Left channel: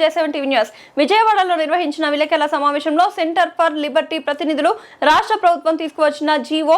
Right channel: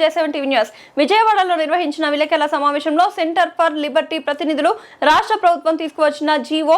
J7 TV news విజయవాడలో నిర్వహించిన విలేకరుల సమావేశంలో సెంటర్ ఫర్ లిబర్టీ ప్రతినిధులు రాష్ట్ర ప్రభుత్వం తీసుకువచ్చిన జీవో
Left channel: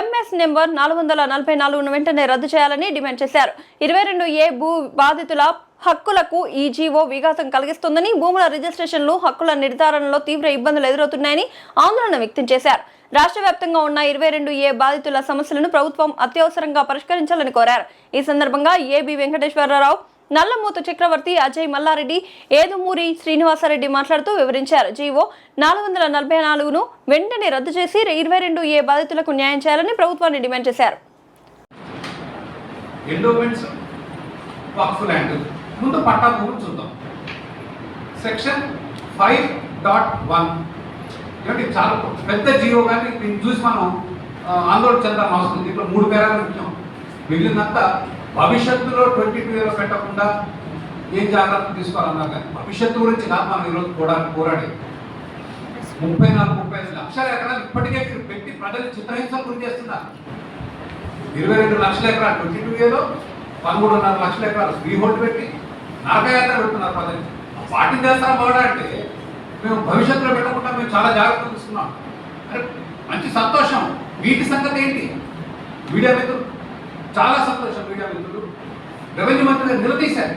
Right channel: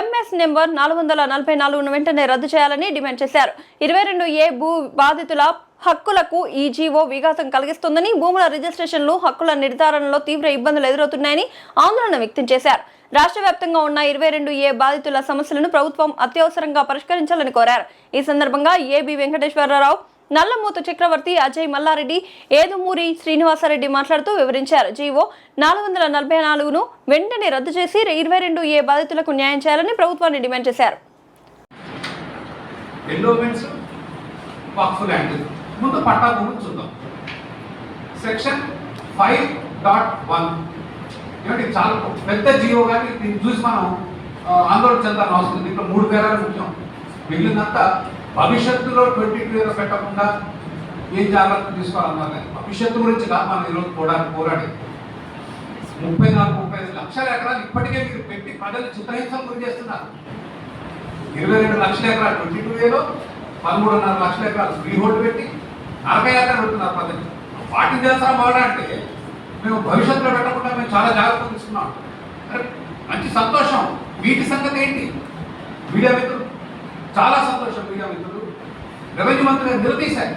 ఎంఎస్ నెంబర్ 444ను వెంటనే రద్దు చేయాలని డిమాండ్ చేశారు. 22A భూ బాధితుల హక్కులకు ఈ జీవో విఘాతం కలిగిస్తుందని, భూముల రిజిస్ట్రేషన్లు హక్కుల నిర్ధారణలో తీవ్ర ఇబ్బందులు ఎదురవుతున్నాయని ఆందోళన వ్యక్తం చేశారు. రాష్ట్ర వ్యాప్తంగా ఉన్న 22A బాధితుల సమస్యలను ప్రభుత్వం అత్యవసరంగా పరిష్కరించాలని కోరారు. ఈ సందర్భంగా ఏబి వెంకటేశ్వరరావు, నల్లమూతు చక్రవర్తి, అజయ్ మల్లారెడ్డి, ఏదుమూరి శ్రీనివాసరెడ్డి మాట్లాడుతూ వివరించారు. జీవో 444ను వెంటనే రద్దు చేసి 22A బాధితులకు న్యాయం చేయాలని ప్రభుత్వాన్ని డిమాండ్ చేశారు. ముందు పట్టా భూమి చూద్దాం. సెక్షన్ 5.1 ఏమిటి చాలా పెద్ద జీవో, కానీ దీన్ని చూసి మనం ఆందోళన చెందాల్సిన అవసరం ఉంది. దీంట్లో 3 పేరాలు ముఖ్యం. మిగిలినంతా భవిష్యత్తులో 22 పెట్టకుండా ఏం జాగ్రత్తలు తీసుకోవాలన్నారు. కానీ భవిష్యత్తు గురించి కాదు మనం ఈరోజు పోరాడి 34-35 లక్షల ఎకరాలు ఇప్పటికే మీరు పెట్టి ప్రజలు చిత్రహింసలు గురి చేస్తున్నారు. 22 లక్షల ఎకరాలు 22Aలో 13.5 లక్షల ఎకరాలు ఫ్రీ హోల్డ్ పెట్టి నరకయాత్ర పెడుతున్నారు ప్రజలు. వాటిని చేస్తారా పోరాడంటే మేము భవిష్యత్తులో పెట్టకుండా మేము చాలా జాగ్రత్తలు తీసుకున్నాం. అరే మంచి సంతోషం. వీటి సంగతి ఏంటి? మీడియా మిత్రులు చాలా సంతోషం. మీడియా మిత్రులు రెవెన్యూ మంత్రి నిలదీశారు.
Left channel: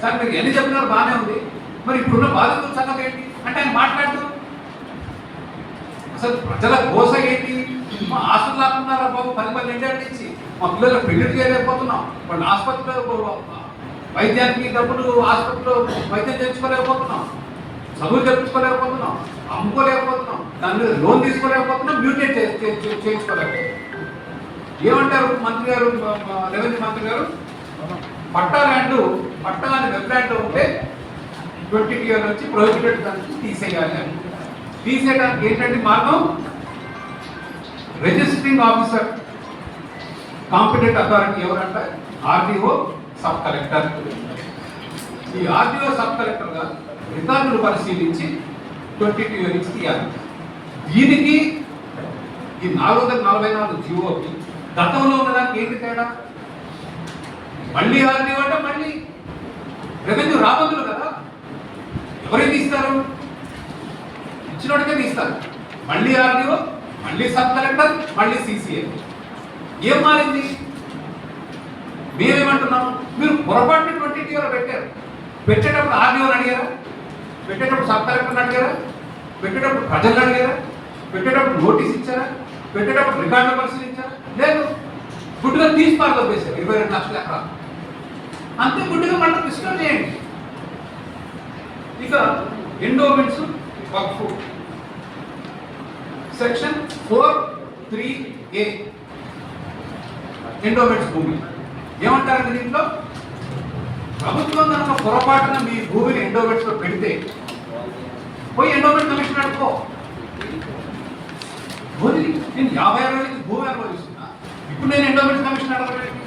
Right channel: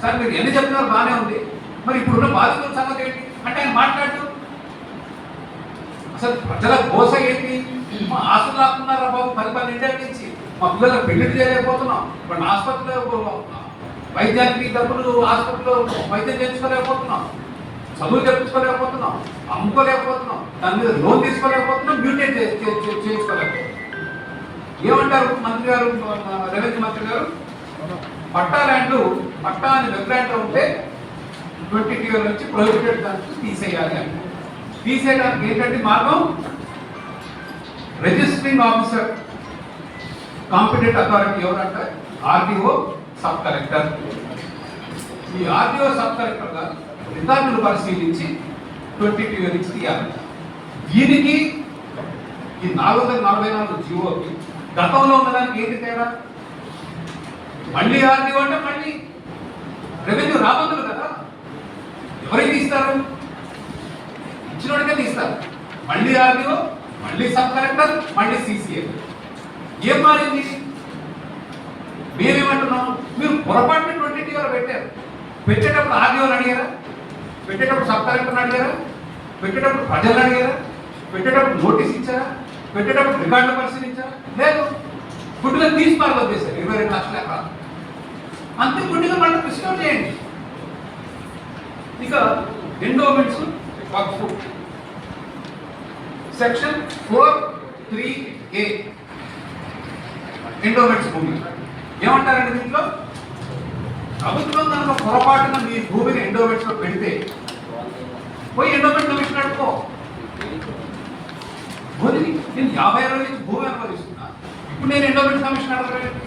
సార్ మీరు ఎన్ని చెప్పినారు బాగానే ఉంది, మరి ఇప్పుడున్న బాధితుల సంగతి ఏంటి అంటే ఆయన మాట్లాడుతూ అసలు ప్రజల గోస ఏంటి? మా ఆస్తులు లాక్కున్నారా బాబు 10 ఇండియా నుంచి, మా పిల్లలకు పెళ్లి చేయలేకపోతున్నాం, వాళ్ళ ఆసుపత్రిలో వైద్యానికి డబ్బులు, ఆసుపత్రిలో వైద్యం చేయించుకోలేకపోతున్నాం, చదువు చెప్పించుకోలేకపోతున్నాం, అమ్ముకోలేకపోతున్నాం, దాని మీద లోన్ తీసుకోలేకపోతున్నాం, మ్యూటేట్ చేయించుకోలేకపోతున్నాం. ఏమంటారు మంత్రి గారు, రెవెన్యూ మంత్రి గారు? పట్టా అని వెబ్లాండ్ ఉంటే 20 నుంచి ప్రొహిబిటెడ్ దానికి తీసేయాలి అని. తీసేయడానికి ఏంటంటే మార్గం, రిజిస్ట్రింగ్ ఆఫీసర్ కాంపిటెంట్ అథారిటీ ఎవరంటే ఆర్డీఓ సబ్ కలెక్టర్. ఈ ఆర్డీఓ సబ్ కలెక్టర్ గారు రికార్డులు పరిశీలించి 22 నుంచి తీయాలి. దీనికి ఈ 444 జీవోకి గతంలో ఉన్నదానికి ఏంటి తేడా? మళ్ళీ ఆర్డీఓ అంటే మళ్ళీ రెవెన్యూ రాబోతులు కదా, ఎవరైతే తీస్తారు? ఇచ్చినోడికే తీస్తారు. మళ్ళీ ఆర్డీఓ, మళ్ళీ సబ్ కలెక్టర్, మళ్ళీ సిసిఏ. ఏం మారింది? మేమేమంటున్నాము, మీరు పొరపాటుని 22లో పెట్టారు. పెట్టేటప్పుడు ఆర్డీఓని అడిగారా? పెట్టేటప్పుడు సబ్ కలెక్టర్ని అడిగారా? పెట్టేటప్పుడు ప్రజలను అడిగారా? పెట్టేటప్పుడు నోటీస్ ఇచ్చారా? పెట్టేటప్పుడు రికార్డులు పరిశీలించారా? లేదు. గుడ్డుగా తీసి పార్గం చేశారు 22 లక్షల ఎకరాలు. అంతే గుడ్డుగా మనం రిస్టోర్ చేయండి. ఇక ఎండోమెంట్స్ వక్ఫ్ సెక్షన్ 4.3A ఎండోమెంట్స్ భూమి ఏమంటారండి? దీంట్లో ప్రభుత్వం దాంట్లో పొరపాటున మీ భూమిని ఎండోమెంట్స్ లో పెడితే పోయి ఎండోమెంట్ కమిషన్ అడుకో. భూమిని నేను 50 ఏళ్ళ నుంచి భూమి అనుభవిస్తున్నా, ఇప్పుడు నేను ఎండోమెంట్ కమిషన్ అడగలేదు.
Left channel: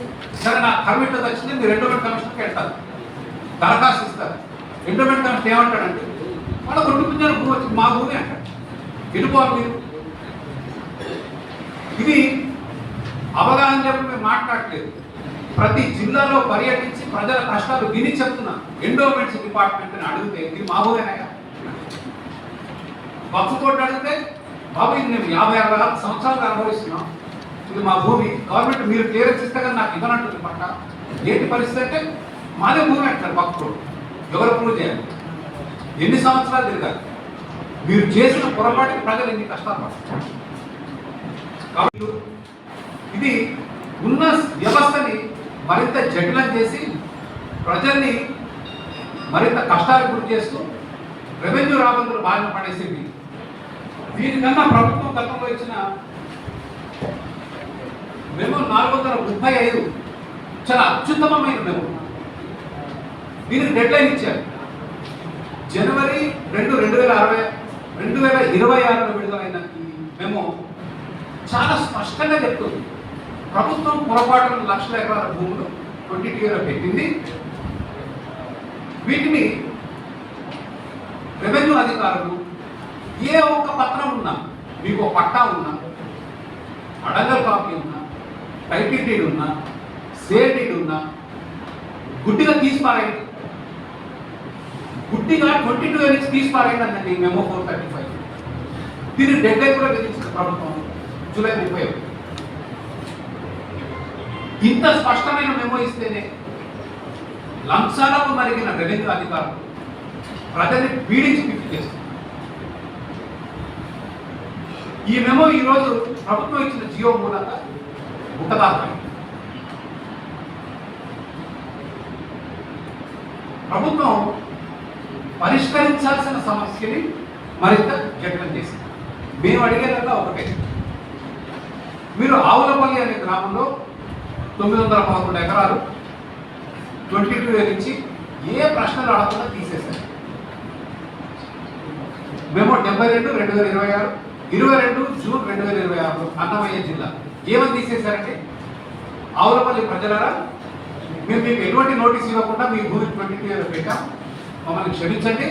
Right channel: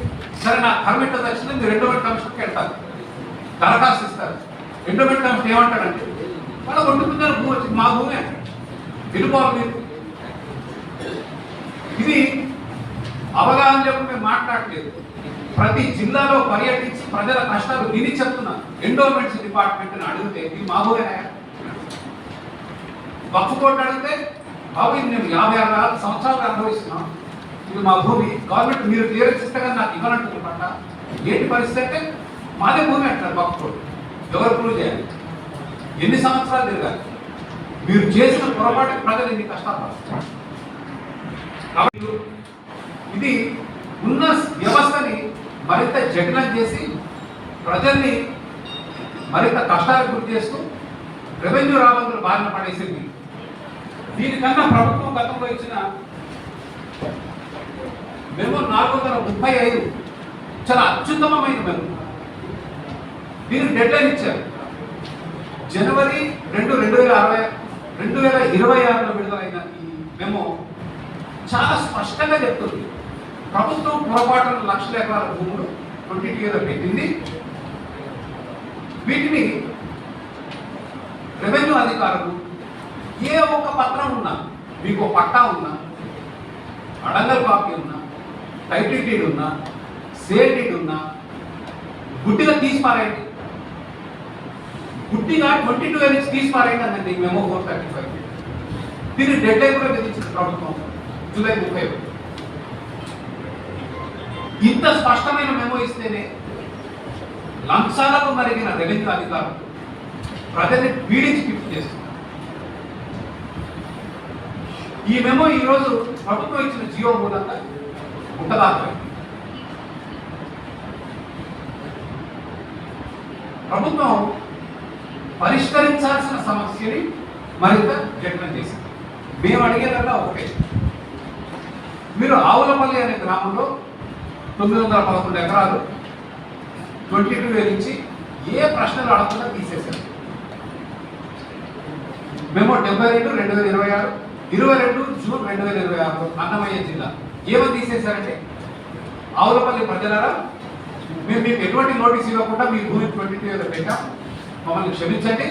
సరే నా కర్మిట్ వచ్చింది, మీరు ఎండోమెంట్ కమిషన్కి వెళ్తారు, దరఖాస్తు ఇస్తారు. ఎండోమెంట్ కమిషన్ ఏమంటాడంటే వాళ్ళ కొట్టుకున్న భూమి వచ్చింది, మా భూమి అంటాడు. వెళ్ళిపోవాలి మీరు. ఇది అవగాహన చెప్పి మేము మాట్లాడలేదు. ప్రతి జిల్లాలో పర్యటించి ప్రజల కష్టాలు విని చెప్తున్నా. ఎండోమెంట్స్ డిపార్ట్మెంట్ని అడిగితే ఇది మా భూమేనా? వక్ఫ్ కోర్టు అడిగితే బాబు ఇది నేను 56 సంవత్సరాలుగా అనుభవిస్తున్నాం, ఇది మా భూమి, గవర్నమెంట్ మీరు క్లియరెన్స్ ఇస్తే కానీ నాకు ఇవ్వనట్టుంది పట్ట. ఏంటి పరిస్థితి అంటే మాదే భూమి అంటారు వక్ఫ్ కోర్టు. ఎవరు ప్రూవ్ చేయాలి? ఎన్ని సంవత్సరాలు తిరగాలి? మీరు చేసిన పొరపాటుకి ప్రజలు ఎన్ని కష్టాలు పడతారు? కాబట్టి ఇది ఉన్న వ్యవస్థని మరింత జటిలం చేసి ప్రజల్ని మరింత కష్టాలకు గురి చేస్తూ రెవెన్యూ రాబందులు బారిన పడేసింది. దీనికన్నా ప్రభుత్వం గతంలో ఇచ్చిన మెమో 435 చాలా అత్యుత్తమమైన మెమో. దీనికి డెడ్ లైన్ ఇచ్చారు. జనవరి 2, 2026లో విడుదలైన ఈ మెమో చాలా స్పష్టంగా చెప్తుంది. ప్రభుత్వం పొరపాటున లక్షల ఎకరాల భూములు 22లో పెట్టింది. వీటిని రెవెన్యూ అధికారులు ఏ ఒక్క పత్రం ఉన్నా, మీకు పట్టా ఉన్నా, అడంగల్ కాపీ ఉన్నా, టైటిల్ డీడ్ ఉన్నా, సేల్ డీడ్ ఉన్నా గుడ్డిగా తీసి పారేయండి. గుడ్డిగా 22 అని స్పీచ్ పారైందండి మెమో 435. దీన్ని డెడ్ లైన్ కూడా విధించింది ప్రభుత్వం జూలై 31. ఇంత స్పష్టమైన మెమో ఇస్తేనే లంచాలకు మరిగిన రెవెన్యూ అధికారులు ప్రజల్ని పీడించి పిప్పి చేస్తున్నారు. ఈ మెమో ఈరోజు ప్రభుత్వం ఇచ్చిన జియో మూలంగా ముట్టదాఖలైంది. ప్రభుత్వం పరిష్కరించాల్సిన సమస్యని మరింత జటిలం చేసింది. మేము అడిగేదల్లా ఒకటే, మీరు ఆవులపల్లి అనే గ్రామంలో 911 ఎకరాలు 22 నుంచి ఏ ప్రశ్నలు అడగకుండా తీసేశారు. మేము 72/2026 22 జూన్ 2026 అన్నమయ్య జిల్లా ఏమని తీసేశారంటే, ఆవులపల్లి ప్రజలారా మేము మీకు ఎటువంటి నోటీస్ ఇవ్వకుండా మీ భూమి 22 పెట్టాం, మమ్మల్ని క్షమించండి,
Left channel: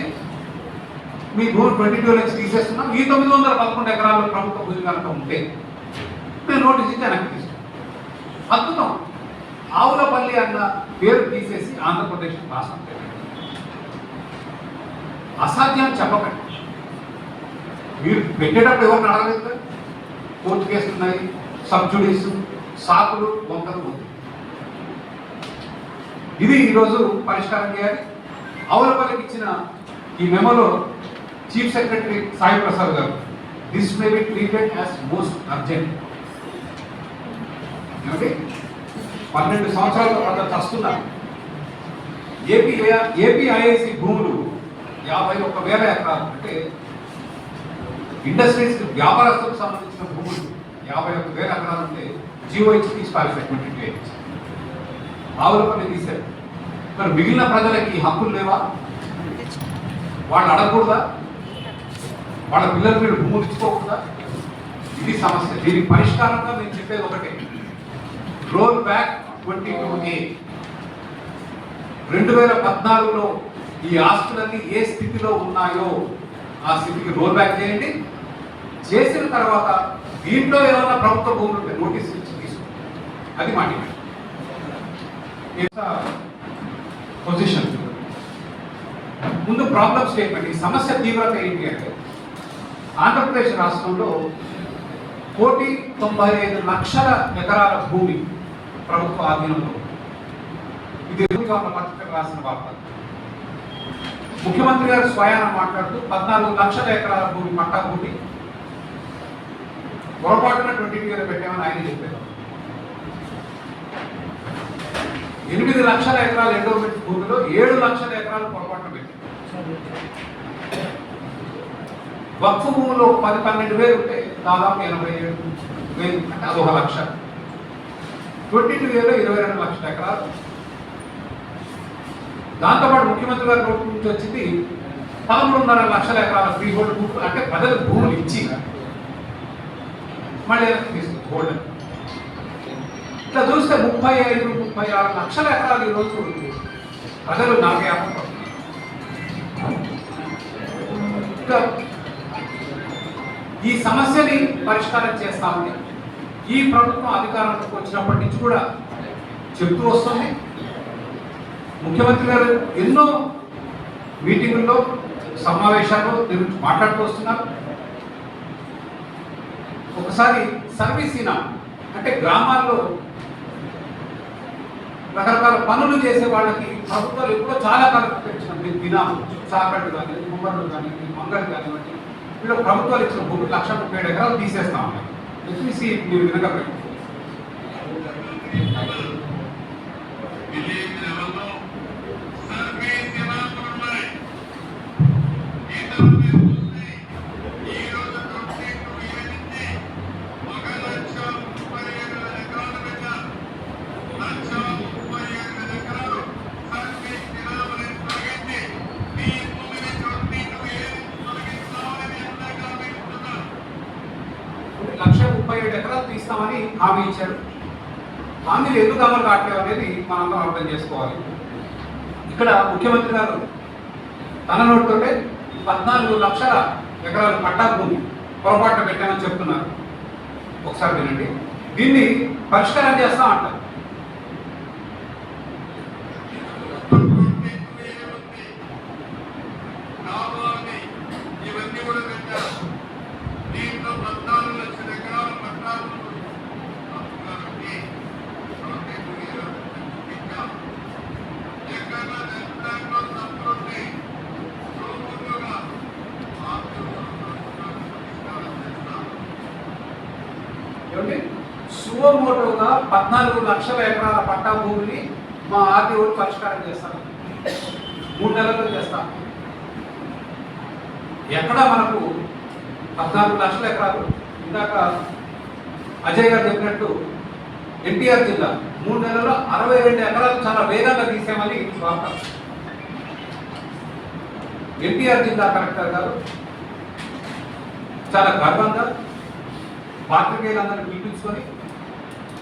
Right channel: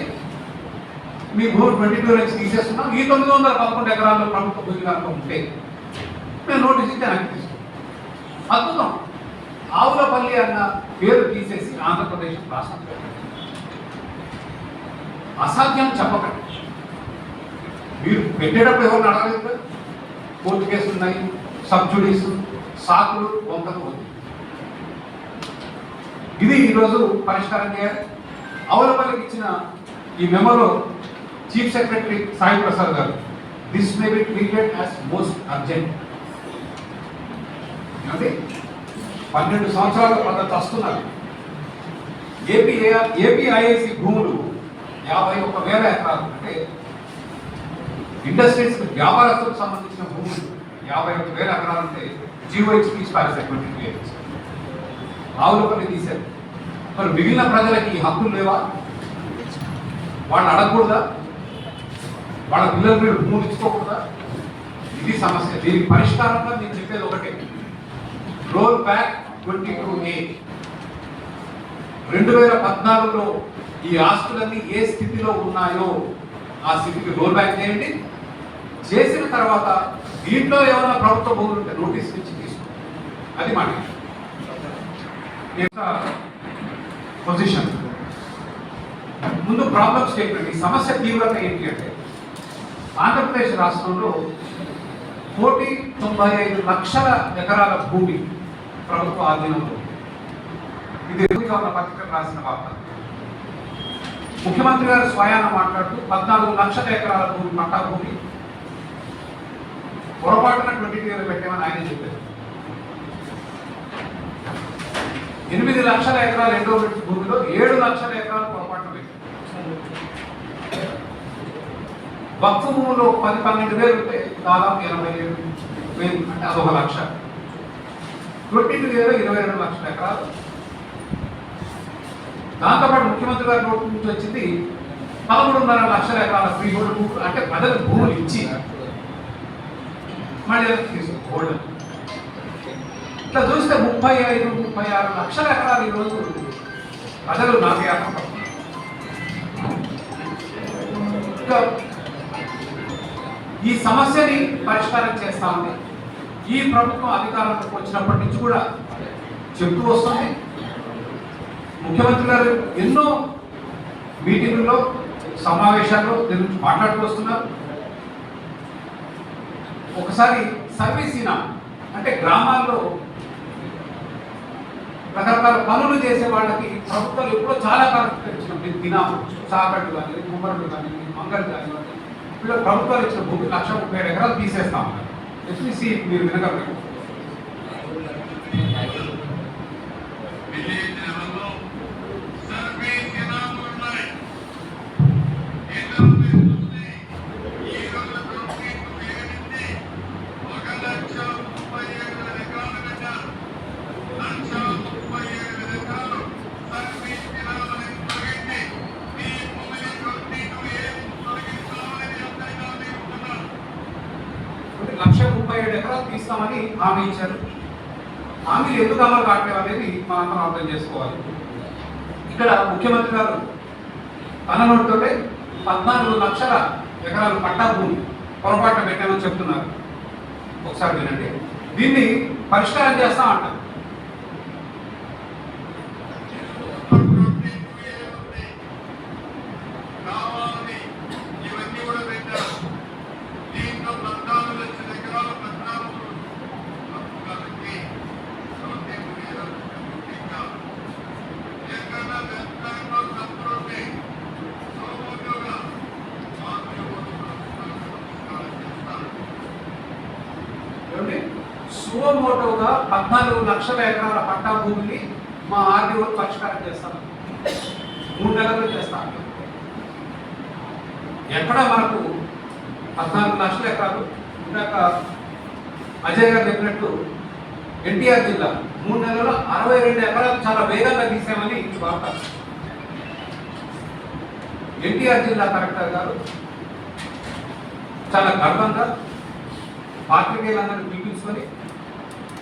మీ భూమి 22 నుంచి తీసేస్తున్నాం, ఈ 911 ఎకరాల్లో ప్రభుత్వ భూమి కనుక ఉంటే మేము నోటీస్ ఇచ్చి వెనక్కి తీసుకున్నాం. అద్భుతం. ఆవులపల్లి అన్న పేరు తీసేసి ఆంధ్రప్రదేశ్ రాష్ట్రం అసాధ్యం చెప్పకండి. మీరు పెట్టేటప్పుడు ఎవరిని అడగలేదు. కోర్టు కేసులు ఉన్నాయి, సబ్జుడీస్, సాకులు, వంకలు ఉంది. ఇది ఈరోజు పరిష్కారం చేయాలి. ఆవులపల్లికి ఇచ్చిన ఈ మెమోలో చీఫ్ సెక్రటరీ సాయి ప్రసాద్ గారు, this may be treated as most urgent. ఏమంటే 12 సంవత్సరాల కొంత చస్తున్నారు. ఏపీఐఐసి భూములు 51,000 ఎకరాలు, అంటే ఇండస్ట్రీస్ వ్యాపారస్తులకు సంబంధించిన భూములు 51,000 ఎకరాలు ఉంటే జియో ఇచ్చి తీసి పారేసేటువంటి ఆవులపల్లి తీశారు. మరి మిగిలిన ప్రజలకి హక్కులు లేవా? వాళ్ళు అడగకూడదా? వాళ్ళ పిల్లలు మీరు భూములు ఇచ్చుకోకూడదా? ఇది సమస్య. దీనికి పరిష్కారంగా నేను చెప్పేది ఒకటే, రోల్ బ్యాక్ 22A. 2014లో ఈ ఆస్తులన్నీ ఏ స్థితిలో ఉన్నాయో ఆ స్థితికి రోల్ బ్యాక్ చేయండి. చేసిన తర్వాత దీంట్లో ఏమైనా ప్రభుత్వ భూములు ఉంటే నోటీసులు ఇచ్చి తీసుకో. అది మాట పొజిషన్. ముందు ప్రాబ్లం స్టేట్మెంట్. ఈ సమస్య తీవ్రత ఏంటి అంటే, ఆంధ్రప్రదేశ్ రాష్ట్రంలో 1,95 లక్షల ఎకరాల భూమి ప్రభుత్వ ఆధీనంలో. ఇది ఉన్న పత్రిక రాసిన వార్త. ముఖ్యమంత్రి గారు స్వయాన మాట్లాడుతూ 14 లక్షల ఎకరాల భూమి పట్టా భూమి పొరపాటున 22 పెట్టామని ఆయన చెప్పారు. 8 లక్షల ఎకరాలు ఎండోమెంట్ భూమిలో 7 లక్షల ఎకరాలు పొరపాటున పెట్టారు. వక్ఫ్ భూములో 10-12 వేలు ఉంటే దాదాపు 87,000, అంటే అదొక లక్ష. 22 22 లక్షల ఎకరాలు. దాంతోపాటు ముఖ్యమంత్రి గారి నోటి నుంచి వచ్చింది 13.5 లక్షల ఎకరాల ఫ్రీ హోల్డ్ భూములు, అంటే ప్రజలకు భూములు ఇచ్చి మళ్ళీ తీసుకోవడం. ఇట్లా చూస్తే 35-36 లక్షల ఎకరాలు ఈరోజు ప్రజలు నాకేయాలనుకుంటున్నారు. ఈ సమస్యని పరిష్కారం చేస్తామని ఈ ప్రభుత్వం అధికారంలోకి వచ్చినప్పటి నుంచి కూడా చెప్తూ వస్తుంది. ముఖ్యమంత్రి గారు ఎన్నో మీటింగుల్లో, సమావేశాల్లో దీని గురించి మాట్లాడుతూ వస్తున్నారు. ఒకసారి సర్వీస్ ఈనా, అంటే గ్రామాల్లో రకరకాల పనులు చేసే వాళ్ళకి ప్రభుత్వాలు ఎప్పుడో చాలా కరెక్ట్ పెంచినప్పుడు దినాలు, చాకట్లు కానీ, కుమ్మరులు కానీ, మంగళ్ళు కానివ్వండి, వీళ్ళు ప్రభుత్వాలు ఇచ్చిన భూమి 1,37 ఎకరాలు తీసేస్తామని ఎస్పీసీ మీరు వినగలరు. లక్ష 37 ఎకరాలు తీస్తామని హామీ ఇచ్చారు. హామీలు ఎందుకు అమలు కావట్లేదు అనేది మనందరం అర్థం చేసుకోవాలి. ఇక్కడ ముఖ్యమంత్రి గారు తన నోటితోనే 14 లక్షల ఎకరాలు పట్టా భూమి పొరపాటు పెట్టామని చెప్తున్నారు. ఒకసారి వినండి. దీన్ని పరిష్కారం చేస్తా అంటారు. ఏమంటే సువమోటోగా 14 లక్షల ఎకరాల పట్టా భూమిని మా ఆర్డీఓ పరిష్కారం చేస్తాను, 3 నెలల్లో చేస్తాను. ఎక్కడ మనకు 14 లక్షల ఎకరాలు, ఇందాక అజయ్ గారు చెప్పినట్టు ఎన్టీఆర్ జిల్లా 3 నెలల్లో 62 ఎకరాలు చాలా వేగంగా తీసామని వార్త. ఎన్టీఆర్ జిల్లా కలెక్టర్ గారు చాలా గర్వంగా పాత్రికేయులందరినీ పిలిపించుకొని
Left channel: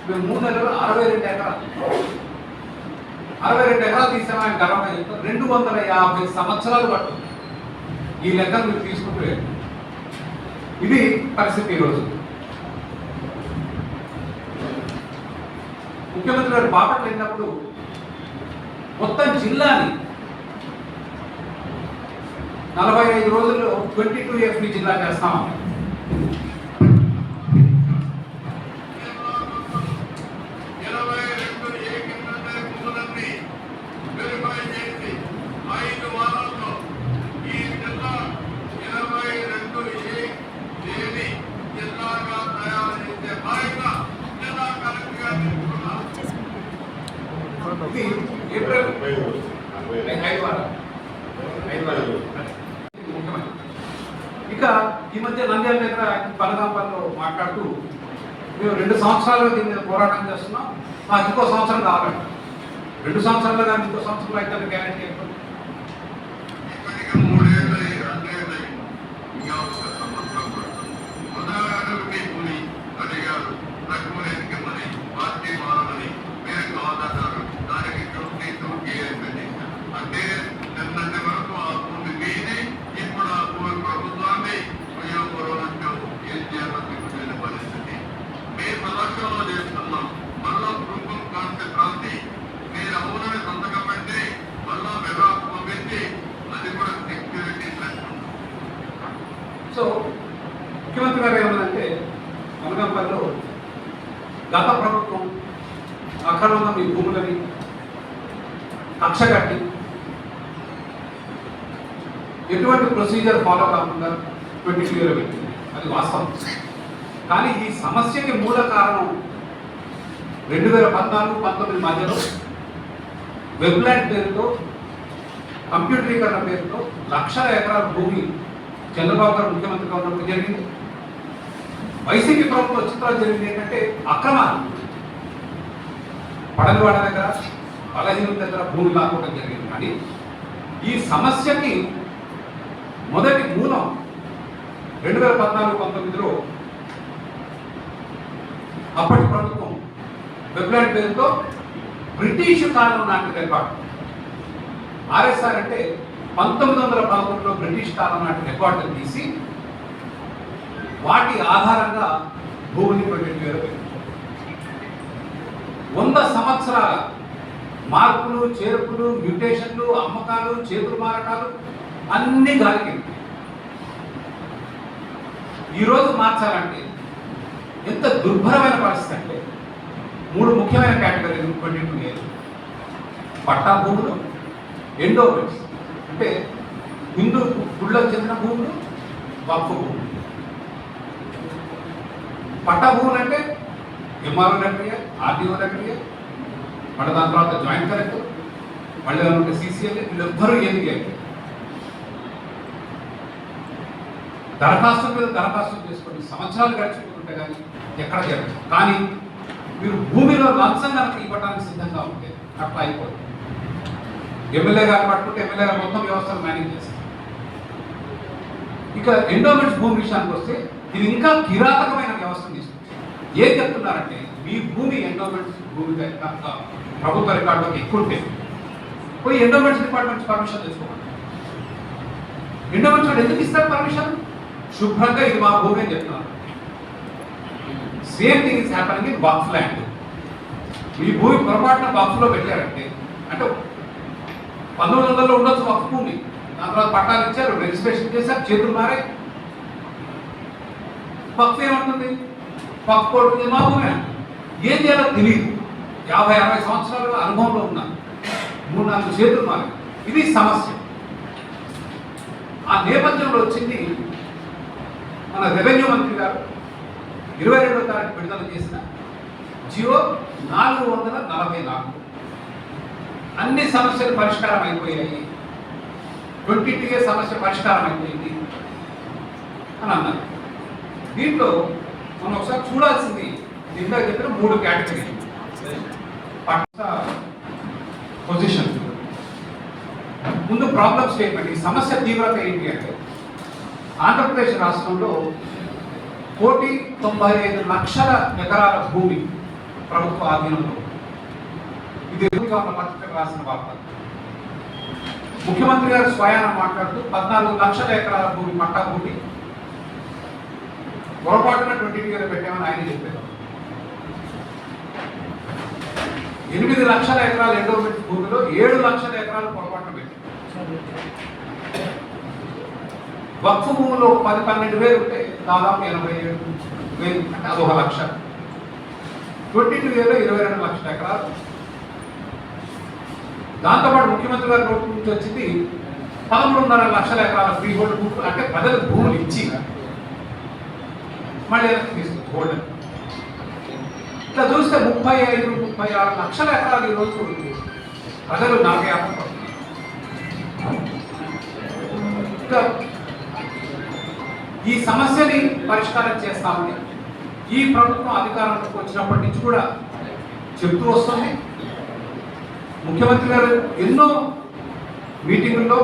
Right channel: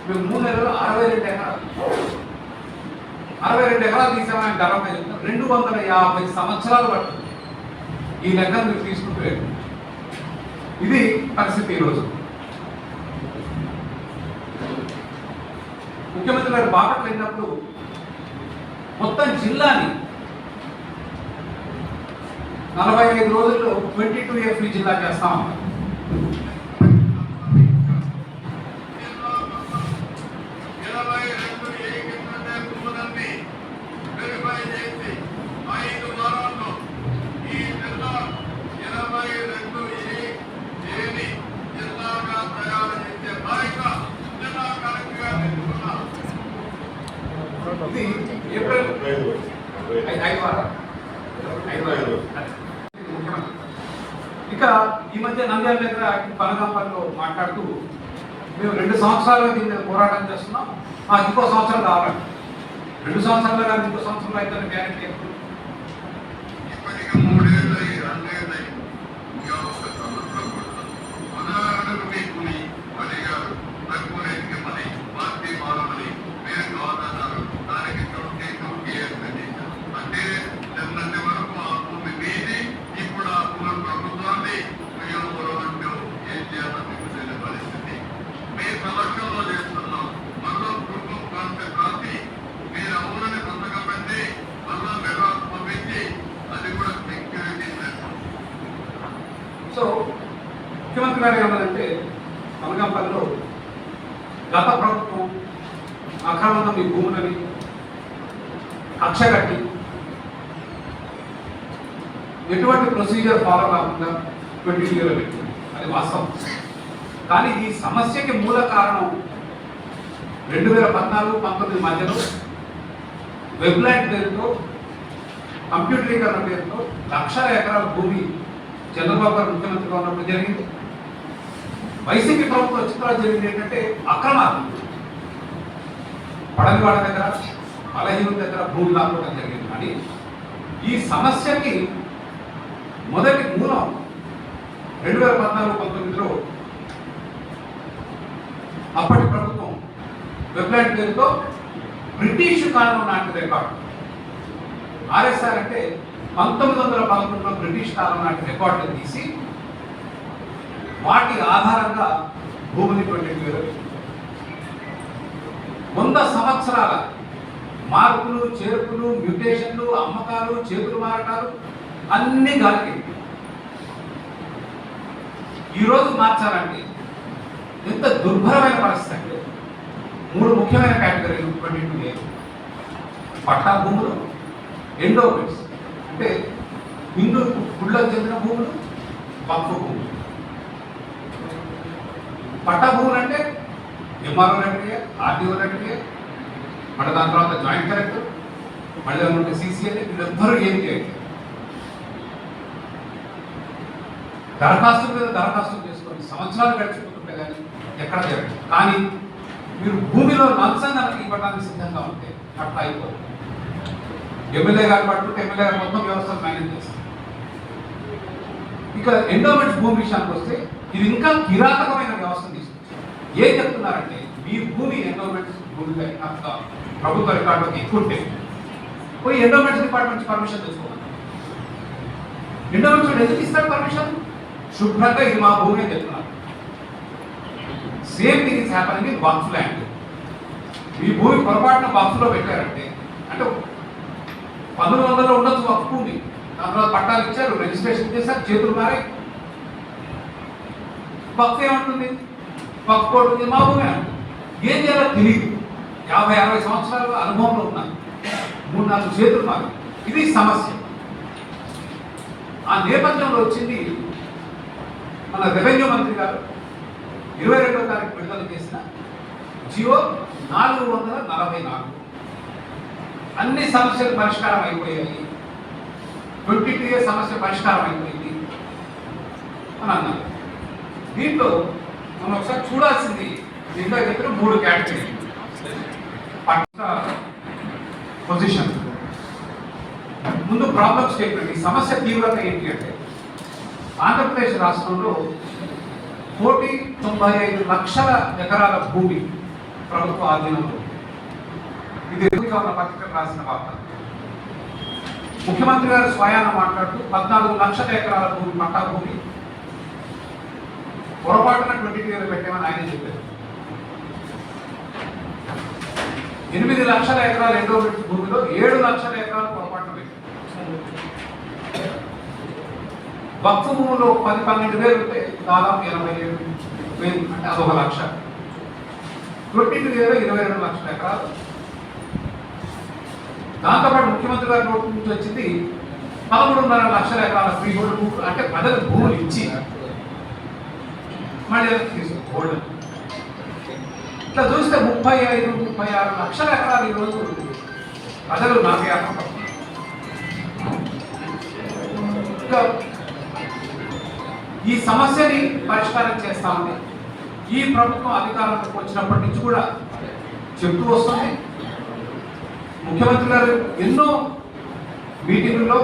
మేము 3 నెలల్లో 62 ఎకరాలు తీసామని గర్వంగా చెప్తాం. 250 సంవత్సరాలు పడుతుంది ఈ లెక్కను మీరు తీసుకుంటూ వెళ్ళి. ఇది పరిస్థితి ఈరోజు. ముఖ్యమంత్రి గారు బాపట్ల వెళ్ళినప్పుడు మొత్తం జిల్లాని 45 రోజుల్లో 22 జిల్లా చేస్తాం. ఇది ఏప్రిల్ 5 ఇక ఈ మధ్య నంద్యాల దగ్గర పనగాంపల్లిలో మాట్లాడుతూ మేము 2 సంవత్సరాలుగా దీని మీద పోరాటం చేస్తున్నాం, ఇంకో సంవత్సరం కావాలి. 2 సంవత్సరాలు కానీ ఇంకో సంవత్సరంలో అయితే గ్యారెంటీ ఎప్పుడు? సో ముఖ్యమంత్రి గారు ఏమన్నారంటే అనకాపల్లిలో గత ప్రభుత్వం అక్రమంగా మీ భూములని కక్ష కట్టి ఎటువంటి ప్రొసీజర్ ఫాలో కాకుండా 22 పెట్టింది. అది వాస్తవం. కానీ ఈ సమస్యకి మూల కారణం 2014-19 మధ్యలో వెబ్లాండ్ పేరుతో, కంప్యూటరీకరణ పేరుతో లక్షల ఎకరాల భూమి చంద్రబాబు గారు ముఖ్యమంత్రిగా ఉన్నప్పుడు జరిగింది. వైసీపీ ప్రభుత్వం చిత్రాలు జరిగింది ఏంటంటే అక్రమాలు. పడనివాడ దగ్గర, బలహీనుల దగ్గర భూమి లాక్కోవడం జరిగింది. కానీ ఈ సమస్యకి మొదటి మూలం 2014-19లో అప్పటి ప్రభుత్వం వెబ్లాండ్ పేరుతో బ్రిటిష్ కాలం నాటి రికార్డు, ఆర్ఎస్ఆర్ అంటే 1911లో బ్రిటిష్ కాలం నాటి రికార్డులు తీసి వాటి ఆధారంగా భూమిని 100 సంవత్సరాల మార్పులు, చేర్పులు, మ్యూటేషన్లు, అమ్మకాలు, చేతులు మారకాలు అన్ని గాలికి. ఈరోజు మార్చాలంటే ఎంత దుర్భరమైన పరిస్థితి అంటే 3 ముఖ్యమైన కేటగిరీలు 22A: పట్టా భూములు, ఎండోమెంట్స్ అంటే హిందూ గుళ్ళకు చెందిన భూములు, వక్ఫ్ భూములు. పట్టా భూములు అంటే ఎంఆర్ఓ రెగ్యులే, ఆర్డీఓ రెగ్యులే, మళ్ళీ దాని తర్వాత జాయింట్ కలెక్టర్, మళ్ళీ దాని సీసీఎల్, వీళ్ళెవ్వరూ ఏది చేయట్లేదు. దరఖాస్తు మీద దరఖాస్తు చేసుకొని సంవత్సరాలు గడిచిపోతుంటే కానీ ఎక్కడ జరగదు. కానీ మీరు భూమిలో లంచం కనుక ఇవ్వడానికి సిద్ధంగా ఉంటే పట్టా అయిపోతుంది. ఎమ్మెల్యే గారు పట్టుకుంటే ఎమ్మెల్యే గారు మొత్తం వ్యవస్థను మేనేజ్ చేస్తారు. ఇక ఎండోమెంట్స్ భూమి విషయానికి వస్తే ఇది ఇంకా కిరాతకమైన వ్యవస్థను తీసుకొచ్చింది. ఏం చెప్తున్నారంటే మీ భూమి ఎండోమెంట్స్ భూమి ప్రభుత్వ రికార్డులకు ఎక్కువ ఉంటే పోయి ఎండోమెంట్స్ డిపార్ట్మెంట్ పర్మిషన్ తీసుకోవాలి. ఎండోమెంట్స్ ఎందుకు ఇస్తారు పర్మిషన్? శుభ్రంగా ఇది మా భూమి అని చెప్తున్నారు. Same thing is happening in waqf land. మీ భూమి పొరపాటున వక్ఫ్లో పెట్టారంటే, అంటే 1900లో ఉండొచ్చు వక్ఫ్ భూమి, దాని తర్వాత పట్టాలు ఇచ్చారు, రిజిస్ట్రేషన్ చేశారు, చేతులు మారే. వక్ఫ్ ఏమంటుంది? వక్ఫ్ కోరుతుంది మా భూమి అంటుంది. ఏం చేయాలో తెలియదు. 50-60 సంవత్సరాలు అనుభవంలో ఉన్నాను, 3-4 చేతులు మారి. ఇది సమస్య. ఆ నేపథ్యంలో వచ్చింది మన రెవెన్యూ మంత్రి గారు 22వ తారీఖు విడుదల చేసిన జియో 444 అన్ని సమస్యలు పరిష్కారం అయిపోయాయి, 22A సమస్య పరిష్కారం అయిపోయింది అని అన్నారు. దీంట్లో మనం ఒకసారి చూడాల్సింది దీంట్లో చెప్పిన 3 కేటగిరీ పొజిషన్. ముందు ప్రాబ్లం స్టేట్మెంట్. ఈ సమస్య తీవ్రత ఏంటి అంటే ఆంధ్రప్రదేశ్ రాష్ట్రంలో 1,95,00,000 ఎకరాల భూమి ప్రభుత్వ ఆధీనంలో. ఇది ఉన్న పత్రిక రాసిన వార్త. ముఖ్యమంత్రి గారు స్వయాన మాట్లాడుతూ 14 లక్షల ఎకరాల భూమి పట్టా భూమి పొరపాటున 22 పెట్టామని ఆయన చెప్పారు. 8 లక్షల ఎకరాలు ఎండోమెంట్ భూమిలో 7 లక్షల ఎకరాలు పొరపాటున పెట్టారు. వక్ఫ్ భూములో 10-12 వేలు ఉంటే దాదాపు 87,000 అంటే అదొక లక్ష. 22 22 లక్షల ఎకరాలు. దాంతోపాటు ముఖ్యమంత్రి గారి నోటు నుంచి వచ్చింది 13.5 లక్షల ఎకరాల ఫ్రీ హోల్డ్ భూములు, అంటే ప్రజలకు భూములు ఇచ్చి మళ్ళీ తీసుకోవడం. ఇట్లా చూస్తే 35-36 లక్షల ఎకరాలు ఈరోజు ప్రజలు నామయాత్ర. ఇంకా ఈ సమస్యని పరిష్కారం చేస్తామని ఈ ప్రభుత్వం అధికారంలోకి వచ్చినప్పటి నుంచి కూడా చెప్తూ వస్తుంది. ముఖ్యమంత్రి గారు ఎన్నో మీటింగుల్లో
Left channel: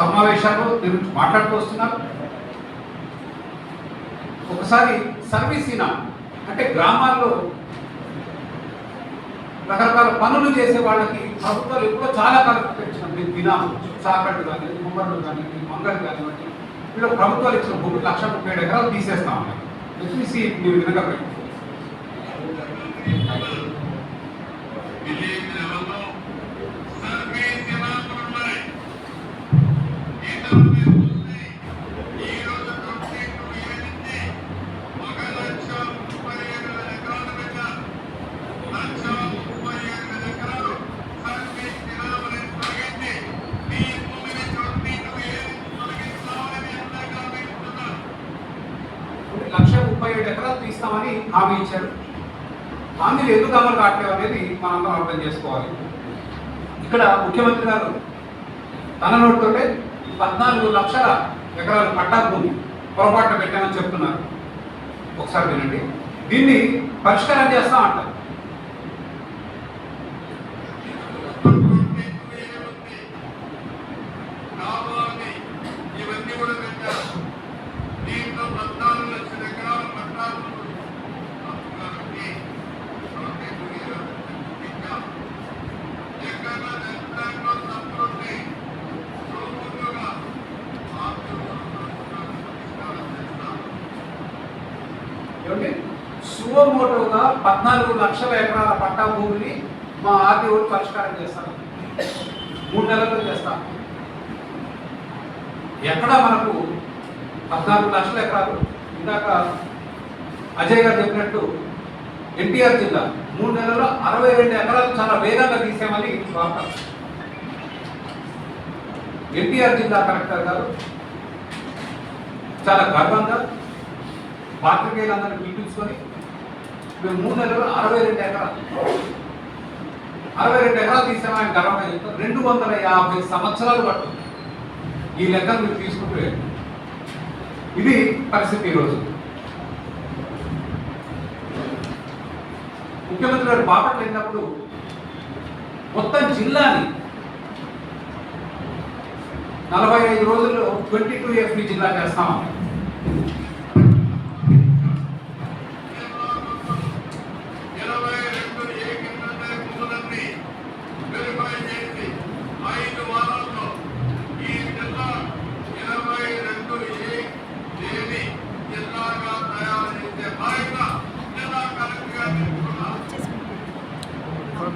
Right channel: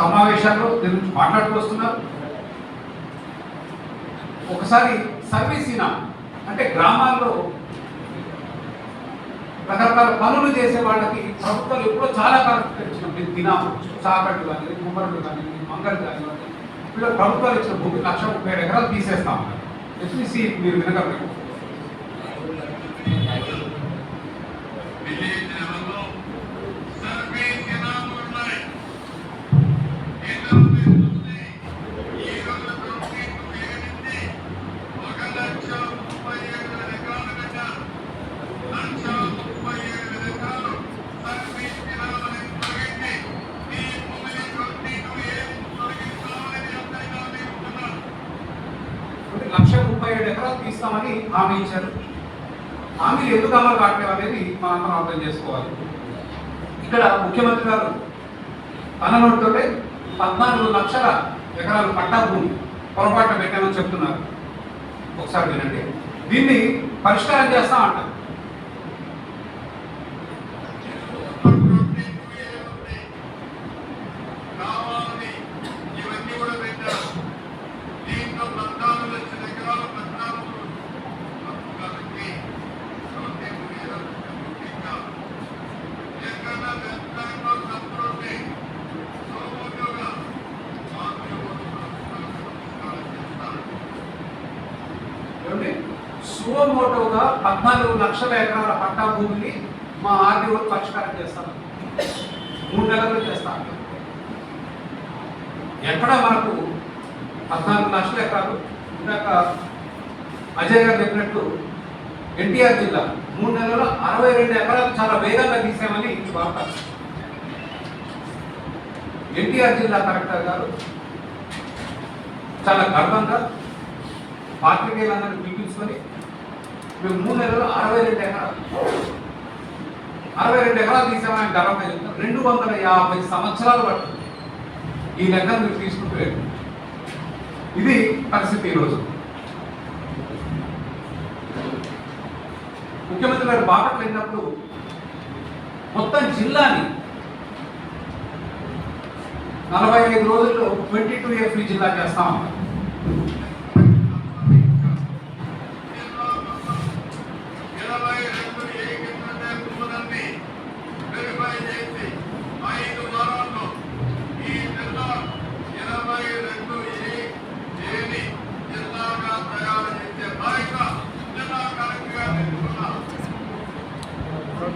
సమావేశాల్లో దీని గురించి మాట్లాడుతూ వస్తున్నారు. ఒకసారి సర్వీసీనా అంటే గ్రామాల్లో రకరకాల పనులు చేసే వాళ్ళకి ప్రభుత్వాలు ఎప్పుడో చాలా కాలం పెంచినప్పుడు దినాలు చాకళ్ళు కానీ కుమ్మరులు కానీ మంగళలు కానివ్వండి, వీళ్ళు ప్రభుత్వాలు ఇచ్చిన భూమి 1,37 ఎకరాలు తీసేస్తామని ఎస్పీసీ మీరు వినగలరు. ఎకరాలు తీస్తామని హామీ ఇచ్చారు. హామీలు ఎందుకు అమలు కావట్లేదు అనేది మనందరం అర్థం చేసుకోవాలి. ఇక్కడ ముఖ్యమంత్రి గారు తన నోటితోనే 14 లక్షల ఎకరాలు పట్టా భూమి పొరపాటు పెట్టామని చెప్తున్నారు. ఒకసారి వినండి. దీన్ని పరిష్కారం చేస్తాం అంటారు. సుమోటోగా 14 లక్షల ఎకరాల పట్టా భూమిని మా ఆర్డీఓ పరిష్కారం చేస్తాను, 3 నెలల్లో చేస్తాను. ఎక్కడ మనకు 14 లక్షల ఎకరాలు. ఇందాక అజయ్ గారు చెప్పినట్టు ఎన్టీఆర్ జిల్లా 3 నెలల్లో 62 ఎకరాలు చాలా వేగంగా తీసామని వార్త. ఎన్టీఆర్ జిల్లా కలెక్టర్ గారు చాలా గర్వంగా పాత్రికేయులందరినీ పిలిపించుకొని మేము 3 నెలల్లో 62 ఎకరాలు తీసామని గర్వంగా చెప్తాం. 250 సంవత్సరాలు పడుతుంది ఈ లెక్క మీరు తీసుకుంటే. ఇది పరిస్థితి. ఈరోజు ముఖ్యమంత్రి గారు బాపట్ల వెళ్ళినప్పుడు మొత్తం జిల్లాని 45 రోజుల్లో 22A ఫ్రీ జిల్లా చేస్తాం.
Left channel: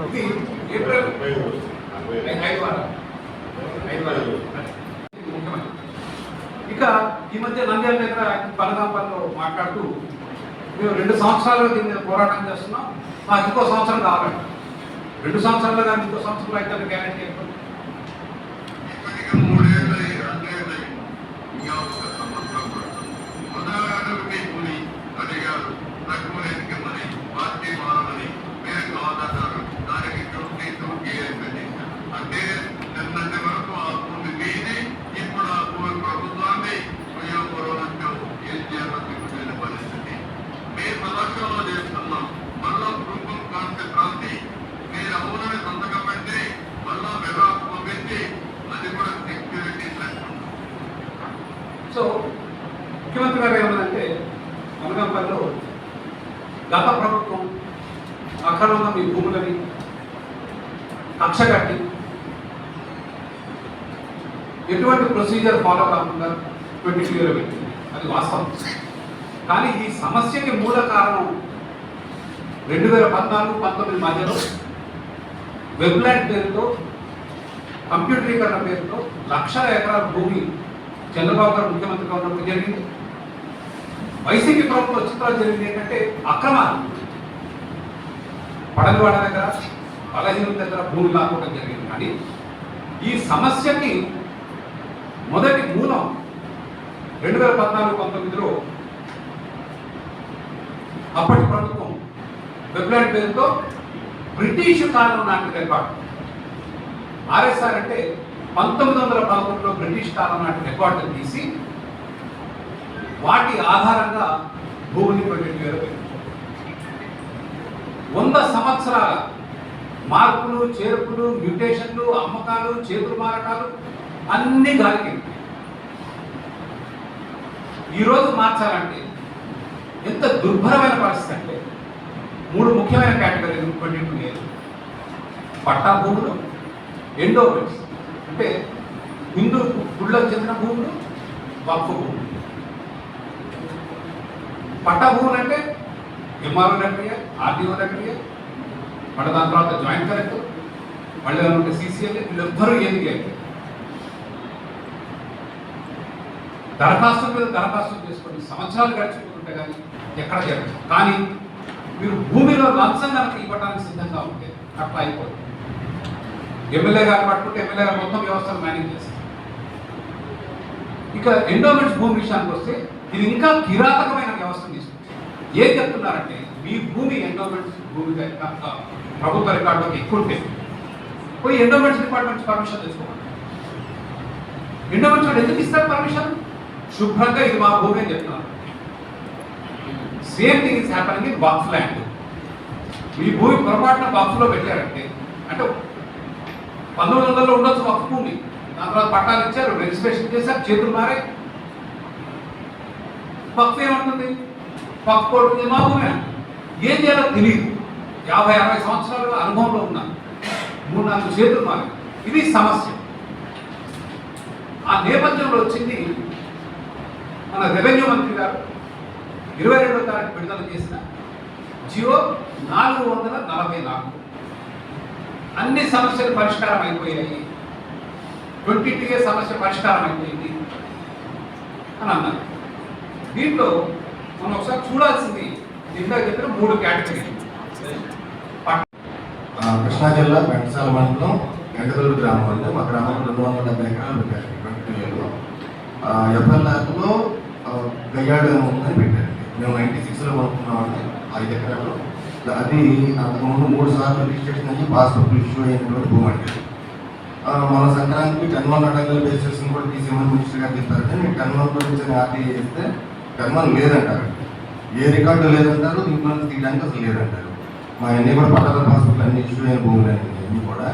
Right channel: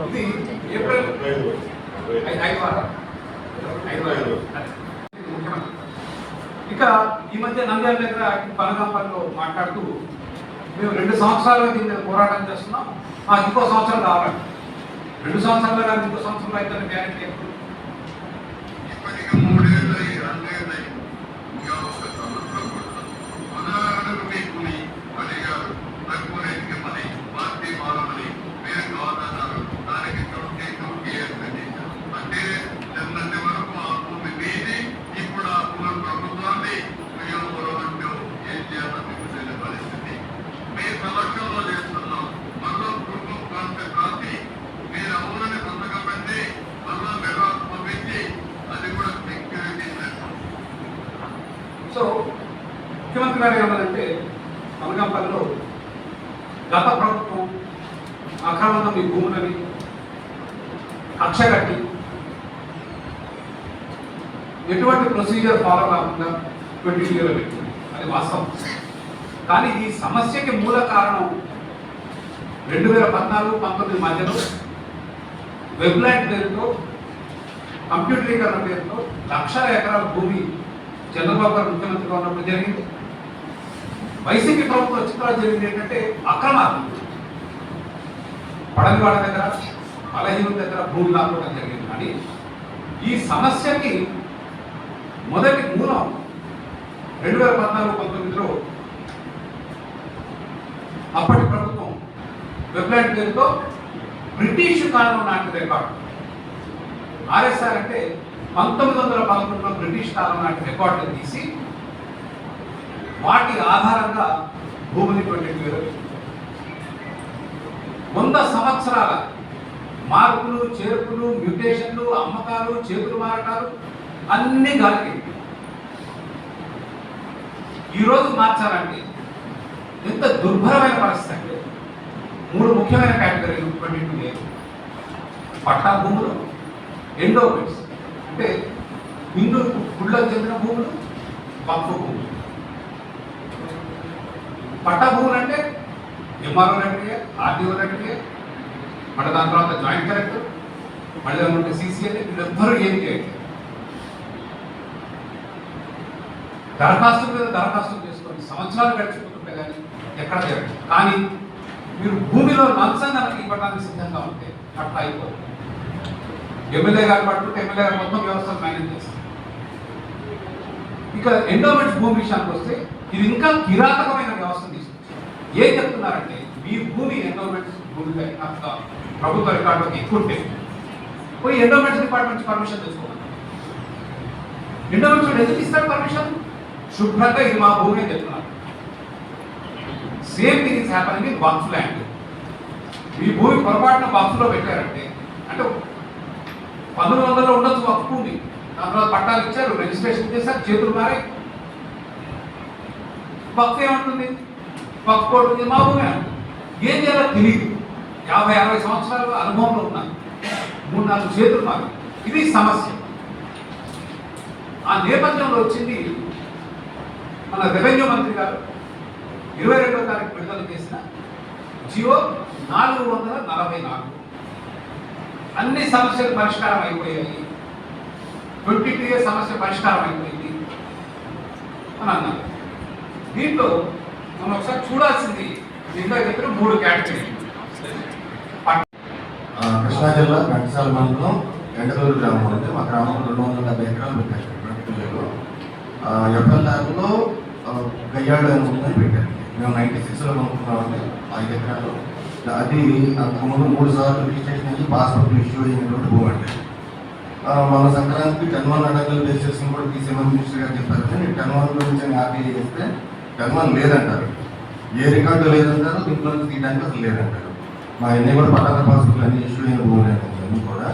ఇది ఏప్రిల్ 5 ఇక ఈ మధ్య నంద్యాల దగ్గర పనగాంపల్లిలో మాట్లాడుతూ మేము 2 సంవత్సరాలుగా దీని మీద పోరాటం చేస్తున్నాం, ఇంకో సంవత్సరం కావాలి. 2 సంవత్సరాలు కానీ ఇంకో సంవత్సరంలో అయితే గ్యారెంటీ ఎక్కువ. అక్రమంగా మీ భూములని కక్ష కట్టి ఎటువంటి ప్రొసీజర్ ఫాలో కాకుండా 22 పెట్టింది. అది వాస్తవం. కానీ ఈ సమస్యకి మూల కారణం 2014-19 మధ్యలో వెబ్లాండ్ పేరుతో కంప్యూటరీకరణ పేరుతో లక్షల ఎకరాల భూమి చంద్రబాబు గారు ముఖ్యమంత్రిగా ఉన్నప్పుడు జరిగింది. వైసీపీ ప్రభుత్వం వచ్చిన తర్వాత జరిగింది ఏంటంటే అక్రమాలు. పడనివాడ దగ్గర బలహీనుల దగ్గర భూమి లాక్కోవడం జరిగింది. కానీ ఈ సమస్యకి మొదటి మూలం 2014-19లో అప్పటి ప్రభుత్వం వెబ్లాండ్ పేరుతో బ్రిటిష్ కాలం నాటి రికార్డు, ఆర్ఎస్ఆర్ అంటే 1911లో బ్రిటిష్ కాలం నాటి రికార్డులు తీసి వాటి ఆధారంగా భూమిని 22 100 సంవత్సరాల మార్పులు చేర్పులు మ్యూటేషన్లు అమ్మకాలు చేతులు మారకాలు అన్ని గాలికి ఈరోజు మార్చాలంటే ఎంత దుర్భరమైన పరిస్థితి అంటే 3 ముఖ్యమైన కేటగిరీలు 22 పట్టా భూములు, ఎండోమెంట్స్ అంటే హిందూ గుళ్ళకు చెందిన భూములు, వక్ఫ్ భూములు. పట్టా భూములు అంటే ఎంఆర్ఓ రెక్టరియే, ఆర్డీఓ రెక్టరియే, మళ్ళీ దాని తర్వాత జాయింట్ కలెక్టర్, మళ్ళీ ఉంటే సీసీఎల్, వీళ్ళెవ్వరూ ఏం చేయట్లేదు. దరఖాస్తు మీద దరఖాస్తు చేసుకొని సంవత్సరాలు గడిచిపోతుంటే కానీ ఎక్కడ జరగదు. కానీ మీరు భూమిలో లంచం కనుక ఇవ్వడానికి సిద్ధంగా ఉంటే అట్లా అయిపోతుంది. ఎమ్మెల్యే గారు పట్టుకుంటే ఎమ్మెల్యే గారు మొత్తం వ్యవస్థను మేనేజ్ చేస్తారు. ఇక ఎండోమెంట్స్ భూమి విషయానికి వస్తే ఇది ఇంకా కిరాతకమైన వ్యవస్థను తీసుకొచ్చింది. ఏం చెప్తున్నారంటే మీ భూమి ఎండోమెంట్స్ భూమి ప్రభుత్వ రికార్డులోకి ఎక్కువ ఉంటే పోయి ఎండోమెంట్స్ డిపార్ట్మెంట్ పర్మిషన్ తెచ్చుకోండి. ఎండోమెంట్స్ ఎందుకు ఇస్తారు పర్మిషన్? శుభ్రంగా ఇది మా భూమి అని చెప్తున్నారు. Same thing is happening in waqf land. మీ భూమి పొరపాటున వక్ఫ్లో పెట్టారంటే అంటే 1900లో ఉండొచ్చు వక్ఫ్ భూమి, దాని తర్వాత పట్టాలు ఇచ్చారు, రిజిస్ట్రేషన్ చేశారు, చేతులు మారే. వక్ఫ్ ఏమంటుంది? వక్ఫ్ కోర్టు మా భూమి ఏం చేయాలో తెలియదు. 50-60 సంవత్సరాలుగా అనుభవంలో ఉన్నారు, 3-4 చేతులు మారి. ఇది సమస్య. ఆ నేపథ్యంలో వచ్చింది మన రెవెన్యూ మంత్రి గారు 22వ తారీఖు విడుదల చేసిన జియో 444. అన్ని సమస్యలు పరిష్కారం అయిపోయాయి, 22A సమస్య పరిష్కారం అయిపోయింది అని అన్నారు. దీంట్లో మనం ఒకసారి చూడాల్సింది దీంట్లో చెప్పిన 3 కేటగిరీలు. కృష్ణా జిల్లా ఘంటసాల మండలం ఎండలూరు గ్రామం అంటే మా గ్రామంలో 270 ఎకరాలు పెట్టారు. 22Aలో ఎఫ్ఎల్ ల్యాబ్లో గయ్యాడు ఉందని పెట్టారు. మేము 96లో కొనుక్కున్నామంటే 5 ఎకరాలు. అది అంతకుముందు 3 సార్లు రిజిస్ట్రేషన్ అయ్యి పాస్పోర్ట్ ఇష్యూ అయినటువంటి భూమి అంటే మన సంక్రాంతికి 10-1 అడంగుల బేసిస్ని కూడా తీసేమని మినిస్టర్ గారు చెప్పారు. కానీ 10-1 గురించి ఆర్టీఐ చేస్తే 10-1 లేదంటారు. ఏ రికార్డు లేదంటారు, దీంట్లో తీయడానికి అసలు లేదంటారు. మా అన్నీ కూడా పట్టాల పాస్పోర్ట్లు అన్ని ఇష్యూ అయిన భూములు అన్నీ కూడా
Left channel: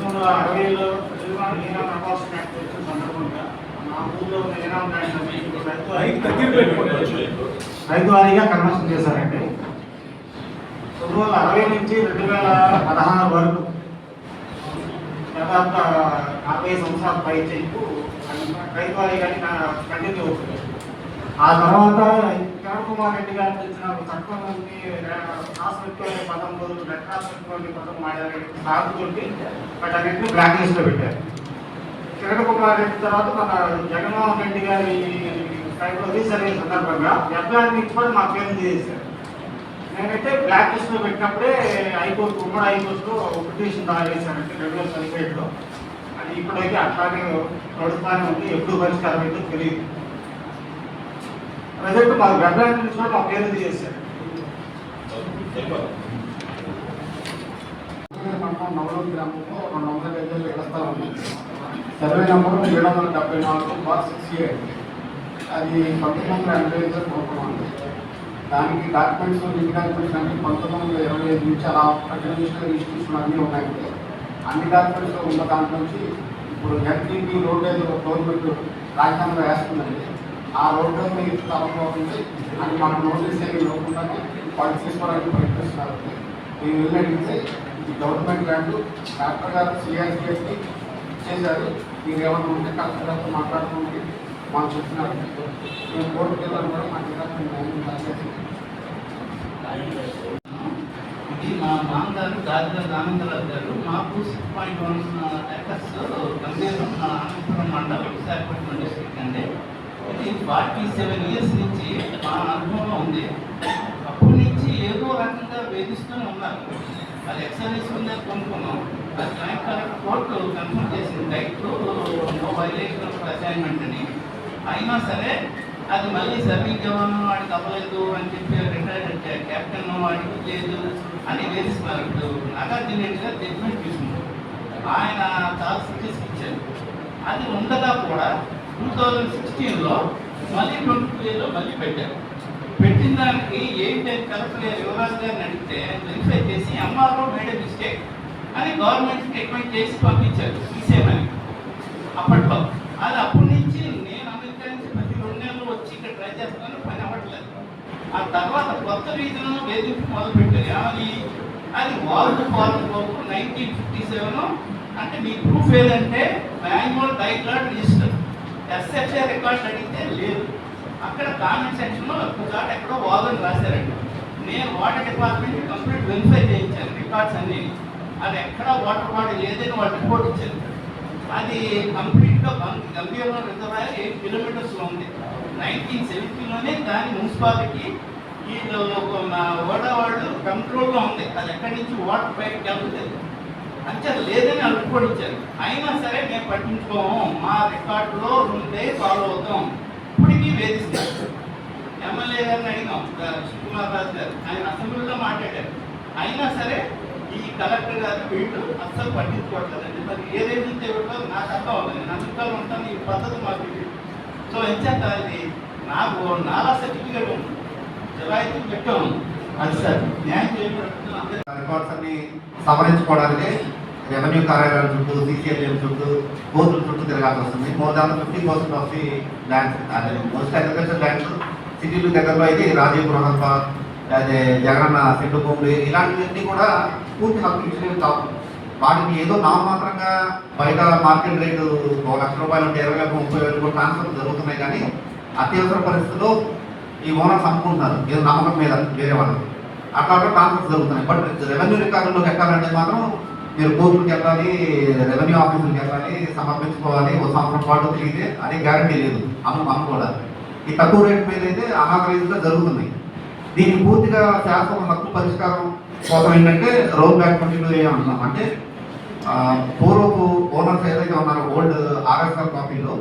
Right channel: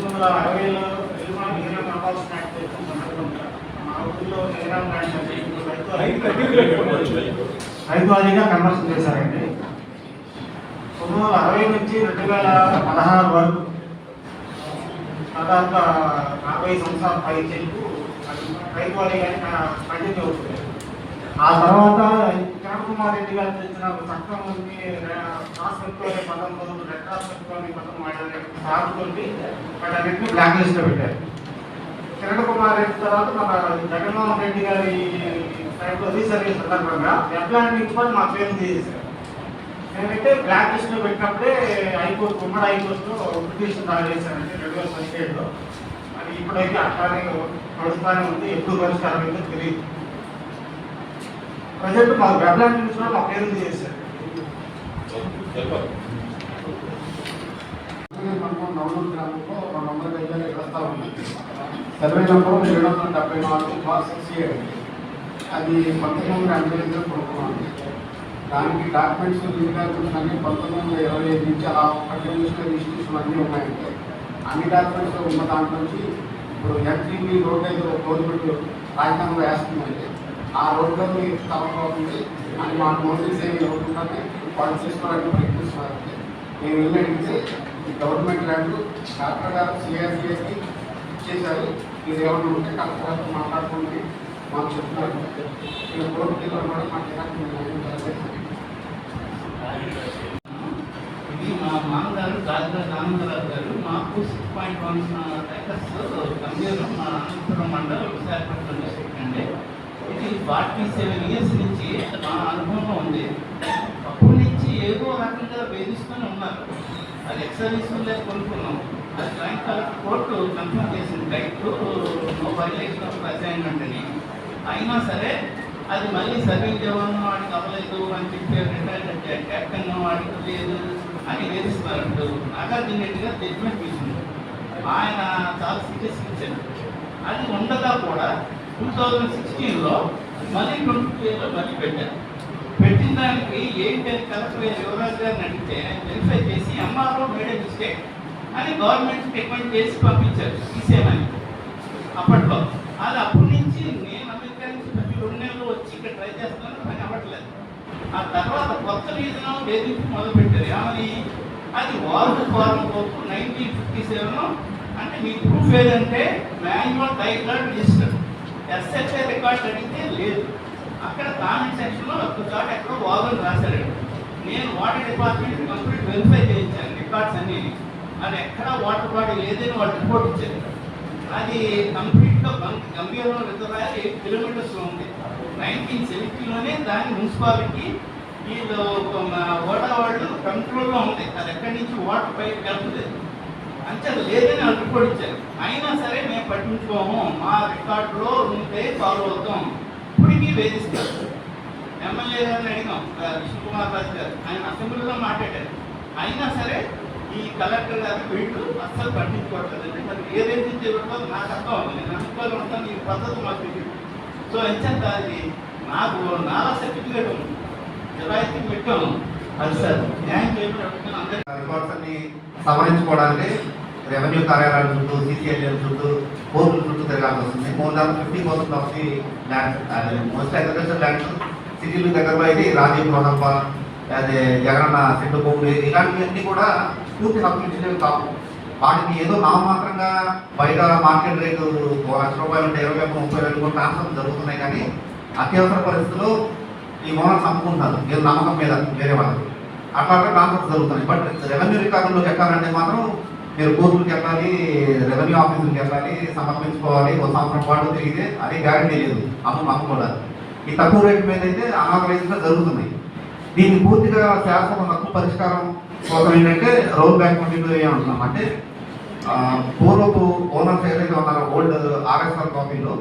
1960లో ఈనా కంపల్సరీ యాక్ట్ వచ్చిన సందర్భంగా మా ఊళ్ళో రైతు వారీగా కన్వర్షన్ చేశారండి. 1960 నుంచి 2016 వరకు దాదాపుగా 40 సంవత్సరాల పై చెల్లు రైతు వారీగానే కంటిన్యూ అవుతుంది. ఆ తర్వాత కిరణ్ కుమార్ రెడ్డి గారు తెచ్చిన చట్టం రాష్ట్రపతి 19 రాష్ట్రపతి 19 సాగుతోటి వాటన్నింటినీ బ్లాక్ లిస్ట్లో పెట్టారు. కిరణ్ కుమార్ రెడ్డి తర్వాత మన జగన్మోహన్ రెడ్డి గారి టైంలో రీసర్వే సందర్భంగా వెబ్లాండ్ నుంచి కూడా మా పేరు చేశారు. మేమైతే బ్లాక్ లిస్ట్లో పెట్టినప్పుడే హైకోర్టు ఉమ్మడి హైకోర్టులో పిటిషన్ దాఖలు చేశారంటే 2017లో. అది ఇప్పుడైతే అట్లానే నడుస్తూనే ఉంది, ఎప్పుడు పరిష్కారం అయితే తెలియదు. ప్రజెంట్ మా వెబ్లాండ్ నుంచి కూడా మా పేరు చేశారు. నవలూరు గ్రామంలో 200 గజాల ఇళ్ల స్థలం ఉంది. Survey number 774/68. అది 1985లో కొనుక్కున్నాం. దానికి డాక్యుమెంట్స్ రిజిస్ట్రేషన్ అన్ని 1925 నుంచి అలా అప్పటి నుంచి రిజిస్ట్రేషన్ అన్నీ ఉన్నాయంటే అన్ని డాక్యుమెంట్స్ ఉన్న దాంట్లో నుంచి ఇప్పుడు ఎంట్రీకి రోడ్ ఏదో గవర్నమెంట్ రాజకీయంగా వేస్తుందండి. ఆ రోడ్డు స్థలం అవుతుంది అని మాకు నోటీస్ ఏమి ఇవ్వకుండానే పాయింట్స్ చేసుకోవడానికి ప్రయత్నిస్తున్నారు. నేను వెళ్ళి అడిగితే ఇది గవర్నమెంట్ ల్యాండ్ కలెక్టర్ గారు సిఆర్సీఎస్కి ఇచ్చేసారు, మీరు ఏమైనా ఉంటే కలెక్టర్ గారితో మాట్లాడుకుంటే మాకు చెప్తున్నారు. మేము కోర్టుకి వెళ్ళాలి, మా ఇది మా మామగారు రాజధాని రామేంద్రరావు గారు. మాకు 6.1 ఏకర్స్ గంభీరం మా అనంతపురం మండలం విశాఖపట్నం డిస్ట్రిక్ట్ అండి. ఇది 47 ఇయర్స్ నుంచి మా అనుభవంలో ఉంది. అప్పటి నుంచి ఏదో రకంగా వేధిస్తూనే ఉన్నారు. అది ఎక్సర్వీస్ ఉందే కొనుక్కున్నాం. అది జాయింట్ కలెక్టర్ కోర్టు కన్ఫర్మ్ చేసింది right no violation of assignment అని. అయినా సరే అది మళ్ళీ సర్వీస్ జవాన్ వాడికి అవ్వలేదు అని చెప్పి రిటైర్డ్ కెప్టెన్ వాడికి లేదు అని వేధిస్తున్నారు. ఇప్పుడు నాగార్జున రెడ్డి గారు జడ్జిమెంట్ తీసుకున్నారు. ఆయన చాలా సీరియస్ ఇచ్చారు. అది ఉండగా కూడా 2016లో మళ్ళీ 22లో మళ్ళీ పెట్టారు. పెట్టిన దానికి ఏంటి కలెక్టర్ యువరాజ్ గారిని అడిగితే వెరిఫై చేసి ఎంఆర్ఓ మేడ్ మిస్టేక్ అని గవర్నమెంట్కి రికమెండ్ చేసి పంపించారు తీసేయమని అప్పట్లో. అది అప్పటి నుంచి నేను అమెరికా నుంచి ప్రతి 2 నెలలు వచ్చి ఇక్కడ ట్రై చేస్తాను, పని అవ్వట్లేదు. ఆ తర్వాత కొత్త రీజన్ వేధింపు మొదలుపెట్టారు. ఏమని అది వాల్డ్ ఫారం వరకు 1957 అంటే మీ ప్రూఫ్ ఏదంటే manual title register SFA record అడిగితే లేదు. అక్కడ కామెంట్ సెక్షన్లో ఒక చోట ఎక్కడో వాదని రాశారండి. నేను వాటర్ డిపార్ట్మెంట్ కంప్లీట్ వెరిఫై చేయించాను రికార్డ్స్ అన్నీ. అది ఎక్కడా వాటర్ బాడీ లేదని వాళ్ళు రిపోర్ట్ ఇచ్చారు. అది కంప్లీట్గా గంభీరంగా రిజర్వాయర్ 8 కిలోమీటర్స్లో ఉంది. 1970లోనే దాని మున్సిపాలిటీ వీళ్ళు ఓడా వాళ్ళు కంట్రోల్లో ఉంది. అది ఎక్కడి నుంచి వాటర్ బయటకు వెళ్తలేదు అంటే లేదని వాళ్ళు రిపోర్ట్ ఇచ్చారు. అయినా సరే మేము పట్టించుకోము, మా రికార్డులో ఉంటే ఫాలో అవుతాం. ఇప్పటికీ వేధిస్తారు. ఎమ్మెల్యే గారిని అడిగాం, విష్ణుకుమార్ రాజు గారు, ఆయన అసెంబ్లీలో మాట్లాడారు. అయినా సరే ఈ కలెక్టర్ గారు వీళ్ళు అస్సలు పట్టించుకోవట్లేదండి. మరి ఏదేది చేయబట్టాలో నాకు అర్థం అవుతుంది. నేను అందులో ఉంటాను, ఈ పద్ధతి మాకు ఇది. సో ఎంచేత అది నాకు నాలా సర్టిఫికేట్ ఉంది, జలాయితీ పెట్టాను. అది సార్ న్యాయం చేయబడి రికార్డ్స్ అన్ని సవరించుకోవడానికి రెవెన్యూ కార్యాలయాల చుట్టూ, సిసిఎల్ఎం చుట్టూ, కోర్టుల చుట్టూ తిరగాల్సి వస్తుంది. More than 50% of the lands most agriculture lands సిటీలు దగ్గరలో అయితే రాజీవ్ రోహప్ప, అదే జగనన్న సెంటు భూములు ఇలాంటివన్నీ కూడా పూర్తి హక్కులు ఇచ్చలేవు కావు. వాటిని ఏదో నామమాత్రంగా బయట మార్కెట్ రేటు 1 లక్ష రూపాయలు ఉంటే 20,000-30,000 కూడా ట్రాన్స్ఫర్ జరుగుతున్నాయి. కానీ అత్యవసర పరిస్థితుల్లో ఈ ఓనర్స్ అమ్ముకుంటున్నారు ఏదో నమ్మకం మీద వేరే వాళ్ళు, అట్లా ట్రాన్స్ఫర్స్ జరుగుతున్నాయి. బట్ రెవెన్యూ రికార్డులోకి ఎక్కాలంటే మాత్రం మీరు కోర్టులకు వెళ్ళాలి, రెవెన్యూ ఆఫీసులకు వెళ్ళాలి, సమర్పించుకోవాలి. 1 సంవత్సరం పాటు తిరిగితే అదే గ్యారంటీ లేదు అమ్ముకోవడానికి. ఈ తక్కువ రేటు మీద అయితే అనాథరైజ్గా జరుగుతుంది. దీన్ని పూర్తిగా శాశ్వత హక్కు పరిష్కారం కోసం ఏంటంటే రోల్ బ్యాక్ కంటిన్యూ అంటున్నాం. అంటే పూర్వపు ఓనర్స్ ఏదైతే ఉన్నారో ఓల్డ్ ఆర్ఎస్ఆర్ కాపీలో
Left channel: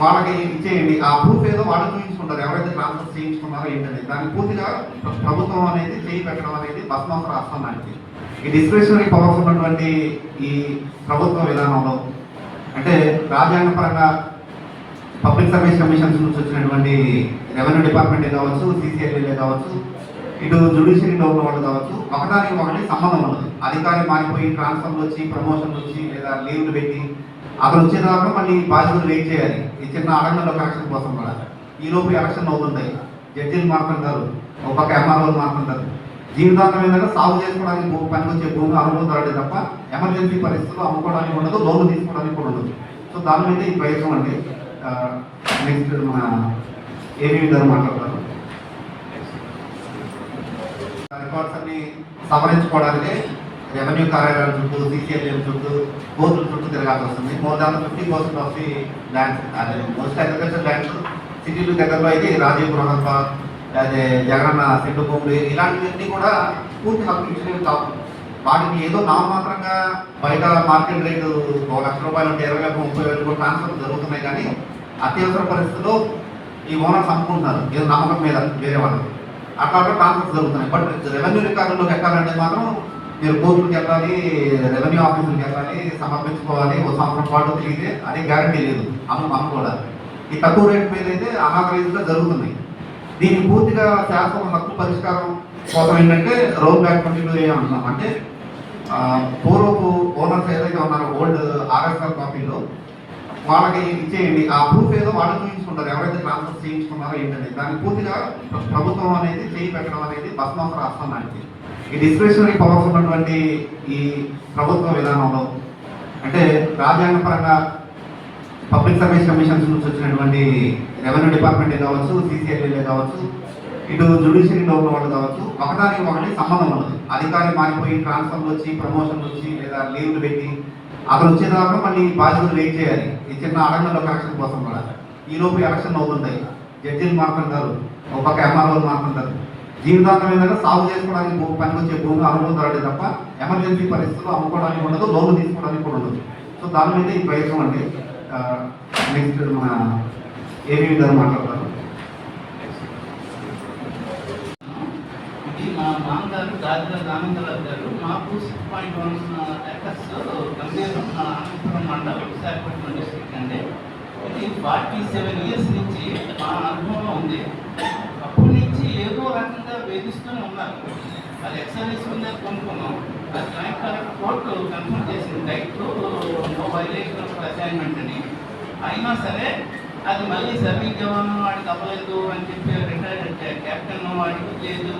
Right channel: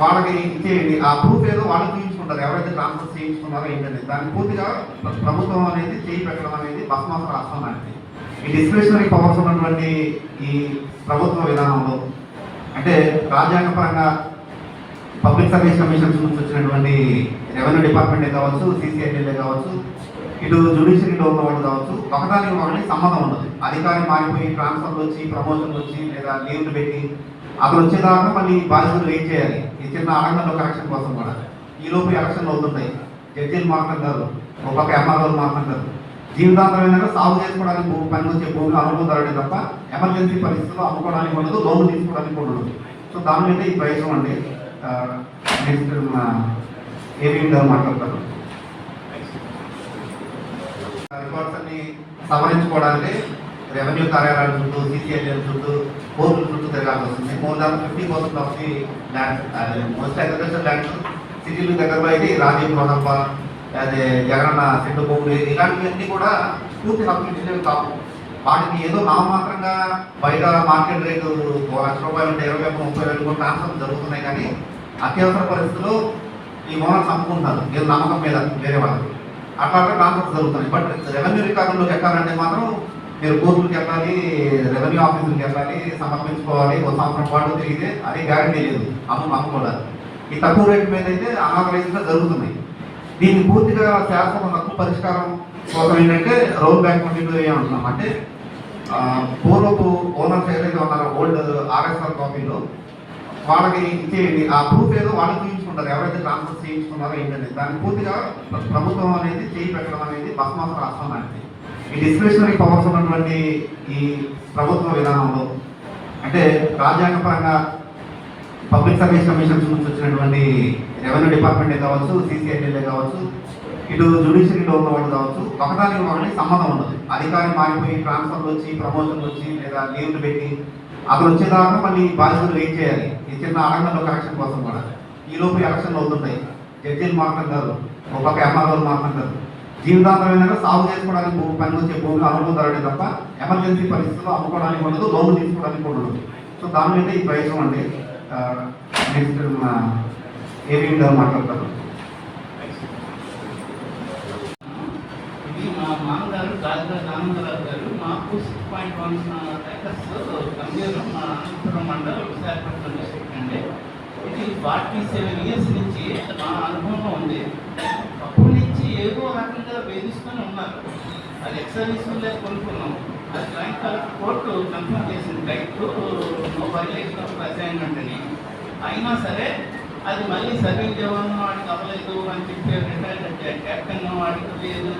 వాళ్ళకి ఇచ్చేయండి. ఆ ప్రూఫ్ ఏదో వాళ్ళు చూపించుకుంటారు, ఎవరైతే ట్రాన్స్ఫర్ చేయించుకున్నారో ఏంటంటే దాన్ని పూర్తిగా ప్రభుత్వం అనేది చేయి పెట్టడం అనేది బస్మాస్ రాష్ట్రానికి. ఈ డిస్క్రిషనరీ పవర్స్ ఉన్నటువంటి ఈ ప్రభుత్వ విధానంలో అంటే రాజ్యాంగపరంగా పబ్లిక్ సర్వీస్ కమిషన్స్ నుంచి వచ్చినటువంటి రెవెన్యూ డిపార్ట్మెంటే కావచ్చు, సిసిఐఎల్ఏ కావచ్చు, ఇటు జ్యుడిషియరీలో ఉన్న వాళ్ళు కావచ్చు, ఒకదానికి ఒకటి సంబంధం ఉన్నది. అధికారి మారిపోయి ట్రాన్స్ఫర్లు వచ్చి, ప్రమోషన్లు వచ్చి, లేదా లీవ్లు పెట్టి అక్కడ వచ్చేదాకా మళ్ళీ బాధ్యతలు వెయిట్ చేయాలి. ఈ చిన్న అడంగంలో కరెక్షన్ కోసం కూడా ఈలోపు ఎలక్షన్ అవుతుంటాయి. జడ్జీలు మాట్లాడతారు, ఒక పక్క ఎంఆర్ఓలు మాట్లాడతారు. జీవితాంతం ఏంటంటే సాగు చేసుకోవడానికి పని వచ్చే భూమి అనుకుంటారు తప్ప ఎమర్జెన్సీ పరిస్థితుల్లో అమ్ముకోవడానికి ఉండదు, లోన్లు తీసుకోవడానికి కూడా ఉండదు. సో దాని మీద ఈ ప్రయత్నం అండి. నెక్స్ట్ మన ఏవి గారు మాట్లాడతారు. రికార్డ్స్ అన్ని సవరించుకోవడానికి రెవెన్యూ కార్యాలయాల చుట్టూ, సిసిఎల్ఎం చుట్టూ, కోర్టుల చుట్టూ తిరగాల్సి వస్తుంది. More than 50% of the lands most agriculture lands సిటీలు దగ్గరలో అయితే రాజీవ్ రోహప్ప, అదే జగనన్న సెంటు భూములు ఇలాంటివన్నీ కూడా పూర్తి హక్కులు ఇచ్చలేవు కావు. వాటిని ఏదో నామమాత్రంగా బయట మార్కెట్ రేటు 1 లక్ష రూపాయలు ఉంటే 20,000-30,000 కూడా ట్రాన్స్ఫర్ జరుగుతున్నాయి. కానీ అత్యవసర పరిస్థితుల్లో ఈ ఓనర్స్ అమ్ముకుంటున్నారు ఏదో నమ్మకం మీద వేరే వాళ్ళు, అట్లా ట్రాన్స్ఫర్స్ జరుగుతున్నాయి. బట్ రెవెన్యూ రికార్డులోకి ఎక్కాలంటే మాత్రం మీరు కోర్టులకు వెళ్ళాలి, రెవెన్యూ ఆఫీసులకు వెళ్ళాలి, సమర్పించుకోవాలి. 1 సంవత్సరం పాటు తిరిగితే అదే గ్యారంటీ లేదు అమ్ముకోవడానికి. ఈ తక్కువ రేటు మీద అయితే అనాథరైజ్గా జరుగుతుంది. దీన్ని పూర్తిగా శాశ్వత హక్కు పరిష్కారం కోసం ఏంటంటే రోల్ బ్యాక్ కంటిన్యూ అంటున్నాం. అంటే పూర్వపు ఓనర్స్ ఏదైతే ఉన్నారో ఓల్డ్ ఆర్ఎస్ఆర్ కాపీలో వాళ్ళకి ఇచ్చేయండి. ఆ ప్రూఫ్ ఏదో వాళ్ళు చూపించుకుంటారు. చేయించుకుంటారు, ఎవరైతే ట్రాన్స్ఫర్ చేయించుకున్నారో ఏంటంటే దాన్ని పూర్తిగా ప్రభుత్వం అనేది చేయి పెట్టడం అనేది బస్మాస రాష్ట్రం లాంటిది. ఈ డిస్క్రిషనరీ పవర్స్ ఉన్నటువంటి ఈ ప్రభుత్వ విధానంలో అంటే రాజ్యాంగపరంగా పబ్లిక్ సర్వీస్ కమిషన్స్ నుంచి వచ్చినటువంటి రెవెన్యూ డిపార్ట్మెంట్ కావచ్చు, సిసిఐఎల్ఏ కావచ్చు, ఇటు జ్యుడిషియరీలో ఉన్న వాళ్ళు కావచ్చు, ఒకదానికి ఒకటి సంబంధం ఉన్నది. అధికారి మారిపోయి ట్రాన్స్ఫర్లు వచ్చి, ప్రమోషన్లు వచ్చి లేదా లీవ్లు పెట్టి అతను వచ్చేదాకా మళ్ళీ బాధ్యతలు వెయిట్ చేయాలి. ఈ చిన్న ఆడంగంలో యాక్షన్ కోసం కూడా ఈ లోపు యాక్షన్ అవుతుంటాయి. జడ్జీలు మారుతుంటారు, ఒక పక్క ఎంఆర్ఓలు మారుతుంటారు. జీవితాంతం ఏంటంటే సాగు చేసుకోవడానికి పనికి వచ్చే భూమి అనుభూతాడు తప్ప ఎమర్జెన్సీ పరిస్థితుల్లో అమ్ముకోవడానికి ఉండదు, లోన్లు తీసుకోవడానికి కూడా ఉండదు. సో దాని మీద ఈ ప్రయత్నం అండి. నెక్స్ట్ మన ఏవి గారు మాట్లాడతారు. ఇది మా మామగారు రాజధాని ఆనందరావు గారు. మాకు 6.1 ఏకర్స్ గంభీరం అనంతపురం మండలం విశాఖపట్నం డిస్ట్రిక్ట్ అండి. ఇది 47 ఇయర్స్ నుంచి మా అనుభవంలో ఉంది. అప్పటి నుంచి ఏదో రకంగా వేధిస్తూనే ఉన్నారు. అది ఎక్సర్వీస్ మీద కొనుక్కున్నాం. అది జాయింట్ కలెక్టర్ కోర్టు కన్ఫర్మ్ చేసింది right no violation of assignment అని. అయినా సరే అది మళ్ళీ సర్వీస్ జవాన్ వాడికి అవ్వలేదు అని చెప్పి రిటైర్డ్ కెప్టెన్ వాడికి లేదు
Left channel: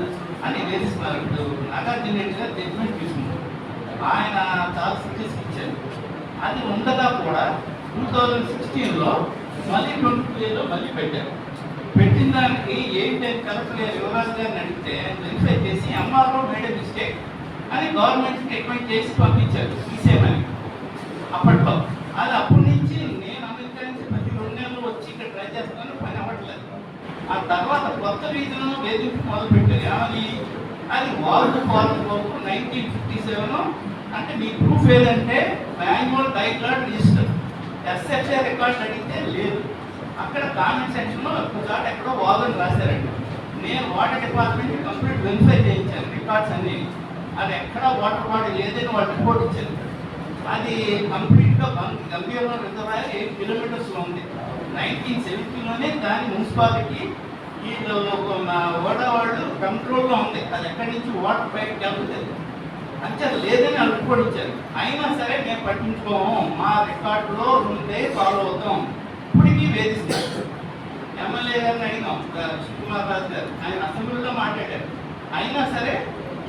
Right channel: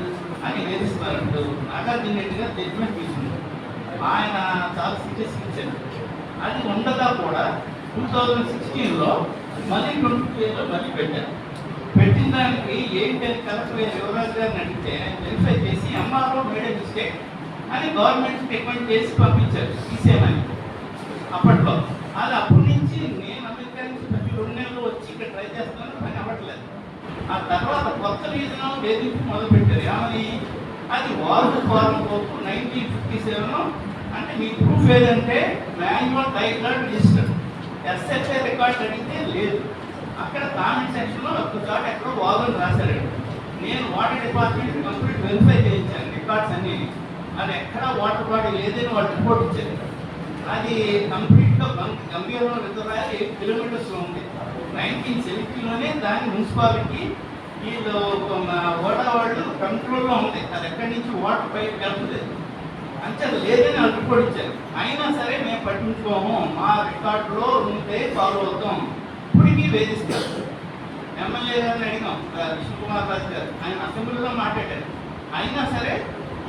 అని వేధిస్తున్నారు. ఇప్పుడు నాగార్జున రెడ్డి గారు జడ్జిమెంట్ తీసుకున్నారు. ఆయన చాలా సీరియస్ ఇచ్చారు. అది ఉండగా కూడా 2016లో మళ్ళీ 22లో మళ్ళీ పెట్టారు. పెట్టిన దానికి ఏంటి కలెక్టర్ యువరాజ్ గారిని అడిగితే వెరిఫై చేసి ఎంఆర్ఓ మేడ్ మిస్టేక్ అని గవర్నమెంట్కి రికమెండ్ చేసి పంపించారు తీసేయమని అప్పట్లో. అది అప్పటి నుంచి నేను అమెరికా నుంచి ప్రతి 2 నెలలు వచ్చి ఇక్కడ ట్రై చేస్తాను, పని అవ్వట్లేదు. ఆ తర్వాత కొత్త రీజన్ వేధింపు మొదలుపెట్టారు. ఏమని అది వాల్డ్ ఫారం వరకు 1957 అంటే మీ ప్రూఫ్ ఏదంటే manual title register SFA record అడిగితే లేదు. అక్కడ కామెంట్ సెక్షన్లో ఒక చోట ఎక్కడో వాదని రాశారండి. నేను వాటర్ డిపార్ట్మెంట్ కంప్లీట్ వెరిఫై చేయించాను రికార్డ్స్ అన్నీ. అది ఎక్కడా వాటర్ బాడీ లేదని వాళ్ళు రిపోర్ట్ ఇచ్చారు. అది కంప్లీట్గా గంభీరంగా రిజర్వాయర్ 8 కిలోమీటర్స్లో ఉంది. 1970లోనే దాని మున్సిపాలిటీ వీళ్ళు ఓడా వాళ్ళు కంట్రోల్లో ఉంది. అది ఎక్కడి నుంచి వాటర్ బయటకు వెళ్తలేదు అంటే లేదని వాళ్ళు రిపోర్ట్ ఇచ్చారు. అయినా సరే మేము పట్టించుకోము, మా రికార్డులో ఉంటే ఫాలో అవుతాం. ఇప్పటికీ వేధిస్తారు. ఎమ్మెల్యే గారిని అడిగాం, విష్ణుకుమార్ రాజు గారు, ఆయన అసెంబ్లీలో మాట్లాడారు. అయినా సరే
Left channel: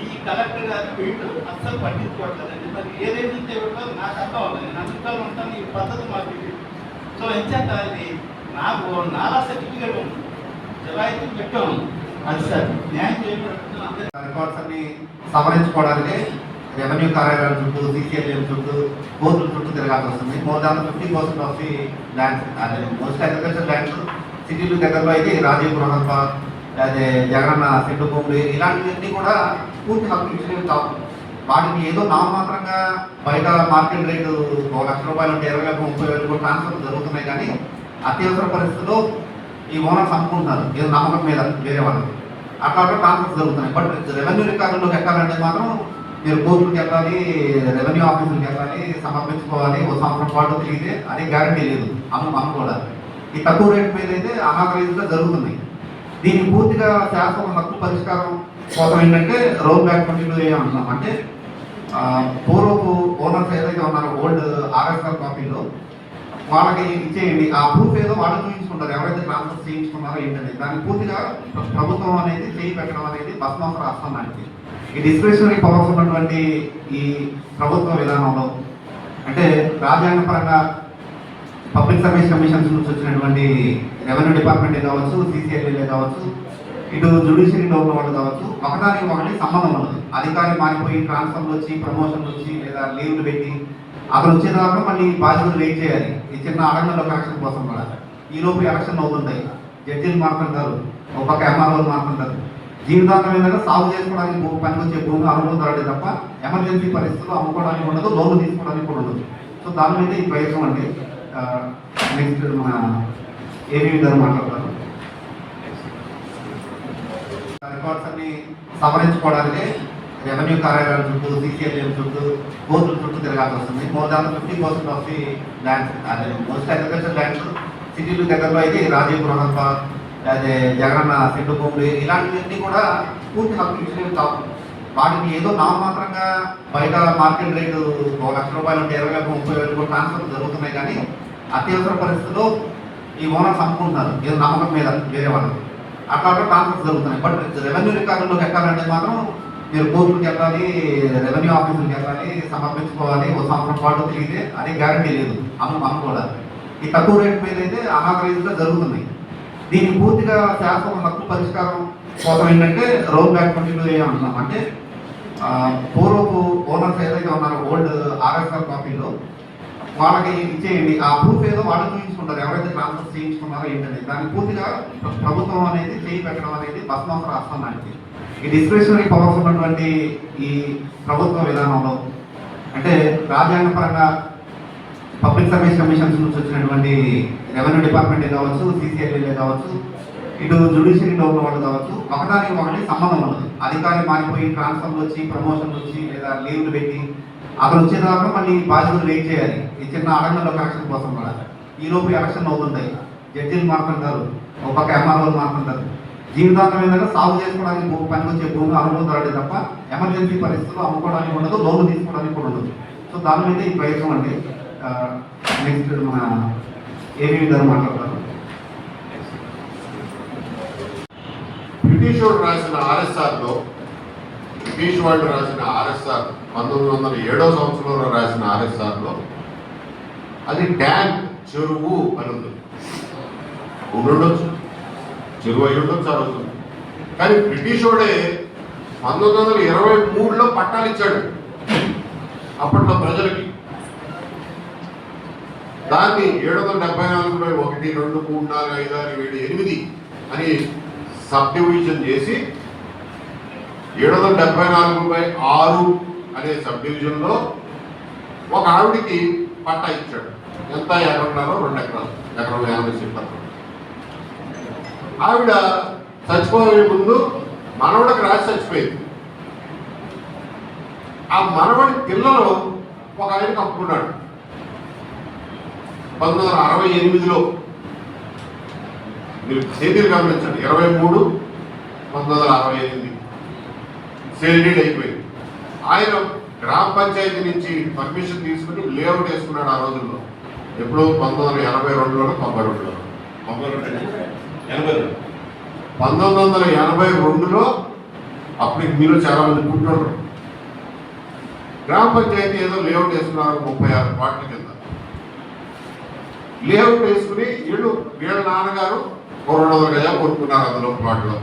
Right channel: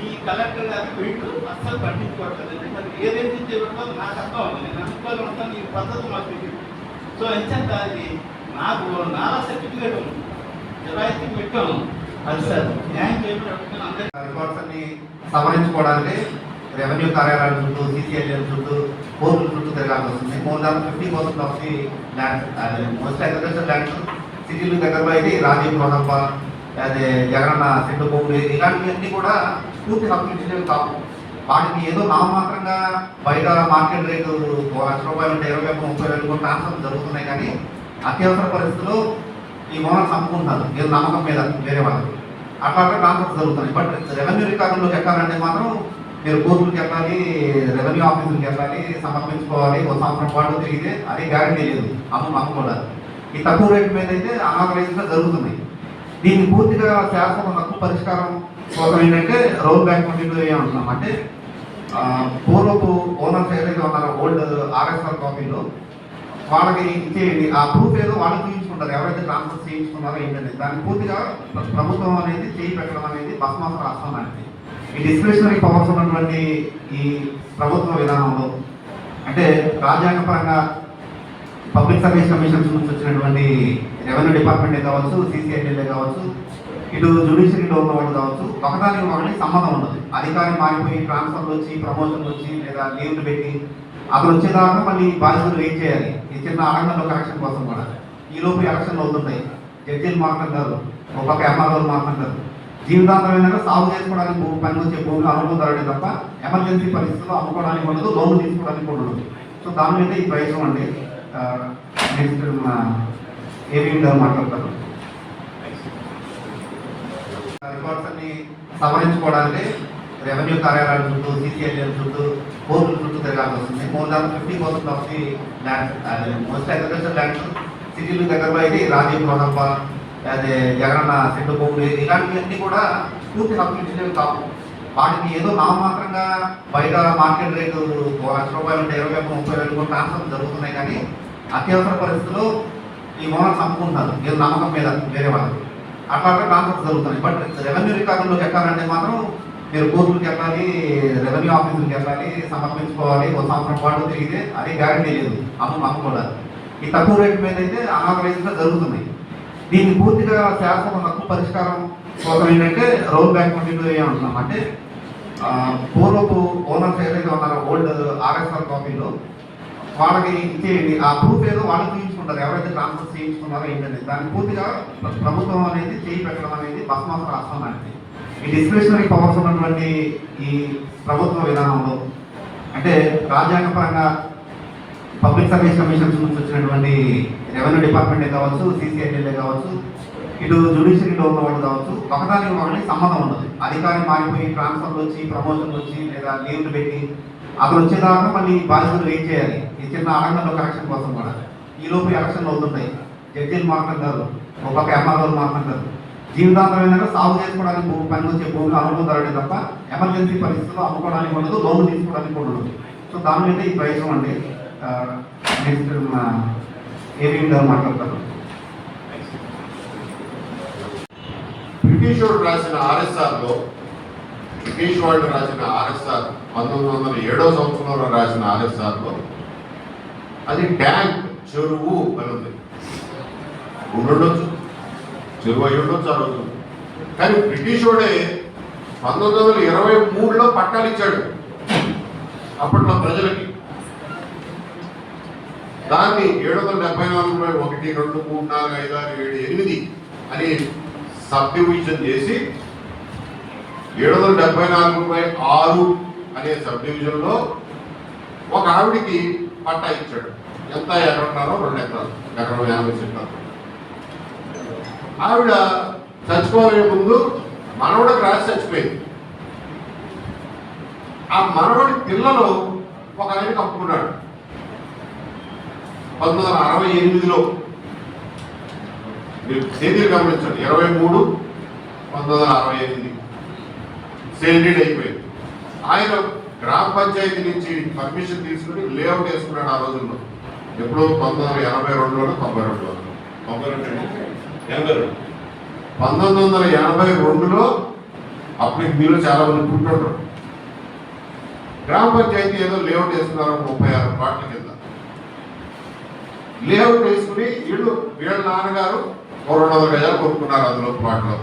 ఈ కలెక్టర్ గారు వీళ్ళు అస్సలు పట్టించుకోవట్లేదండి. మరి ఏదేది చేయబడతారో నాకు అర్థం అవుతుంది. నేను అందులో ఉంటాను, ఈ పద్ధతి మాకు తెలియదు. సో ఎంచేత అది నాకు నాలా సర్టిఫికేట్ ఉంది, జలాయితీ పెట్టాను. అది సార్ న్యాయం చేయబడి రికార్డ్స్ అన్ని సవరించుకోవడానికి రెవెన్యూ కార్యాలయాల చుట్టూ, సిసిఐఎల్ చుట్టూ, కోర్టుల చుట్టూ తిరగాల్సి వస్తుంది. More than 50% of the lands most agriculture lands సిటీలు దగ్గరలో అయితే రాజీవ్ రోహప్ప, అదే జగనన్న సెంటు బొమ్మలు ఇలాంటివన్నీ కూడా పూర్తి హక్కులు ఇచ్చలేవు కావు. వాటిని ఏదో నామమాత్రంగా బయట మార్కెట్ రేటు 1 లక్ష రూపాయలు ఉంటే 20,000-30,000 కూడా ట్రాన్స్ఫర్ జరుగుతున్నాయి. కానీ అత్యవసర పరిస్థితుల్లో ఈ ఓనర్స్ అమ్ముకుంటున్నారు ఏదో నమ్మకం మీద వేరే వాళ్ళకి, అట్లా ట్రాన్స్ఫర్ జరుగుతున్నాయి. బట్ రెవెన్యూ రికార్డులోకి ఎక్కాలంటే మాత్రం మీరు కోర్టులకు వెళ్ళాలి, రెవెన్యూ ఆఫీసులకు వెళ్ళాలి, సమర్పించుకోవాలి. 1 సంవత్సరం పాటు తిరిగితే అదే గ్యారంటీ లేదు అమ్ముకోవడానికి. ఈ తక్కువ రేటు మీద అయితే అనాథరైజ్గా జరుగుతుంది. దీన్ని పూర్తిగా శాశ్వత హక్కు పరిష్కారం కోసం ఏంటంటే రోల్ బ్యాక్ కంటిన్యూ అంటున్నాం. అంటే పూర్వపు ఓనర్స్ ఏదైతే ఉన్నారో ఓల్డ్ ఆర్ఎస్ఆర్ కాపీలో వాళ్ళకి ఇచ్చేయండి. ఆ ప్రూఫ్ ఏదో వాళ్ళు చూపించుకుంటారు, ఎవరైతే ట్రాన్స్ఫర్ చేయించుకున్నారో ఏంటంటే దాన్ని పూర్తిగా ప్రభుత్వం అనేది చేయి పెట్టడం అనేది బస్మాస రాష్ట్రం లాంటిది. ఈ డిస్క్రిషనరీ పవర్స్ ఉన్నటువంటి ఈ ప్రభుత్వ విధానంలో అంటే రాజ్యాంగపరంగా పబ్లిక్ సర్వీస్ కమిషన్స్ నుంచి వచ్చినటువంటి రెవెన్యూ డిపార్ట్మెంట్ కావచ్చు, సిసిఐఎల్ఏ కావచ్చు, ఇటు జ్యుడిషియరీలో ఉన్న వాళ్ళు కావచ్చు, ఒకదానికి ఒకటి సంబంధం ఉన్నది. అధికారి మారిపోయి ట్రాన్స్ఫర్లు వచ్చి, ప్రమోషన్లు వచ్చి లేదా లీవ్లు పెట్టి అతను వచ్చేదాకా మళ్ళీ బాధ్యతలు వెయిట్ చేయాలి. ఈ చిన్న ఆడంగంలో యాక్షన్ కోసం కూడా ఈ లోపు యాక్షన్ అవుతుంటాయి. జడ్జీలు మారుతుంటారు, ఒక పక్క ఎంఆర్ఓలు మారుతుంటారు. జీవితాంతం ఏంటంటే సాగు చేసుకోవడానికి పనికి వచ్చే భూమి అనుభూతాడు తప్ప ఎమర్జెన్సీ పరిస్థితుల్లో అమ్ముకోవడానికి ఉండదు, లోన్లు తీసుకోవడానికి కూడా ఉండదు. సో దాని మీద ఈ ప్రయత్నం అండి. నెక్స్ట్ మన ఏవి గారు మాట్లాడతారు. రికార్డ్స్ అన్ని సవరించుకోవడానికి రెవెన్యూ కార్యాలయాల చుట్టూ, సిసిఐఎల్ చుట్టూ, కోర్టుల చుట్టూ తిరగాల్సి వస్తుంది. More than 50% of the lands most agriculture lands సిటీలు దగ్గరలో అయితే రాజీవ్ రోహప్ప, అదే జగనన్న సెంటు బొమ్మలు ఇలాంటివన్నీ కూడా పూర్తి హక్కులు ఇచ్చలేవు కావు. వాటిని ఏదో నామమాత్రంగా బయట మార్కెట్ రేటు 1 లక్ష రూపాయలు ఉంటే 20,000-30,000 కూడా ట్రాన్స్ఫర్ జరుగుతున్నాయి. కానీ అత్యవసర పరిస్థితుల్లో ఈ ఈ ఓనర్స్ అమ్ముకుంటున్నారు ఏదో నమ్మకం మీద వేరే వాళ్ళకి, అట్లా ట్రాన్స్ఫర్స్ జరుగుతున్నాయి. బట్ రెవెన్యూ రికార్డులోకి ఎక్కాలంటే మాత్రం మీరు కోర్టులకు వెళ్ళాలి, రెవెన్యూ ఆఫీసులకు వెళ్ళాలి, సమర్పించుకోవాలి, ఒక సంవత్సరం పాటు తిరిగితే అదే గ్యారంటీ లేదు అమ్ముకోవడానికి. ఈ తక్కువ రేట్ మీద అయితే అనాథరైజ్గా జరుగుతున్నాయి. దీన్ని పూర్తిగా శాశ్వత హక్కు పరిష్కారం కోసం ఏంటంటే రోల్ బ్యాక్ కంటిన్యూ అంటున్నాం. అంటే పూర్వపు ఓనర్స్ ఏదైతే ఉన్నారో ఓల్డ్ ఆర్ఎస్ఆర్ కాపీలో వాళ్ళకి ఇచ్చేయండి, ఆ ప్రూఫ్ ఏదో వాళ్ళు చూపించుకుంటారు ఎవరైతే ట్రాన్స్ఫర్ చేయించుకున్నారో ఏంటంటే దాన్ని పూర్తిగా ప్రభుత్వం అనేది చేయి పెట్టడం అనేది బస్మాస్ రాష్ట్రానికి. ఈ డిస్క్రిప్షనరీ పవర్స్ ఉన్నటువంటి ఈ ప్రభుత్వ విధానంలో అంటే రాజ్యాంగపరంగా పబ్లిక్ సర్వీస్ కమిషన్స్ నుంచి వచ్చినటువంటి రెవెన్యూ డిపార్ట్మెంట్ కావచ్చు, సిసిఐఎల్ఏ కావచ్చు, ఇటు జ్యుడిషియరీలో ఉన్న వాళ్ళు కావచ్చు, ఒకదానికి ఒకటి సంబంధం ఉన్నది. అధికారి మారిపోయి ట్రాన్స్ఫర్లు వచ్చి ప్రమోషన్లు వచ్చి లేదా లీవ్లు పెట్టి అతను వచ్చేదాకా మళ్ళీ బాధ్యతలు వెయిట్ చేయాలి. ఈ చిన్న ఆడంలో యాక్షన్ కోసం కూడా ఈలోపు యాక్షన్ అవుతుంటాయి. జడ్జీలు మాట్లాడతారు, ఒక పక్క ఎంఆర్ఓలు మాట్లాడతారు. జీవితాంతం ఏంటంటే సాగు చేసుకోవడానికి పనికి వచ్చే భూమి అనుభూతాడు తప్ప ఎమర్జెన్సీ పరిస్థితుల్లో అమ్ముకోవడానికి ఉండదు, లోన్లు తీసుకోవడానికి కూడా ఉండదు. సో దాని మీద ఈ ప్రయత్నం అండి. నెక్స్ట్ మన ఏవి గారు మాట్లాడతారు. బ్రిటిష్ వాడు రాసిన ఆర్ఎస్ఆర్లో, బ్రిటిష్ వాళ్ళు రాసిన ఆర్ఎస్ఆర్ 1907వ సంవత్సరంలో రాసిన ఆర్ఎస్ఆర్లో అది ట్యాంక్ చెరువు అని ఉంది. ఉండొచ్చు, చెరువు అయి ఉండొచ్చు ఆ రోజు. కానీ బ్రిటిష్ వాడే 1923లో పట్టాలు ఇచ్చాడు అప్పట్లో ప్రజలకి. దాన్ని 774 1 2 3 4 5 6 7 8 అని సబ్ డివిజన్ చేసి 774/6 అనే సబ్ డివిజన్లో ఒక ఆవిడికి పట్టా ఇచ్చాడు. ఎంత ఎకరాలో 2 ఎకరాలు, ఎకరం 50 సెంట్లు. ఆవిడ చచ్చిపోయే ముందు మనవడికి రాసి చచ్చిపోయింది. ఆ మనవడి పిల్లలు ఒక ఆయనకి అప్పుకున్నాడు 1968లో. మీరు తేదీలు గమనించండి, 23/1968 సేల్ డీడ్ అయిపోయింది. ఆయన గ్రామ పంచాయతీ నుంచి పర్మిషన్ తీసుకుని లేఅవుట్ వేసుకున్నాడు ఆ రోజుల్లో. ఎప్పుడు 1982లో 92లో 1982లో అప్పటికి మీరు చాలా మంది పుట్టినప్పుడు గ్రామ పంచాయతీ ఏదో లేఅవుట్ వేసుకున్నారు 36 ప్లాట్ల కింద. లేఅవుట్ వేసుకుని వీళ్ళ నాన్నగారు 200 గజాలు కొనుక్కున్నారు అందులో ప్లాట్లో.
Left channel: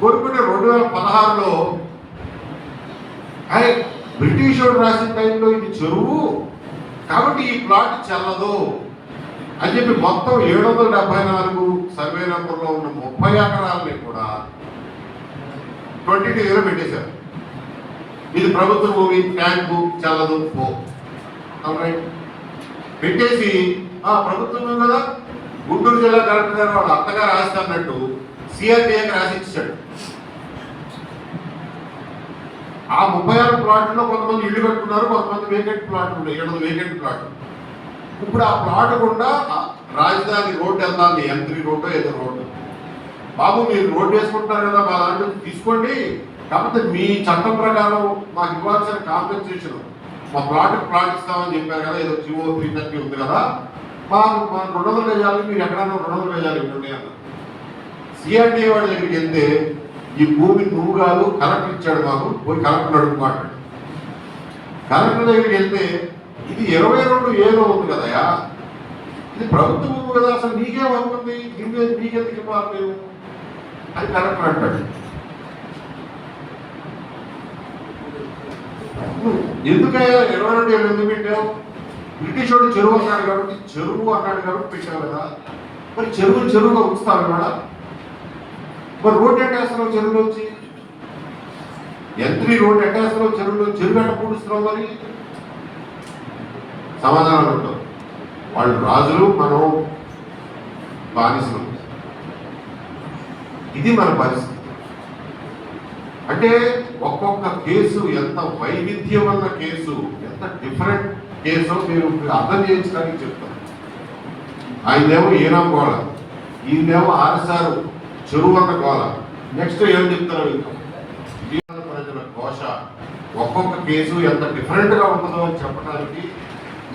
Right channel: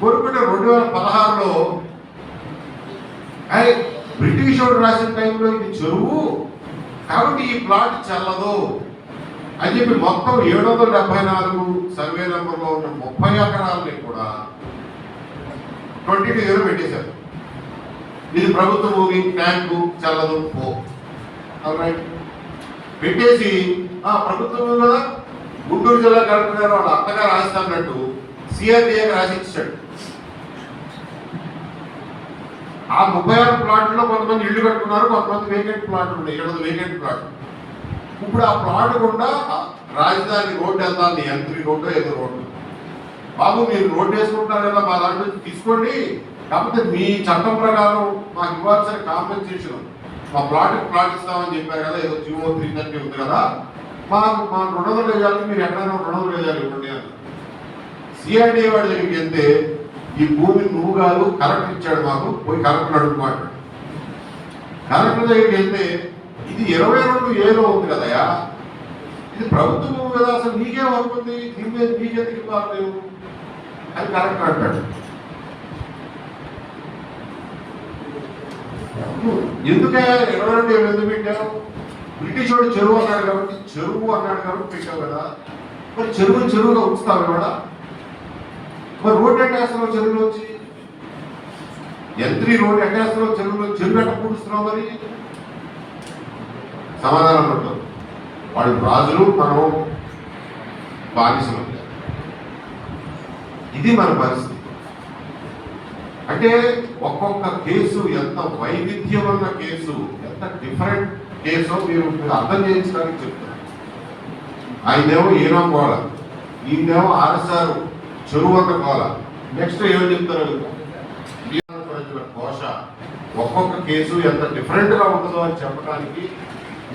కొనుక్కుంటే 2016లో బ్రిటిష్ వాడు రాసిన టైంలో ఇది చెరువు కాబట్టి ఈ ప్లాట్ చెల్లదు అని చెప్పి మొత్తం 774 సర్వే నెంబర్లో ఉన్న 30 ఎకరాలని కూడా 22 పెట్టేశారు. ఇది ప్రభుత్వ భూమి, ట్యాంకు చెల్లదు పో పెట్టేసి ప్రభుత్వం కదా గుంటూరు జిల్లా కలెక్టర్ గారు వాళ్ళ అత్తగా రాస్తాన్నట్టు సిఆర్డీఏకి రాసి ఇచ్చాడు. ఆ 36 ప్లాట్లో కొంతమంది ఇల్లు కట్టుకున్నారు, కొంతమంది వేకెంట్ ప్లాట్లు ఉన్నాయి, 7 వేకెంట్ ప్లాట్లు. ఇప్పుడు ఆ ప్లాట్ గుండా రాజధాని రోడ్డు వెళ్తాను, M3 రోడ్డు ఏదో రోడ్డు. బాబు మీరు రోడ్డు వేసుకుంటున్నారు కదా, మా దాంట్లో తీసుకోండి, కాకపోతే మీ చట్టం ప్రకారం మాకు ఇవ్వాల్సిన కాంపెన్సేషన్ మా ప్లాట్ ఇస్తామని చెప్పారు కదా, ఏదో జీవో 330 ఉంది కదా, మా 200 గజాలు మీరు ఎక్కడైనా 200 గజాలు ఇవ్వండి అన్నారు. సిఆర్డీఏ వాళ్ళ దగ్గరికి వెళ్తే ఈ భూమి నువ్వు కాదు కలెక్టర్ ఇచ్చాడు, మాకు పోయి కలెక్టర్ అడుగుమాట. కలెక్టర్ దగ్గరికి వెళ్తే ఇది 22A ఉంది కదయా, ఇది ప్రభుత్వ భూమి కదా, అసలు నీకేమవుతుంది, దీని మీద నీకెందుకు ఇవ్వాలి నేను అని కలెక్టర్ అంటాడు. ఎందుకే 22 ఎందుకు పెట్టావు? బ్రిటిష్ వాడు చెరువు అన్నాడు కాబట్టి పెట్టావు కదా, మరి చెరువుగా ఉంచుతావు కూడా. మరి రోడ్డు ఎట్టేస్తున్నావు చెరువులో వచ్చి, M3 రోడ్డు ఎట్టేస్తున్నావు చెరువు ఎట్ట పూడుస్తున్నావు? మరి సమాధానం ఉంటాం. వాళ్ళు రాజులు, మనం బానిసలు. ఇది మన పరిస్థితి. అంటే ఒక్కొక్క కేసు ఎంత వైవిధ్యం అన్న కేసు, ఎంత డిఫరెంట్ కేసు మీరు అర్థం చేయించడానికి చెప్తాను. ఆయనదేమో ఈనా గోళ, ఈయనేమో ఆర్ఎస్ఆర్ చెరువు అన్న గోళ. నెక్స్ట్ ఏం చెప్తారు ప్రజల కోశ. ఒక్కొక్క కేసు ఎంత డిఫరెంట్గా ఉంటుందో అని చెప్పడానికి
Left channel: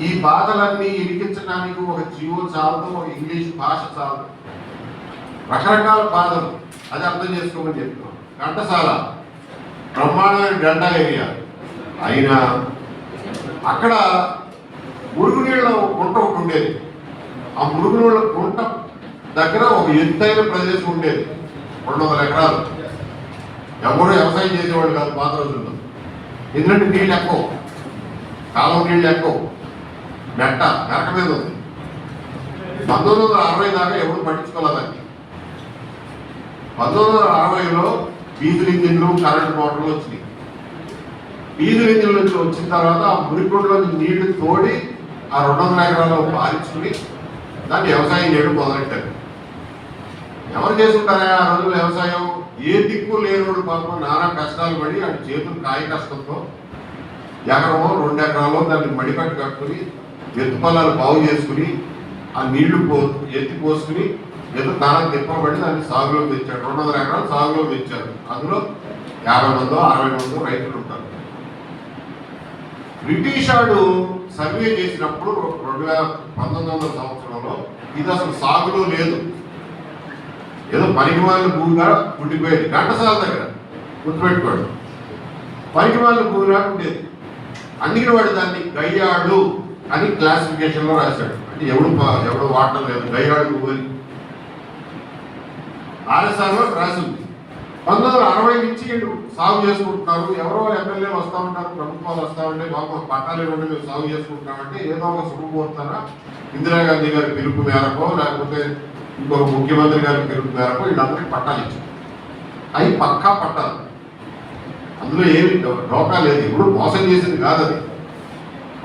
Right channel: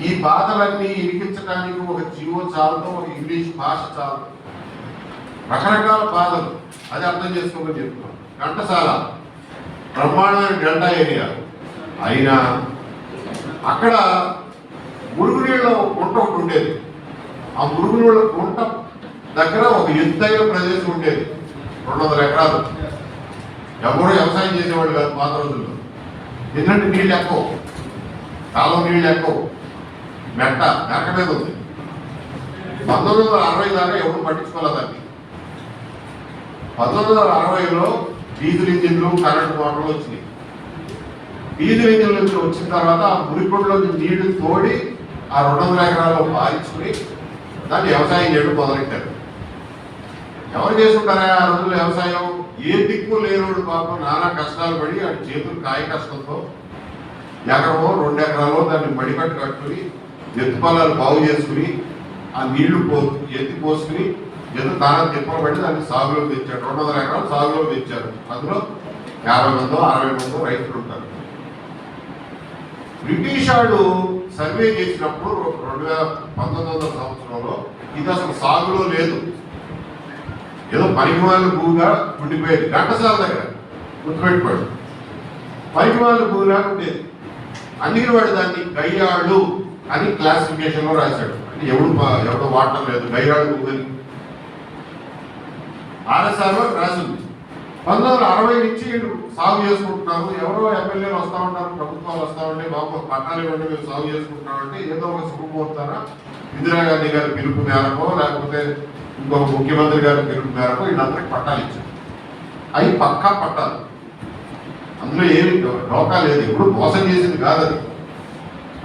ఈ బాధలన్నీ ఇరికించడానికి ఒక జీవో చాలదు, ఒక ఇంగ్లీష్ భాష చాలదు. రకరకాల బాధలు, అది అర్థం చేసుకోమని చెప్తున్నాం. ఘంటసాల బ్రహ్మాండమైన గంట ఏరియా అయినా అక్కడ మురుగునీళ్ళ గుంట ఒకటి ఉండేది. ఆ మురుగునీళ్ళ గుంట దగ్గర ఒక ఎత్తైన ప్రదేశం ఉండేది, 200 ఎకరాలు. ఎవరు వ్యవసాయం చేసేవాళ్ళు కాదు పాత రోజుల్లో. ఎందుకంటే నీళ్ళు ఎక్కువ, కాలం నీళ్ళు ఎక్కువ, మెరక మీద ఉంది. 1960 దాకా ఎవరు పట్టించుకోలేదండి. 1960లో డీజిల్ ఇంజిన్లు, కరెంట్ మోటార్లు వచ్చినాయి. డీజిల్ ఇంజిన్లు వచ్చిన తర్వాత ఆ మురికొండలో నీళ్లు తోడి ఆ 200 ఎకరాల్లో పారించుకుని దాన్ని వ్యవసాయం చేయడం మొదలెట్టారు. ఎవరు చేసుకుంటారా ఆ రోజుల్లో వ్యవసాయం? ఏ దిక్కు లేనోడు పాపం నానా కష్టాలు పడి ఆ చేతులు కాయ కష్టంతో ఎకరమో 2 ఎకరాల్లో దాన్ని మడికట్టు కట్టుకుని ఎత్తు పొలాలు బాగు చేసుకుని ఆ నీళ్లు ఎత్తి పోసుకుని ఎంత తాను తిప్పబడి దాన్ని సాగులో తెచ్చాడు. 200 ఎకరాలు సాగులో తెచ్చారు. అందులో 50 మందో 60 మందో రైతులు ఉంటారు. బ్రిటిష్ వాడు సర్వే చేసినప్పుడు 1900 సంవత్సరంలో ఇది అసలు సాగులో లేదు, ఏదో పనికిమాలిన భూమిగా ఉండిపోయేది. ఘంటసాల దగ్గర గుర్తుపెట్టుకోండి, పనికిమాలిన భూమిగా ఉండేది. అందుకని వాడు దాన్ని గయ్యాళ్ళు అని క్లాసిఫికేషన్లో రాశాడు. అంటే ఎవడు వాడటం లేదు గయ్యాళ్ళు భూమి అని ఆర్ఎస్ఆర్లో రాసింది. 1960 నుంచి వీళ్ళు సాగు చేసుకుంటున్నారు. ఎవరో ఎమ్మెల్యేలు వస్తూ ఉంటారు, ప్రభుత్వాలు వస్తూ ఉంటే బాబు పట్టాలు ఇవ్వండి మేము సాగు చేసుకుంటున్నామంటే ఏదో ఒక శుభముహూర్తాన ఇందిరాగాంధీ గారి పిలుపు మేరకో లేకపోతే ఇంకొక ముఖ్యమంత్రి గారి పిలుపు మేరకు వీళ్ళందరికీ పట్టాలు ఇచ్చారు. అవి పక్కా పట్టాలు, అందులో ఏమి డోకా లేదు, ఇప్పుడు మోసం చేసింది కాదని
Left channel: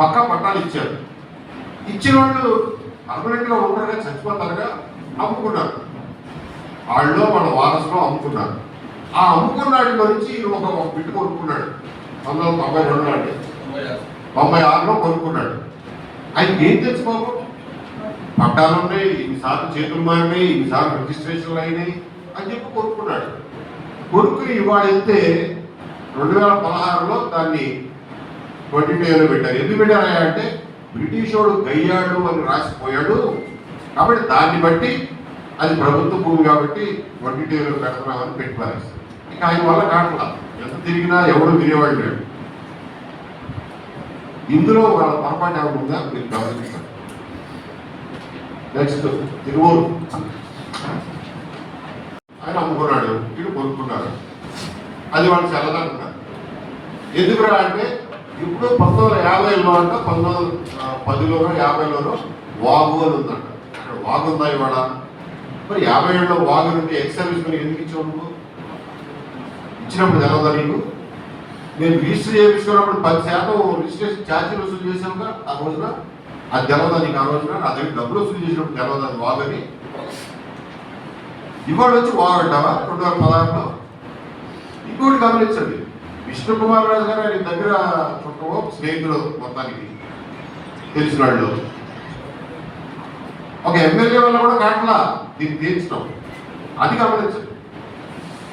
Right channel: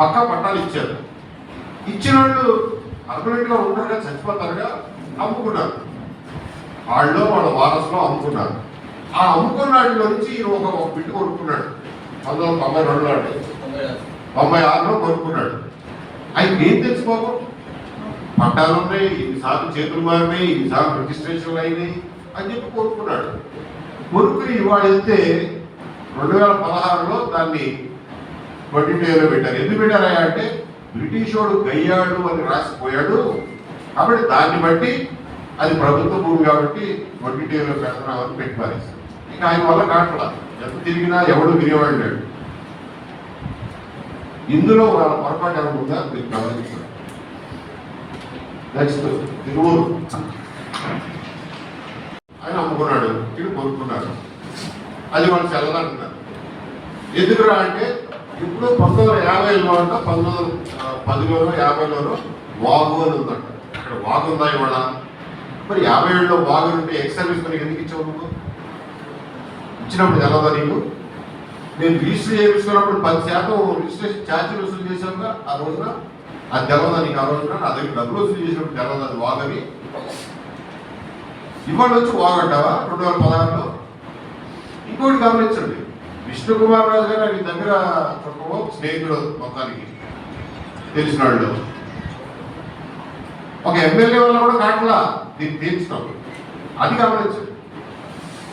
పక్కా పట్టాలు ఇచ్చారు. ఇచ్చిన వాళ్ళు పర్మనెంట్గా ఉంటారుగా, చచ్చిపోతారుగా, అమ్ముకున్నారు. వాళ్ళు వాళ్ళ వారసులో అమ్ముకున్నారు. ఆ అమ్ముకున్నాటి నుంచి ఒక బిడ్డ కొనుక్కున్నాడు. 1992 అంటే 96లో కొనుక్కున్నాడు. ఆయనకి ఏం తెచ్చుకోకు, పట్టాలు ఉన్నాయి, ఇన్నిసార్లు చేతులు మారినాయి, ఇన్నిసార్లు రిజిస్ట్రేషన్లు అయినాయి అని చెప్పి కొనుక్కున్నాడు. కొనుక్కుని ఇవాళ వెళ్తే 2016లో దాన్ని 22లో పెట్టారు. ఎందుకు పెట్టారా అంటే బ్రిటిష్ వాడు గయ్యాడు అని రాసిపోయాడు కాబట్టి దాన్ని బట్టి అది ప్రభుత్వ భూమి కాబట్టి 22లో పెడుతున్నామని పెట్టి పారేస్తారు. ఇంకా ఆయన వల్ల కాట్లా, ఎంత తిరిగినా ఎవడు వినేవాడు లేడు. ఇందులో వాళ్ళ పొరపాటు ఏమన్నా మీరు గమనించారు. నెక్స్ట్ తిరువూరు ఆయన అమ్ముకున్నాడు, వీళ్ళు కొనుక్కున్నారు. అది వాళ్ళు చల్లదంటున్నారు. ఎందుకురా అంటే ఇప్పుడు 1950లో అంట 1910లోనో 50లోనో వాగు అని ఉందంట. ఇక్కడ వాగు ఉందా ఇవాళ? మరి 57లో వాగు నుండి ఎక్స్ సర్వీస్ మరి ఎందుకు ఇచ్చావు నువ్వు? ఇచ్చినప్పుడు తెలవదా నీకు? నేను రిజిస్టర్ చేయించుకున్నప్పుడు 10% రిజిస్ట్రేషన్ ఛార్జీలు వసూలు చేసావుగా ఆ రోజున, అది తెలవదా నీకు? ఆ రోజున నా దగ్గర డబ్బులు వసూలు చేసినప్పుడు తెలవదా అది వాగని? ఇవాళ వచ్చి వాగంటావా 2016లో? ఇంకోటి గమనించండి, విష్ణు కుమార్ రాజు గారు ఆయన దగ్గర చుట్టూ స్నేహితుడు మొత్తానికి తెలిసిన వాళ్ళు ఒక ఎమ్మెల్యే వల్ల కూడా కాట్లా దీన్ని తీర్చడం, అది గమనించండి.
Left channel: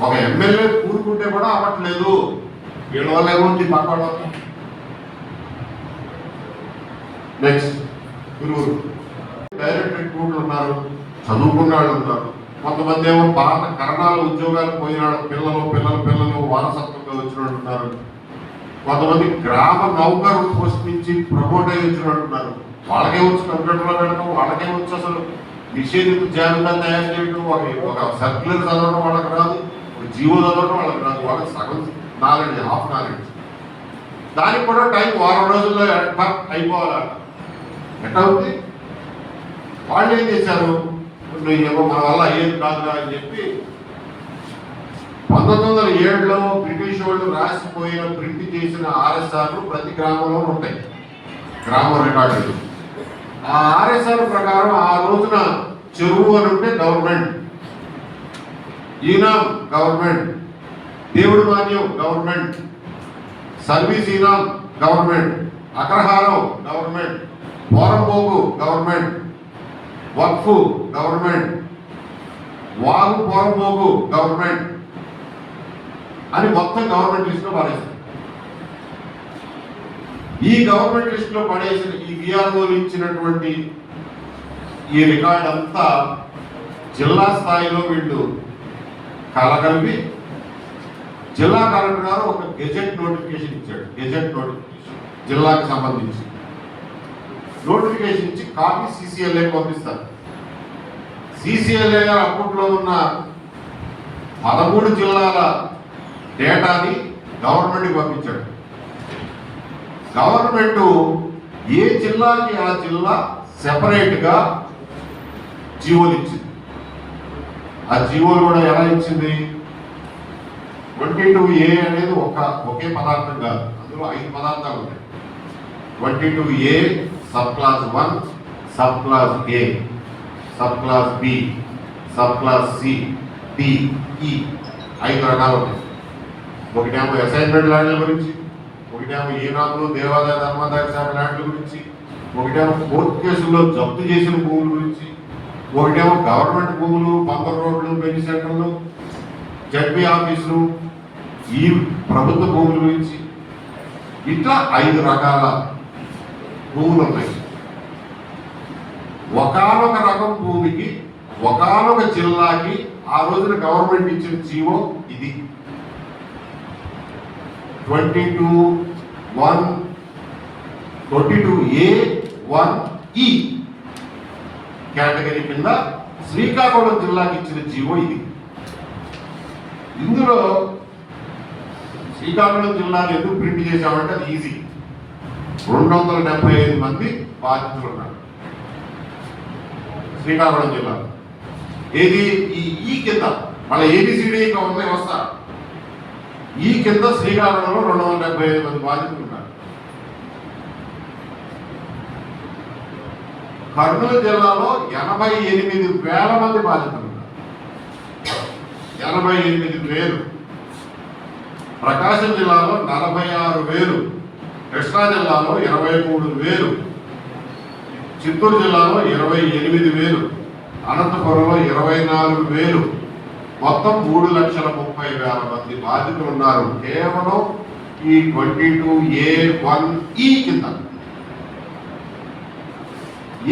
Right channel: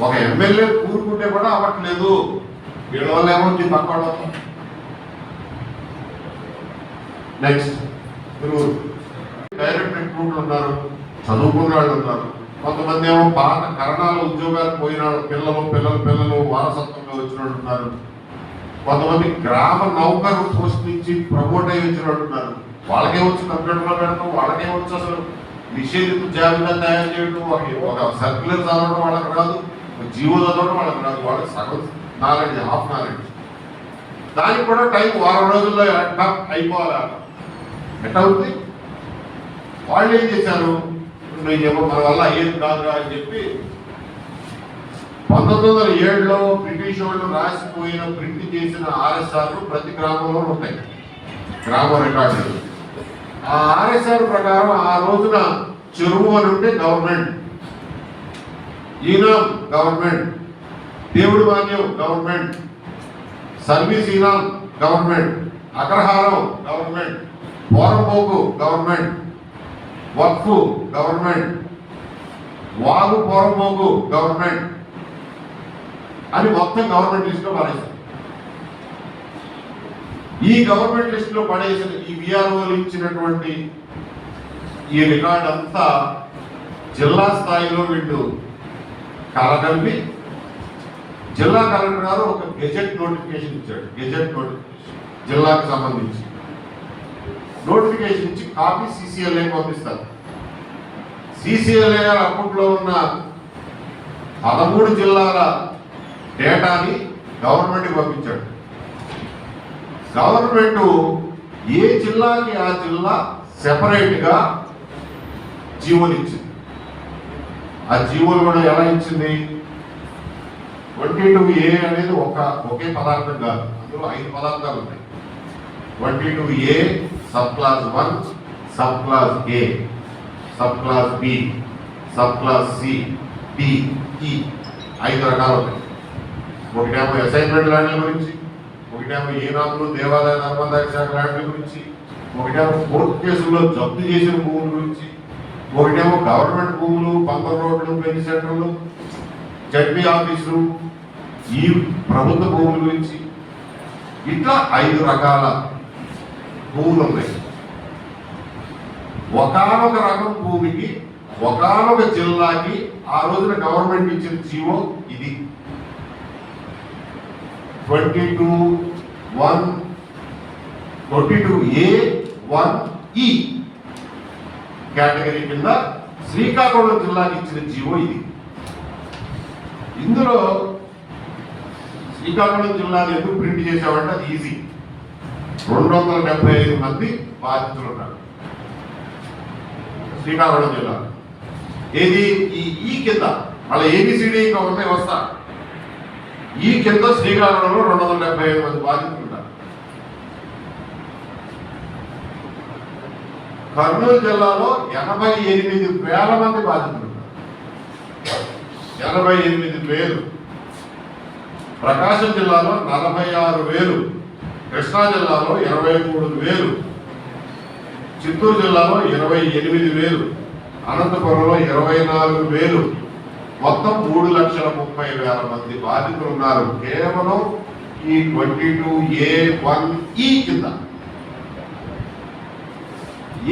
ఒక ఎమ్మెల్యే కూరుకుంటే కూడా అవ్వట్లేదు, వీళ్ళ వల్ల ఏమవుతుంది పక్కన. నెక్స్ట్ తిరువురు డైరెక్ట్ రిక్రూట్లు ఉన్నారు, చదువుకున్న వాళ్ళు ఉన్నారు, కొంతమంది ఏమో పాత కరణాల ఉద్యోగాలు పోయిన పిల్లలు వారసత్వంగా వచ్చిన వాళ్ళు ఉన్నారు, కొంతమంది గ్రామ నౌకరు పోస్ట్ నుంచి ప్రమోట్ అయ్యి వచ్చిన వాళ్ళు ఉన్నారు. వాళ్ళకే వచ్చి కంప్యూటర్లో పెట్టడం, వాళ్ళకే వచ్చి అసలు నిషేధిత జాబితా తయారు చేయడం, ఒక సర్క్యులర్ చదవడం వాళ్ళకి రాదు, జీవో చదవడం వాళ్ళకి రాదు, వాళ్ళకి సగం నాలెడ్జ్, హాఫ్ నాలెడ్జ్. దానికి కూడా టైం 10 రోజుల్లో అయిపోవాలి. ఎట్లా అవుతుంది? వాళ్ళు ఏం చేశారు, ఏమో మన వల్ల అయ్యేది కాదురా అని చెప్పి 1907లో బ్రిటిష్ వాళ్ళు రాసిపోయిన ప్రింట్ చేసిన ఆర్ఎస్ఆర్లు ప్రతి గ్రామంలో ఉంటాయి, గ్రామ రికార్డులు. ఆ ఆర్ఎస్ఆర్ ప్రకారం ఆ రోజున చెరువు అని ఉంటే గవర్నమెంట్, ఈనాం గవర్నమెంట్, దేవుడి మాన్యం గవర్నమెంట్, సర్వీస్ ఈనాం గవర్నమెంట్, అగ్రహారం గవర్నమెంట్, పోరంపోకు గవర్నమెంట్, వక్ఫ్ గవర్నమెంట్, వాగు పోరంపోకు గవర్నమెంట్ అని మొత్తం గవర్నమెంట్ లిస్టులో మారేశారు. ఈ గవర్నమెంట్ లిస్టులో పడేసిన ఈ విఆర్ఓలు ఇచ్చినటువంటి ఈ రికార్డ్ అంతా జిల్లా స్థాయిలో వీళ్ళు కలగలిపి జిల్లా కలెక్టర్ గారు ఒక గెజెట్ నోటిఫికేషన్ ఇచ్చాడు. గెజెట్ నోటిఫికేషన్ జిల్లాకు సంబంధించి నోటిఫికేషన్ ఇచ్చి కాపీ సిసిఎల్ఏ పంపిస్తారు. సిసిఎల్ఏ గారు అప్పట్లో ఉన్న 13 జిల్లాల డేటాని గవర్నమెంట్కి పంపించాడు. గవర్నమెంట్ ఏ జిల్లాకి ఆ జిల్లా సెపరేట్గా జీవోలు ఇచ్చింది. ఆ జీవోలు కూడా ఎలా ఇచ్చింది? 22A అనేది ఒకే పదార్థం కాదు, అందులో 5 పదార్థాలు ఉన్నాయి. 22A sub class 1, sub class A, sub class B, sub class C, D, E 5 రకాలు ఉన్నాయి. ఒకటేమో అసైన్మెంట్ ల్యాండ్ల గురించి, ఒకటేమో ఈనాములు దేవాదాయ ధర్మాదాయ శాఖ ల్యాండ్ల గురించి, ఒకటేమో కోర్టు కేసుల్లో జప్తు చేసిన భూముల గురించి, ఒకటేమో గవర్నమెంట్ భూములు, పంపర్ రోడ్లు, పెళ్లి సెంటర్లు, జడ్పీ ఆఫీసులు, ఈ ప్రభుత్వ భూముల గురించి, ఇట్లా 5 రకాల భూములు ఉన్నాయి. ఒకానొక రకం భూమికి ఒకానొక జిల్లాకి ఆ రోజున గవర్నమెంట్ ఇచ్చిన జీవో ఇది. 22A1E కేటగిరీ కింద శ్రీకాకుళం జిల్లాకి ఇచ్చిన జీవో ఇది. ఇందులో శ్రీకాకుళం జిల్లాలో ఎందుకు ప్రింట్ చేసామంటే అది ఈజీ. 275 మంది బాధితులు ఉన్నారు శ్రీకాకుళం జిల్లా. ఏది ఈ కింద మళ్ళీ ఏబిసిడి ఇంకా ఉన్నాయి వస్తా. ఈ కింద శ్రీకాకుళంలో 275 మంది బాధితులు ఉన్నారు. కర్నూలు జిల్లాలో 88,000 మంది బాధితులు ఉన్నారు. 88,000. ప్రకాశం జిల్లాలో 46,000, కృష్ణా జిల్లాలో 23,000, చిత్తూరు జిల్లాలో 28,000, అనంతపురంలో 24,000, మొత్తం 3,30,30,000 మంది బాధితులు ఉన్నారు కేవలం ఈ 22A1E కింద.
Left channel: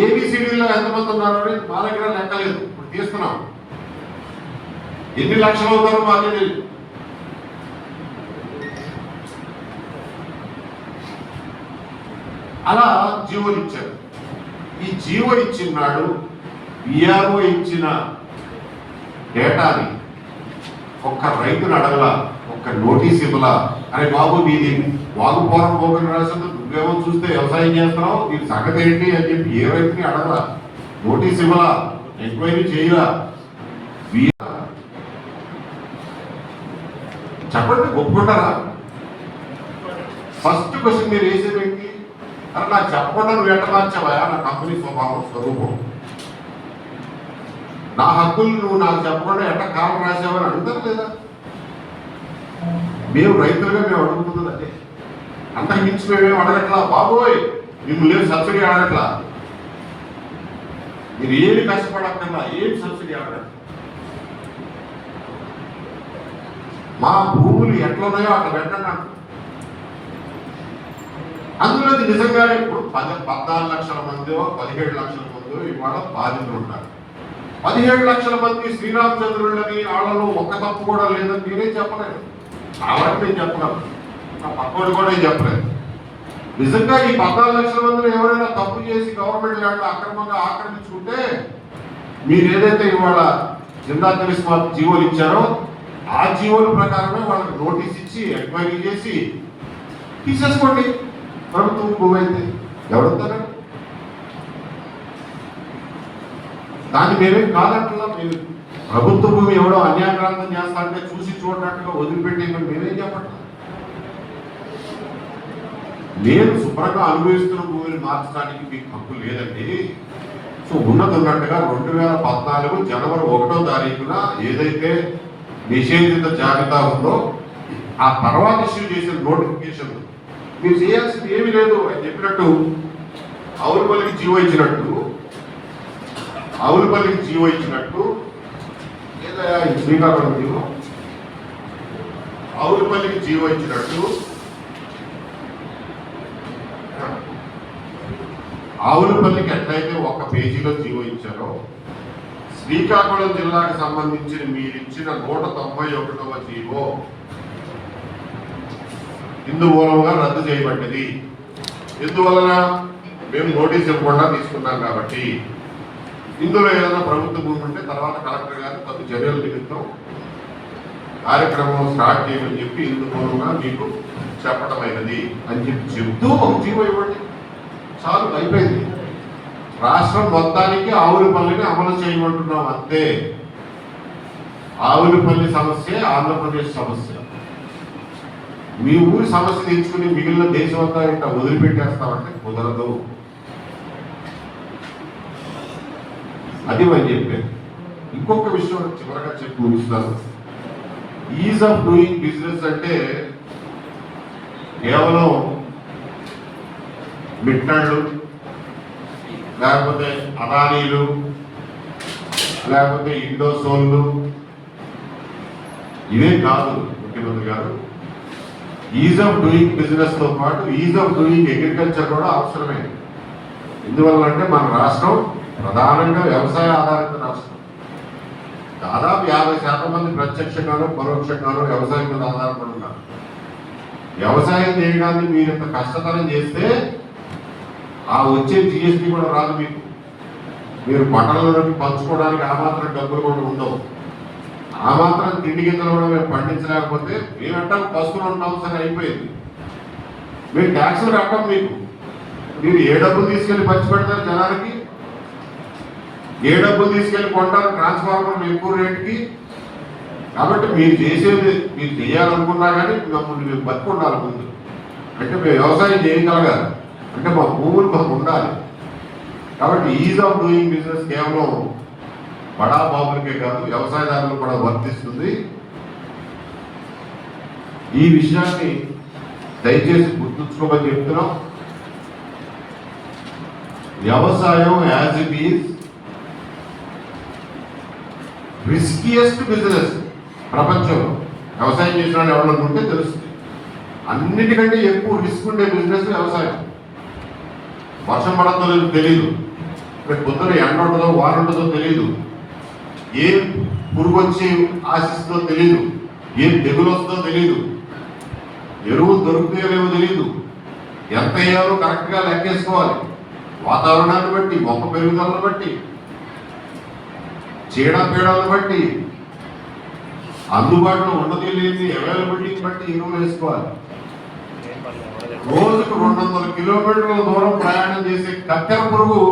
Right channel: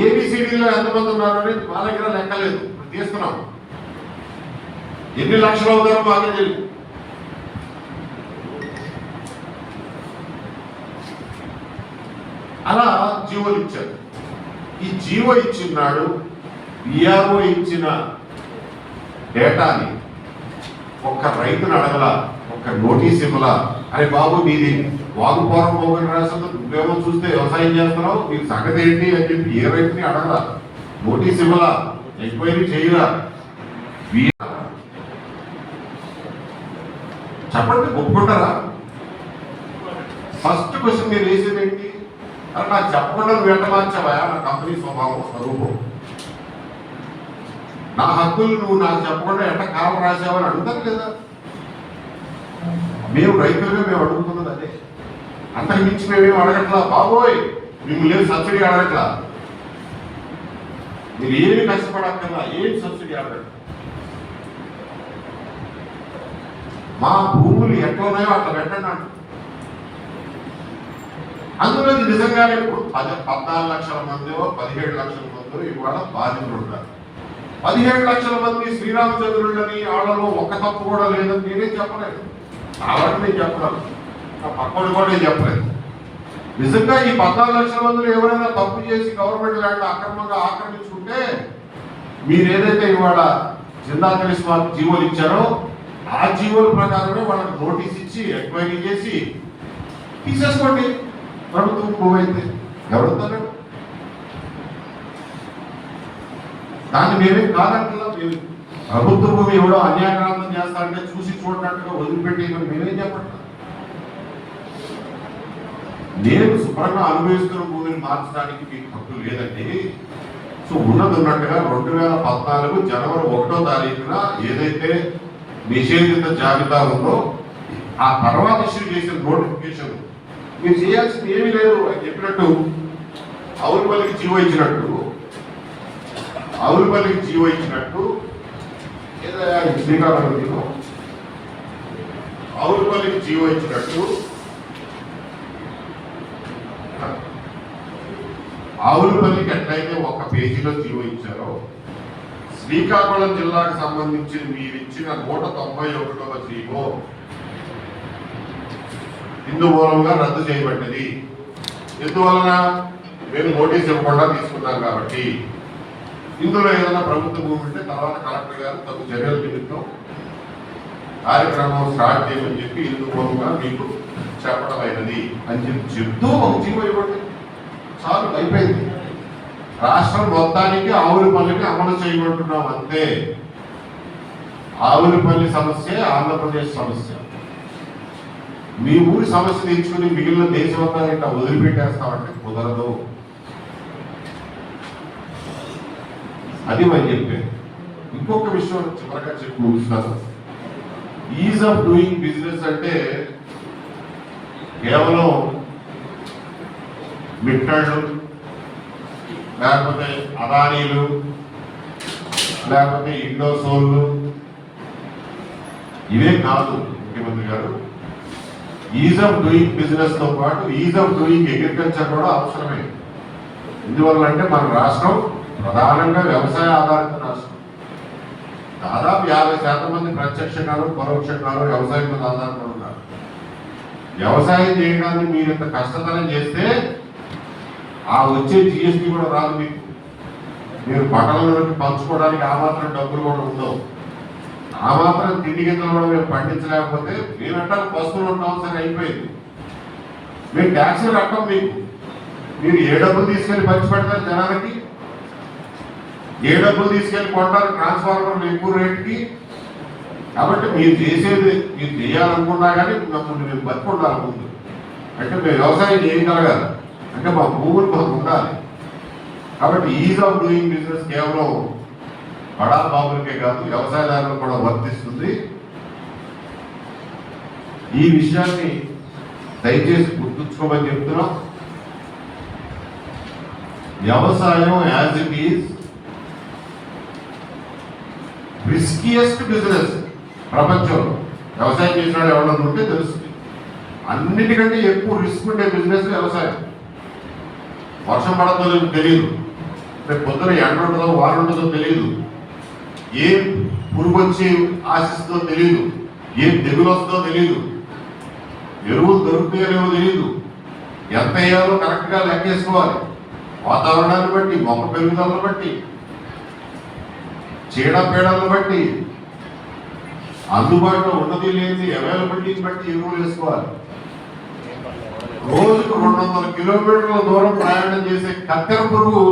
ఏబిసిడీలో ఎంతమంది ఉన్నారు అని మా దగ్గర లెక్కలేదు, ఇప్పుడు తీస్తున్నాం. ఎన్ని లక్షలు అవుతారో మాకు తెలియదు. అలా జీవోలు ఇచ్చారు. ఈ జీవో ఇచ్చినాడు విఆర్ఓ ఇచ్చిన డేటాని ఒక్క రైతును అడగల, ఒక్క నోటీస్ ఇవ్వలా. అని బాబు నీది వాగుపోరం పోగొని రాసింది, నువ్వేమో చూస్తే వ్యవసాయం చేస్తున్నావు, నీకు సంగతి ఏంటి అని చెప్పి ఏ రైతుని అడగలా, నోటీస్ ఇవ్వలా, ఎంక్వైరీ చేయలా. చెప్పండి, ఒప్పుకుంటారా? ఫస్ట్ క్వశ్చన్ మీరు వేసేది ఏంటి? అలా నాకు చెప్పకుండా నువ్వు ఎట్లా మార్చావా నా కంపెనీ స్వరూపం, నా హక్కులు నువ్వు నాకు చెప్పకుండా ఎట్లా కాలం రాసావని అడుగుతారు లేదా? మేము రైతులుగా మేము అడుగుతున్నది అదే. అంతకు మించి మేమేం అడగట్లా. బాబోయ్ మిమ్మల్ని లేదు సబ్సిడీ అడగట్లా, మీరు ఏమి కష్టపడక్కర్లా, ఏం సబ్సిడీ అడగట్లా. మా భూములు ఎట్లా ఉన్నాయో అట్లా పెట్టండి అంట. అందులో నిజంగానే ఇప్పుడు 14 లక్షల మందో 17 లక్షల మందో ఇవాళ బాధితులు ఉంటారు. 17 లక్షల మంది శ్రీరామచంద్రులని వాళ్ళలో ఒక్క తప్పు కూడా లేదని నేనే చెప్పలేదు. కాబట్టి నేను చెప్పడం నా పక్కడు కూడా నేను చెప్పలేదు. నిజంగా ఈ 14 లక్షల మందిలో ఎవరైనా తప్పు చేసి గవర్నమెంట్ ల్యాండ్ అక్రమంగా ఆక్రమించుకుంటే మీరు ఏదైతే ఇవాళ జిల్లా పోలీస్ వారు జీవోలు ఇచ్చారో ఆ జీవోల ప్రకారమే వాళ్ళకి నోటీస్ ఇచ్చి ఎంక్వైరీ చేసి తీసేసుకోండి. ప్రభుత్వం భూమి అయితే ఎవరుతారు? దాన్ని మేమేం కాదంటున్నాం. మేము ప్రభుత్వ భూమి ఎవడో అన్యాక్రాంతం చేస్తా అంటే చూసి చూడనట్టుగా వదిలిపెట్టి మేమేం చెప్పట్లేదు. నేను శుభ్రంగా అనుభవిస్తున్న భూమిని మార్చడానికి మీకు హక్కు లేదండి. సో ఉన్నది ఉన్నట్టుగా 2014 జనవరి 1వ తారీఖున ఏదైతే నిషేధిత జాబితా ఉందో ఆ తర్వాత ఇష్యూ చేసిన నోటిఫికేషన్ మీరు చేయాల్సింది ఏమీ లేదు. అని చెప్పినట్టు ఆవులపల్లికి జీవో ఇచ్చినట్టు ఏదైనా శ్రీకాకుళం జీవో ఆవులపల్లికి జీవో ఇచ్చినట్టు పేజీలో జీవో ఇచ్చారో శ్రీకాకుళం జిల్లాకు సంబంధించి మీరు ఇచ్చిన 191వ జీవో ఇందు మూలంగా రద్దు చేయబడ్డది. ఎందువలన మేము నోటీస్ ఇవ్వకుండా తీసుకున్నాం కాబట్టి. ఇందులో ఏదైనా ప్రభుత్వ భూమి ఉంటే తర్వాత కలెక్టర్ గారు తగు చర్యల నిమిత్తం కార్యక్రమం స్టార్ట్ చేయమని చెప్పి ఇందు మూలంగా మీకు చెప్పడమైనది అని చెప్తూ ఒక జీవో ఇవ్వండి, చాలు, అయిపోయింది. రాష్ట్రం మొత్తానికి ఆవులపల్లిని అమలు చేయమంటున్నాం అంతే. ఆవులపల్లి సమస్య ఆంధ్రప్రదేశ్ సమస్య. మీ ఊరి సమస్య తెచ్చుకుని మిగిలిన దేశమంతా ఇట్లా వదిలిపెట్టేస్తామంటే కుదరదు. అది మనం చెప్పాను. ఇంకొక విషయం చివరగా చెప్పి ముగిస్తున్నాను. ఈజ్ ఆఫ్ డూయింగ్ బిజినెస్ అంటే కేవలం మిట్టాళ్ళు, లేకపోతే అదానీలు, లేకపోతే ఇండోసోళ్ళు, ఇవే కాదు ముఖ్యమంత్రి గారు. ఈజ్ ఆఫ్ డూయింగ్ బిజినెస్ తో పాటు ఈజ్ ఆఫ్ డూయింగ్ అగ్రికల్చర్ కూడా అవసరమే. ఎందువల్లంటే మన రాష్ట్రం ప్రధానంగా వ్యవసాయ ఆధారిత రాష్ట్రం. దాదాపు 50% మంది ప్రత్యక్షంగానూ పరోక్షంగానూ వ్యవసాయం మీద ఆధారపడి ఉన్నారు. వ్యవసాయం చేయడాన్ని మీరు ఇంత కష్టతరం చేస్తే ఆ వచ్చే జిఎస్టీ కూడా రాదు మీకు. మీరు పంటలలోకి పంచుకోవడానికి ఆ మాత్రం డబ్బులు కూడా ఉండవు. ఆ మాత్రం తిండి గింజలు కూడా మేము పండించలేకపోతే మేమంటే పశువులు ఉంటాం, సరే అయిపోయింది. మేము ట్యాక్సులు కట్టం మీకు. మీరు ఏ డబ్బులు తీసుకెళ్ళి పంచి పెడతారు జనానికి, ఏ డబ్బులు తీసుకెళ్ళి కొంటారు ట్రాన్స్ఫార్మర్ ఎక్కువ రేటుకి. కాబట్టి మీరు చేసేది మీరు చేయాలనుకున్నా కానీ మేము బతికి ఉండాలి ముందు. అంటే మేము వ్యవసాయం చేయగలగాలి, అంటే మా భూములు మాకు ఉండాలి. కాబట్టి ఈజ్ ఆఫ్ డూయింగ్ బిజినెస్ కేవలం బడా బాబులకే కాదు, వ్యవసాయదారులకు కూడా వర్తిస్తుంది. ఈ విషయాన్ని దయచేసి గుర్తుంచుకోమని చెప్తున్నాం. వ్యవసాయం as it is riskiest business ప్రపంచంలో. వ్యవసాయం చేసిన వాళ్ళు ఎవరైనా ఉంటే తెలుస్తుంది. అన్నిటికంటే ఎక్కువ రిస్క్ ఉండే బిజినెస్ వ్యవసాయం. వర్షం పడుతుందో తెలియదు, పొద్దున ఎండ ఉంటుందో వారు ఉంటుందో తెలియదు, ఏ పురుగు వచ్చి ఆశిస్తుందో తెలియదు, ఏం తెగులు వస్తుందో తెలియదు, ఎరువులు దొరుకుతాయో లేవో తెలియదు, ఎంత వేయాలో కరెక్ట్గా లెక్కేసుకోవాలి. వాతావరణాన్ని బట్టి, మొక్క పెరుగుదలను బట్టి, చీడపీడలను బట్టి, అందుబాటులో ఉన్నది లేని అవైలబిలిటీని బట్టి ఎరువులు వేసుకోవాలి. రోజుకు 200 కిలోమీటర్ల దూరం ప్రయాణం చేసే కత్తెర పురుగు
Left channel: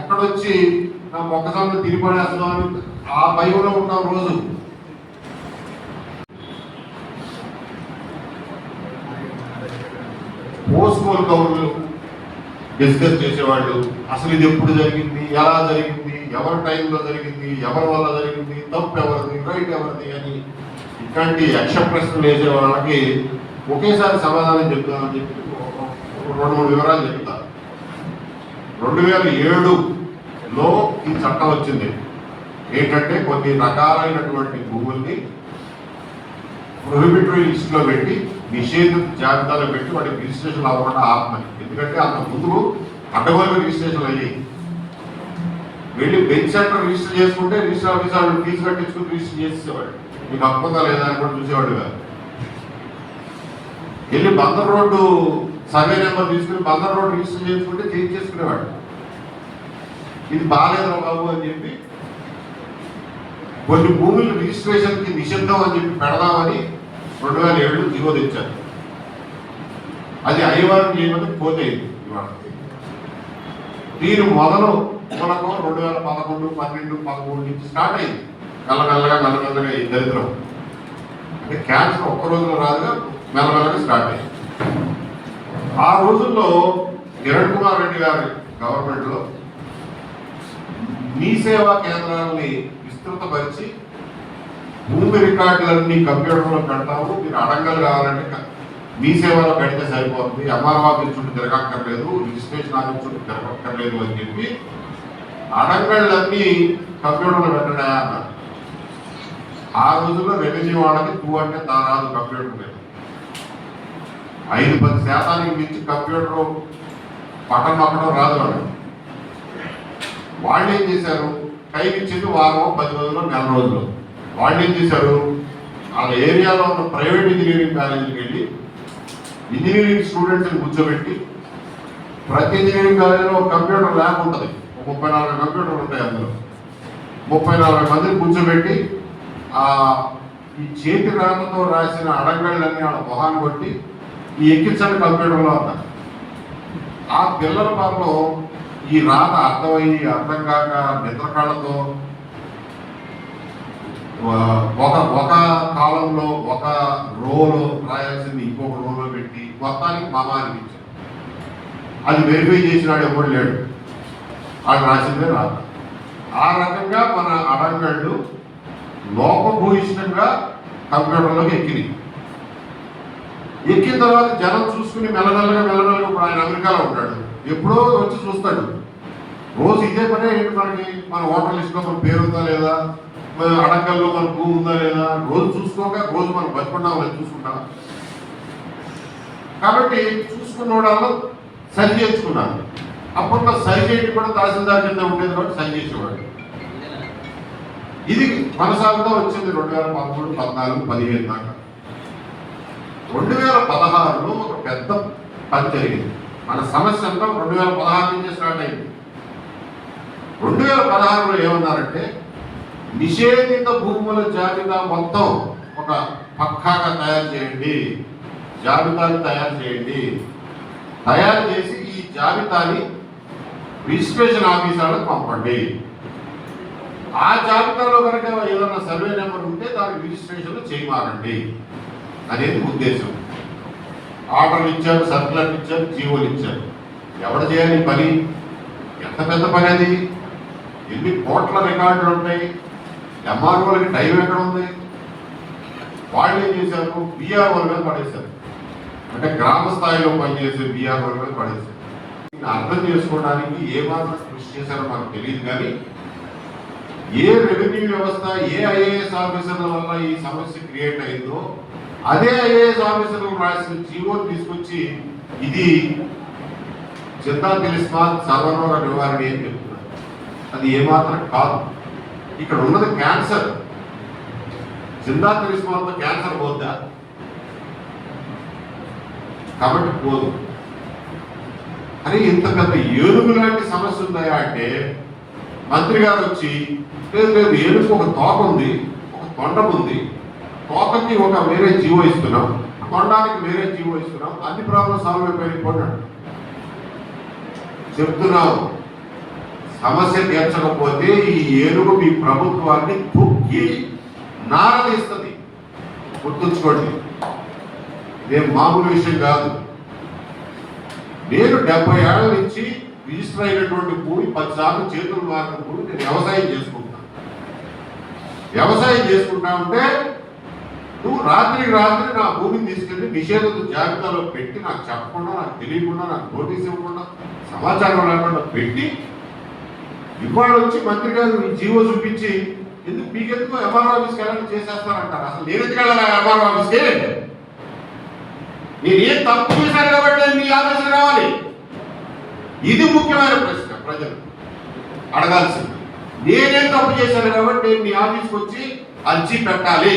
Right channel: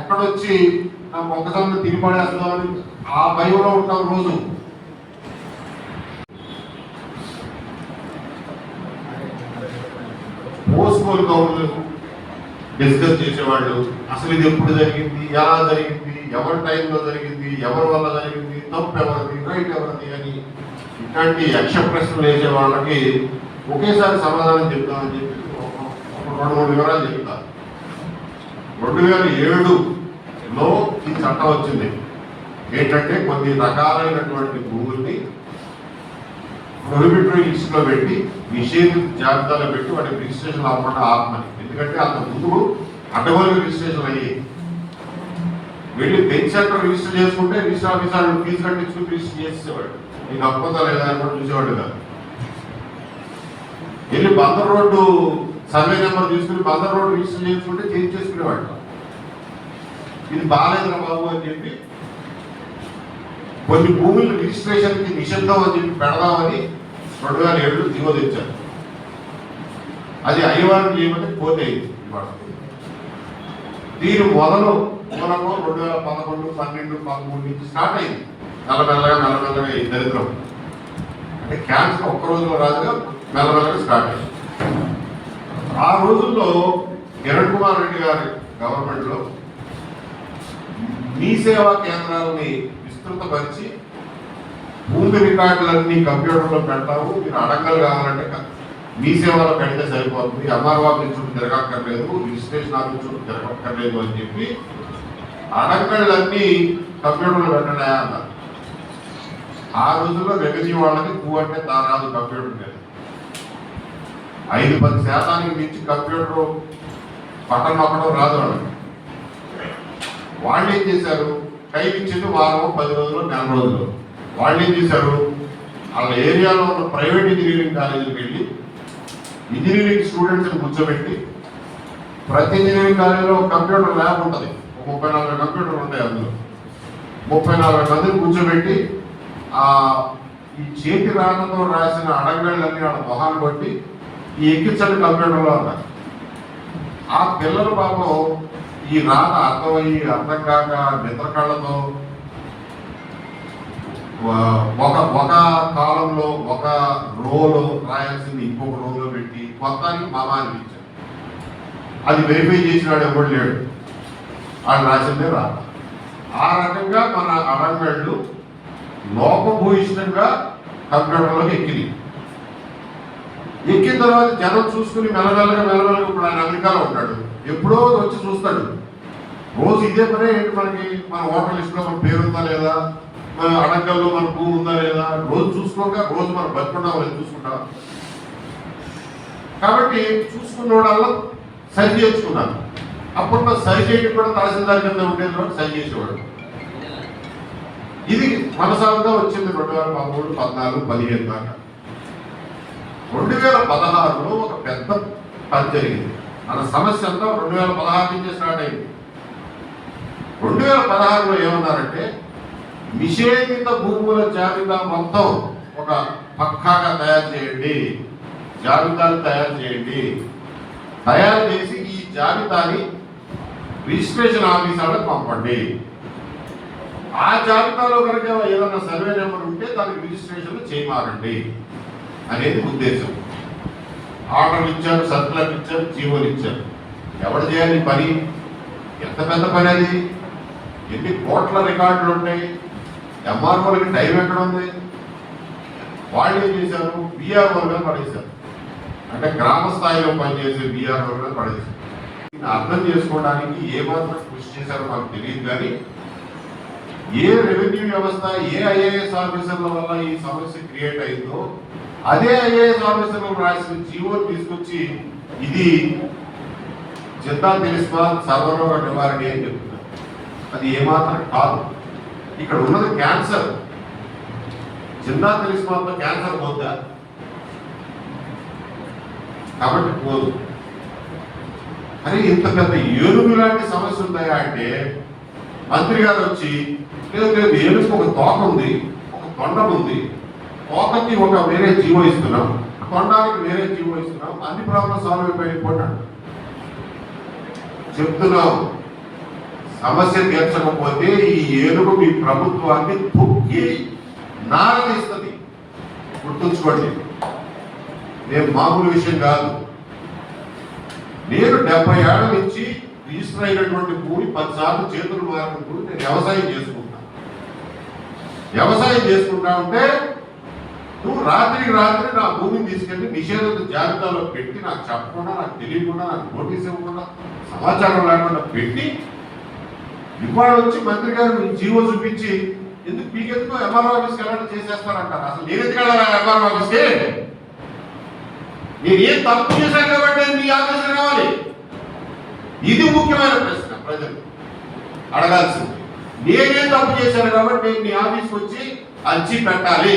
ఎక్కడొచ్చి నా మొక్కజొన్న తిని పడేస్తుందని ఆ భయంలో ఉంటాం రోజు. పోస్కోల్ కౌన్లు డిస్కస్ చేసేవాళ్ళు, అసలు ఇది ఎప్పుడు జరిగింది, ఎలా జరిగింది, ఎవరి టైంలో జరిగింది, ఎవరి వల్ల జరిగింది, తప్పు ఎవరిది, రైట్ ఎవరిది అని ఇట్లాంటి యక్ష ప్రశ్నలు వేసే వాళ్ళకి ఒకేసారి సమాధానం చెప్తామని చెప్పి 2-3 వివరాలు చెప్తారు. 2007లో ఈ చట్టం వచ్చింది. ఏంటంటే కొన్ని రకాలైనటువంటి భూముల్ని ప్రొహిబిటరీ లిస్టులో పెట్టి, నిషేధిత జాబితాలో పెట్టి వాటికి రిజిస్ట్రేషన్ అవ్వకుండా ఆపమని. ఎందుకంటే అంత ముందు అడ్డగోలుగా రిజిస్ట్రేషన్ అయ్యి వెళ్ళి బెంచ్ సెంటర్ రిజిస్టర్ చేసుకుంటే రిజిస్టర్ ఆఫీసర్ ఫీజు కట్టించుకుని రిజిస్టర్ చేసేవాడు. నీకు అప్పుగా లేదా అని కూడా చూసేవాడు కాదు. వెళ్ళి బందర్ రోడ్డు సర్వే నెంబర్ తీసుకుని బందర్ రోడ్డు రిజిస్టర్ చేసుకుంటే చేంజ్ చేసుకునేవాడు. ఇది బాగాలేదురా బాబు అని చెప్పి కొన్ని భూములు రిజిస్ట్రేషన్కి నిషిద్ధం అని చెప్పి పెడదామని 2007 దిగో తెచ్చారు. అది అయ్యవారం చేయమని పోతే ఇవాళ దీని మొదలు మనకు 2011, 12, 13 నుంచి స్టార్ట్ అయింది. మెల్లమెల్లగా ఈ దరిద్రం అంటే క్యాన్సర్ ఒక్క రోజులో రాదుగా మెల్లమెల్లగా స్టార్ట్ అయింది. ఆ రోజుల్లో కిరణ్ కుమార్ రెడ్డి గారి గవర్నమెంట్లో మీ సేవా కేంద్రాలని విస్తృతపరిచి భూమి రికార్డులన్నీ కంప్యూటర్లో పెడతాము, మీరు అడంగలు కావాలంటే మీ సేవలో పెడితే సరిపోతుంది, ఎంఆర్ఓ ఆఫీస్ చుట్టూ తిరగక్కర్లేదు, రిజిస్ట్రేషన్ ఆఫీస్ చుట్టూ తిరగక్కర్లేదు అని చెప్పి అడంగళ్ళన్నీ కంప్యూటర్లో పెట్టడా అన్నారు. ఆ రోజుల్లో రెవెన్యూ వాళ్ళకి పువ్వు అంటే రాదు కంప్యూటర్ మీద. 5-10% మించి కంప్యూటర్ పట్టణం నొక్కడం రాదు వాళ్ళు. వాళ్ళు ఏం చేశారు, టైం ఇచ్చింది వారం, 10 రోజులు, నెల రోజులు. వాళ్ళు ఏం చేశారు, వాళ్ళ ఏరియాలో ఉన్న ప్రైవేట్ ఇంజనీరింగ్ కాలేజీకి వెళ్ళి ఇంజనీరింగ్ స్టూడెంట్స్ని కూర్చోబెట్టి, ప్రతి ఇంజనీరింగ్ కాలేజీలో కంప్యూటర్ ల్యాబ్ ఉంటుంది, 30-40 కంప్యూటర్లు ఉంటాయి. అందులో 30-40 మందిని కూర్చోబెట్టి ఈ చేతి రాతతో రాసిన అడగళ్ళన్నీ వాళ్ళ మొహాన్ని బట్టి ఈ ఎక్కించని కంప్యూటర్లో ఉన్నారు. ఆ పిల్లల పాపం ఈ రాత అర్థమయ్యి అర్థం కాక నిద్రకాళ్ళతో ఒక కాలంలో ఒక రోలో రాయాల్సింది ఇంకొక రోలో పెట్టి మొత్తానికి మామ అనిపించారు. అది వెరిఫై చేసినాడు ఎవరు లేడు, వాళ్ళు రాసిందే రాత. ఆ రకంగా మన అడంగళ్ళు లోపభూయిష్టంగా కంప్యూటర్లోకి ఎక్కిన తర్వాత జనం చూసుకుని మెల్లమెల్లగా ఇప్పుడు ఆయన అమెరికాలో ఉంటాడు, ఎప్పుడో వచ్చి చూస్తాడు. రోజు ఇదే పనే ఏంటి మనకి, మన ఓటర్ లిస్ట్లో మన పేరు ఉందా లేదా, అడంగల్లో మన భూమి ఉందా లేదా, రోజు చూసుకోక రోజు మనం బతుకున్నామని చూసుకుంటాం. కాబట్టి చూసుకున్న వాళ్ళు సరి చేసుకున్నాను. అప్పుడు సరి చేయడం కూడా తహసీల్దార్ కింద ఉండేది కూడా సరి చేసేవాడు. ఇది కొనసాగుతా వచ్చింది 2013, 14, 15 దాకా. 2016లో ఒక పెద్ద పని జరిగింది. మన సమస్య అంతా 2016 నుంచే స్టార్ట్ అయింది. 2016లో ఏమన్నారంటే, నిషేధిత భూముల జాబితా మొత్తం ఒక పక్కాగా తయారు చేయండి, జాబితాను తయారు చేయండి, తయారు చేసి ఈ జాబితాని రిజిస్ట్రేషన్ ఆఫీసర్లకు పంపండి. ఆ జాబితాలో కనుక ఏదైనా సర్వే నెంబర్ ఉంటే దానికి రిజిస్ట్రేషన్లు చేయమాకండి అనేది ఉద్దేశం. ఆర్డర్లు ఇచ్చారు, సర్కులర్లు ఇచ్చారు, జీవోలు ఇచ్చారు. ఎవరు చేయాలి పని? ఎంత పెద్ద పని అది, ఎన్ని కోట్ల రికార్డులు ఉంటాయి, ఎంఆర్ఓలకి టైం ఎక్కడ ఉంది? వాళ్ళు ఏం చేశారు, బీఆర్ఓల మీద పడేశారు. అంటే గ్రామ స్థాయిలో పనిచేసే బీఆర్ఓల మీద పడేశారు. అర్థం చేసుకోవడానికి ఏమాత్రం కృషి చేశారో మాకు తెలియదు, కానీ ఏ రెవెన్యూ వ్యవస్థ, ఏ ఐఏఎస్ ఆఫీసర్ల వల్ల ఈ సమస్య క్రియేట్ అయిందో అదే ఐఏఎస్ ఆఫీసర్లు రాసిన జీవోలు తీసుకొచ్చి ఇది జిల్లా తిలిస్మాన్ సర్వరోగ నివారణ అని చెప్తున్నారు. అది ఏమాత్రం కాదు. ఇక్కడ ఉన్నది క్యాన్సర్. జిల్లా తిలిస్మాన్తో క్యాన్సర్ పోద్దా? కాబట్టి పోదు. అరే ఇంత పెద్ద ఏనుగు లాంటి సమస్య ఉందా అంటే మంత్రి గారు వచ్చి, లేదు ఏనుగు ఒక తోక ఉంది, ఒక తొండం ఉంది, తోకకి ఒక వేరే జీవో ఇస్తున్నాం, తొండానికి వేరే జీవో ఇస్తున్నాం, అన్ని ప్రాబ్లం సాల్వ్ అయిపోయిపోయినాడు. చెప్తున్నాం, సమస్య తీర్చకపోతే ఈ ఏనుగు మీ ప్రభుత్వాన్ని తొక్కి నారదీస్తుంది. గుర్తుంచుకోండి, నేను మామూలు విషయం కాదు. నేను 70 ఏళ్ల నుంచి రిజిస్టర్ అయినటువంటి భూమి 10 సార్లు చేతులు మారిన భూమి నేను వ్యవసాయం చేసుకుంటాను. వ్యవసాయం చేసుకుంటా ఉంటే నువ్వు రాత్రికి రాత్రి నా భూమిని తీసుకెళ్ళి నిషేధిత జాబితాలో పెట్టి నాకు చెప్పకుండా, నాకు తెలియకుండా, నాకు నోటీస్ ఇవ్వకుండా, సమాచారం లేకుండా పెట్టి ఇవాళ వచ్చి మంత్రి గారు ఈ జీవో చూపించి ఎందుకు మీకెందుకు ఎంఆర్ఓ ఆఫీస్కి వెళ్ళాలని చేసేస్తారంటారు. అసలు నేను ఎందుకు వెళ్ళాలి ఎంఆర్ఓ ఆఫీస్కి? నేను ఏం తప్పు చేశాను కాబట్టి మీ ఆఫీస్కి రావాలి. ఇది ముఖ్యమైన ప్రశ్న ప్రజలు అడగాల్సింది. నేనేం తప్పు చేశాను కాబట్టి నేను మీ ఆఫీస్కి వచ్చి అర్జీ పెట్టాలి.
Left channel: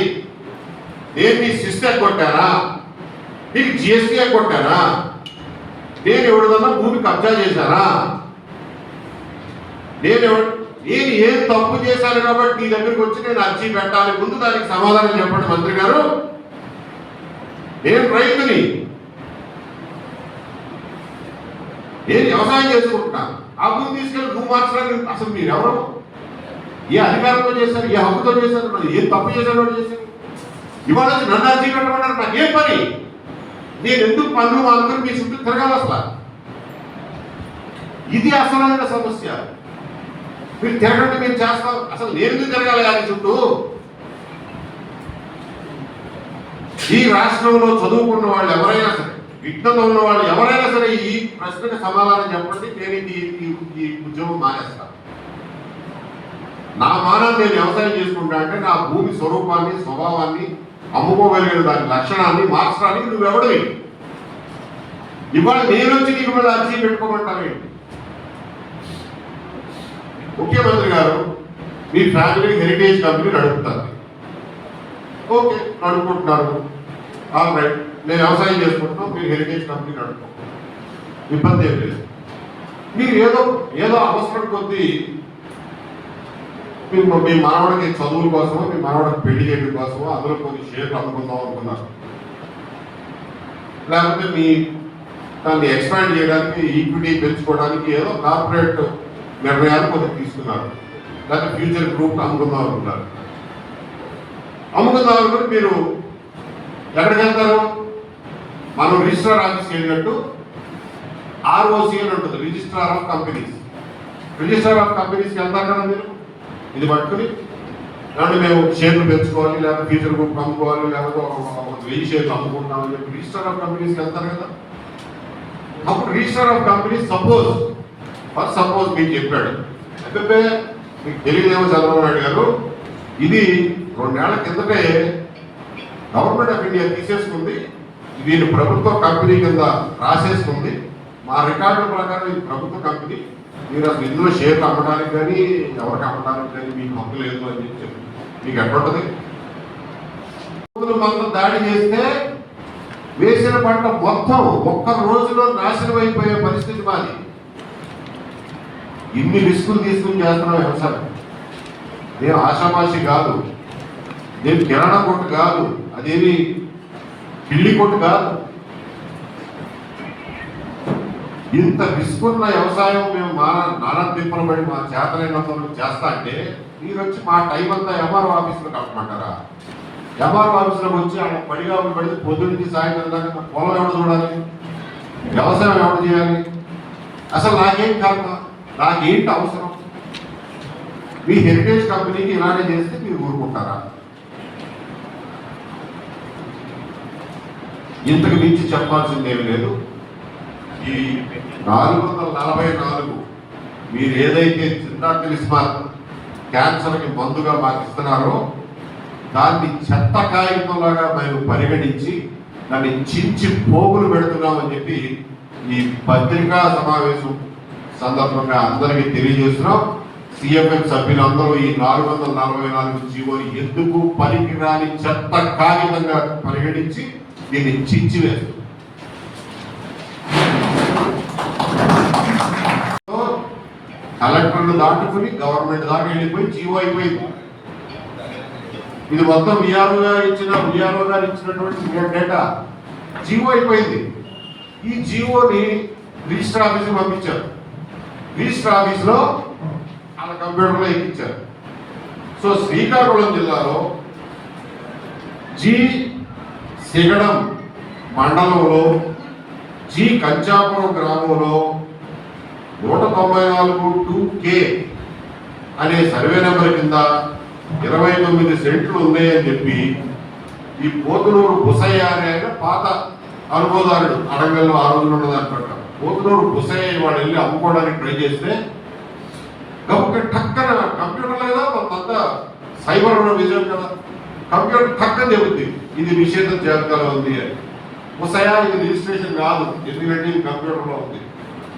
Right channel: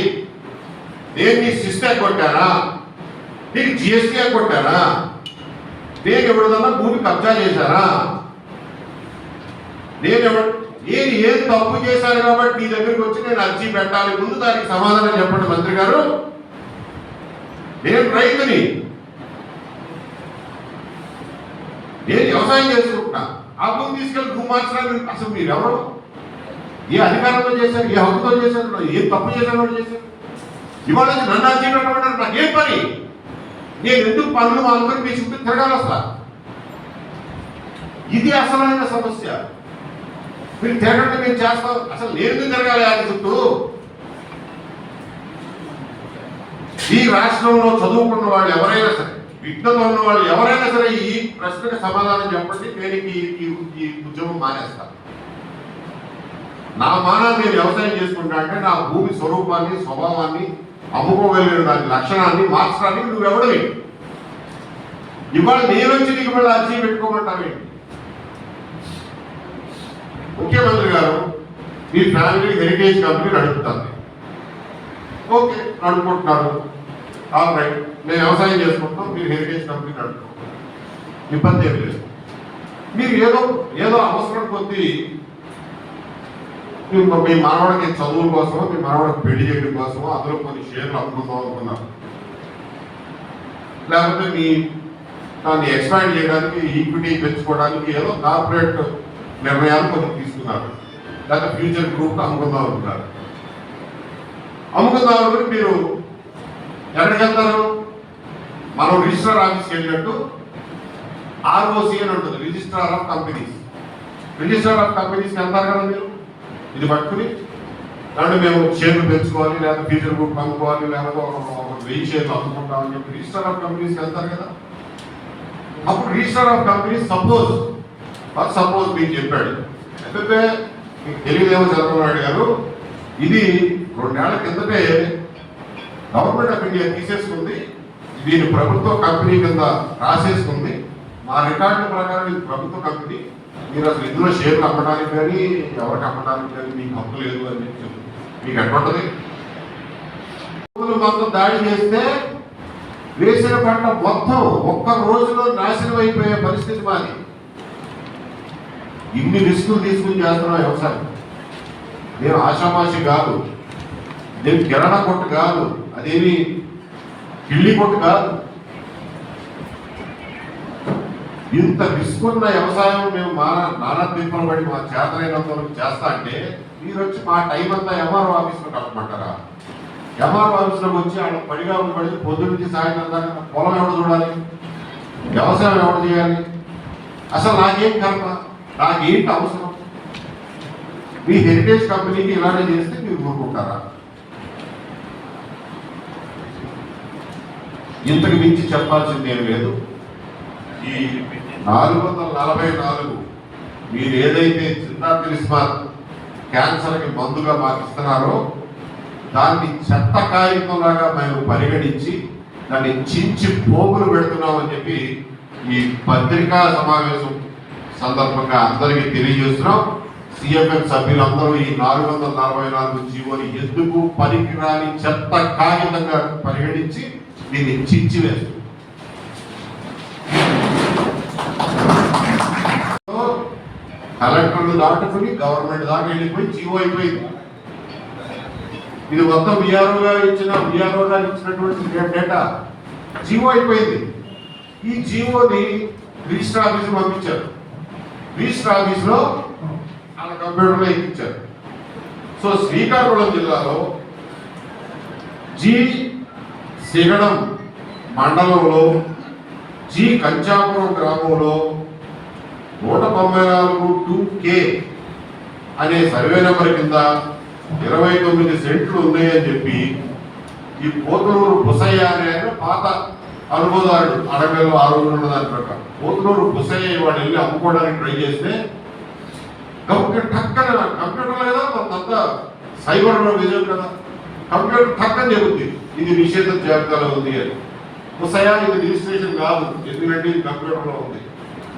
నేను నీ సిస్టర్ కొట్టానా, నీకు జిఎస్టీ కొట్టానా, నేను ఎవరిదన్నా భూమి కబ్జా చేశానా, నేను ఏం తప్పు చేశాను కాబట్టి నీ దగ్గరికి వచ్చి నేను అర్జీ పెట్టాలి. ముందు దానికి సమాధానం చెప్పండి మంత్రి గారు. నేను రైతుని, నేను వ్యవసాయం చేసుకుంటున్నా, ఆ భూమి తీసుకెళ్ళి భూమి మార్చడానికి అసలు మీరు ఎవరు? ఏ అధికారంలో చేశారు, ఏ హక్కుతో చేశారు, ఏం తప్పు చేశారు చేశారు? ఇవాళ నన్ను అర్జీ పెట్టమంటారు. నాకేం పని? నేను ఎందుకు పనులు మానుకొని మీ చుట్టూ తిరగాలి వస్తా? ఇది అసలైన సమస్య. మీరు తిరగండి, మేము చేస్తాం. అసలు నేను ఎందుకు తిరగాలి అది చుట్టూ? ఈ రాష్ట్రంలో చదువుకున్న వాళ్ళు ఎవరైనా సరే, విజ్ఞత ఉన్న వాళ్ళు ఎవరైనా సరే ఈ ప్రశ్నకు సమాధానం చెప్పండి. నేను ఈ ఉద్యోగం మానేస్తాను. నా మానవ నేను వ్యవసాయం చేసుకుంటా అంటే నా భూమి స్వరూపాన్ని, స్వభావాన్ని, అమ్ముకోగలిగిన దాని లక్షణాన్ని మార్చడానికి నువ్వెవడవి? ఇవాళ నేను వచ్చి నీకు మళ్ళీ అర్జీ పెట్టుకోమంటావేంటి? ముఖ్యమంత్రి గారు మీ ఫ్యామిలీ హెరిటేజ్ కంపెనీ నడుపుతుంది. ఓకే, నడుపుకుంటున్నారు. ఆల్ రైట్, నేను వ్యవసాయం చేసుకుంటున్నాం, మీరు హెరిటేజ్ కంపెనీ నడుపుకుంటారు, ఇబ్బంది ఏం లేదు. మీరు ఏదో అవసరం కొద్దీ మీ మనవడికి చదువుల కోసమో మీ మనవడికి పెళ్లి చేయడం కోసమో అందులో కొన్ని షేర్లు అమ్ముకుందాం అనుకున్నారు, లేకపోతే మీ దాన్ని ఎక్స్పాండ్ చేయడానికి ఈక్విటీ పెంచుకోవడానికి ఏదో కార్పొరేట్ నిర్ణయాలు కొన్ని తీసుకున్నారు, లేకపోతే ఫ్యూచర్ గ్రూప్ అమ్ముకుందాం అనుకున్నారు. అమ్ముకుందాం అనుకుని మీరు ఎక్కడికి వెళ్తారు? మనం రిజిస్ట్రార్ ఆఫీస్కి వెళ్ళినట్టు ROC అని ఉంటుంది, registrar of companies. Registrar of కంపెనీస్కి వెళ్తారు కదా మీరు, ఇది పట్టుకుని దాన్ని మేము షేర్లు పెంచుకోవాలి, లేకపోతే ఫ్యూచర్ గ్రూప్ అమ్ముకోవాలి, లేకపోతే ఒక 1000 షేర్లు అమ్ముకుంటామని చెప్పి రిజిస్టర్ ఆఫ్ కంపెనీస్కి వెళ్తారు కదా. అప్పుడు రిజిస్టర్ ఆఫ్ కంపెనీస్ సపోజ్ మీకు చెప్పాడు, అయితే మీకు తెలియదేమో చంద్రబాబు నాయుడు గారు, ఇది 2 ఏళ్ల కిందటే గవర్నమెంట్ ఆఫ్ ఇండియా తీసేసుకుంది, దీన్ని ప్రభుత్వ కంపెనీ కింద రాసేసుకుంది, మా రికార్డుల ప్రకారం ఇది ప్రభుత్వ కంపెనీ, మీరు అసలు ఇందులో షేర్లు అమ్మడానికి కానీ ఎవరికి అమ్మడానికి కానీ మీకు హక్కు లేదు అని చెప్పి మీకు ఎట్లుంటుంది? మొత్తం దాడి చేస్తే వేసిన పంట మొత్తం ఒక్క రోజులో నాశనం అయిపోయే పరిస్థితి మాది. ఇన్ని రిస్కులు తీసుకుని చేస్తున్నాం వ్యవసాయం. నేను ఆషామాషి కాదు, నేను కిరాణా కొట్టు కాదు, అదేమి కిళ్ళి కొట్టు కాదు. ఇంత రిస్క్ ఉన్న వ్యవసాయం మేము నానా తిప్పలు పడి మా చేతనైనంత చేస్తా అంటే మీరు వచ్చి మా టైం అంతా MRO ఆఫీస్లో కట్టమంటారా? MRO ఆఫీస్లోకి వచ్చి ఆయన పడిగా పడి పొద్దున్నుంచి సాయంత్రం దాకా పొలం ఎవరు చూడాలి, వ్యవసాయం ఎవరు చేయాలి? అసలు నాకేం కర్మ, నాకేంటి అవసరం? మీ హెరిటేజ్ కంపెనీకి ఇలాంటి చేస్తే మీరు ఊరుకుంటారా? ఇంతకు మించి చెప్పాల్సిందేమీ లేదు. ఈ 444 మీరు ఏదైతే జిందాల్ క్యాన్సర్కి మందుగా మాకు ఇస్తున్నారో దాన్ని చెత్త కాగితంలాగా మేము పరిగణించి దాన్ని చించి పోగులు పెడుతున్నామని చెప్పి ఈ పత్రికా సమావేశం సందర్భంగా అందరికీ తెలియజేస్తున్నాం. CFM సభ్యులందరూ ఈ 444 జీవోని ఎందుకు పనికిరాని చెత్త కాగితంగా పరిగణించి దీన్ని చించి వేస్తారు. కలెక్టర్లు దాటుకుని గవర్నమెంట్ దాకా వెళ్ళిపోయి జీవో అయిపోయింది. ఇది మొత్తం విఆర్ఓ గారు ఇచ్చినటువంటి డేటా జీవో అయిపోయింది. ఈ జీవోని రిజిస్టర్ ఆఫీస్ పంపించారు, రిజిస్టర్ ఆఫీస్లో వాళ్ళ కంప్యూటర్లో ఎక్కించారు. సో శ్రీకాకుళం జిల్లాలో సిగడం మండలంలో కంచాపురం గ్రామంలో 194-2K అనే సర్వే నెంబర్ కింద 29 సెంట్లు ఉన్నాయని చెప్పి ఈ పోతునూరు బుసయ్య అనే ఆయన పాత అనుభవదారుడు అడగల్లో ఆ రోజులు ఉన్నదాని ప్రకారం పోతునూరు బుసయ్య వాడు వెళ్ళి అమ్ముకోవడానికి ట్రై చేస్తే టక్కన కంప్యూటర్ లేదా కొంత సైబర్ విజయం కదా, కంప్యూటర్ టక్కన చెబుతుంది ఇది నిషేధ జాబితాలో ఉంది అని. బుసయ్య ఇది రిజిస్ట్రేషన్ కాదు, ఎందుకంటే ఇది కంప్యూటర్లో ఉంది,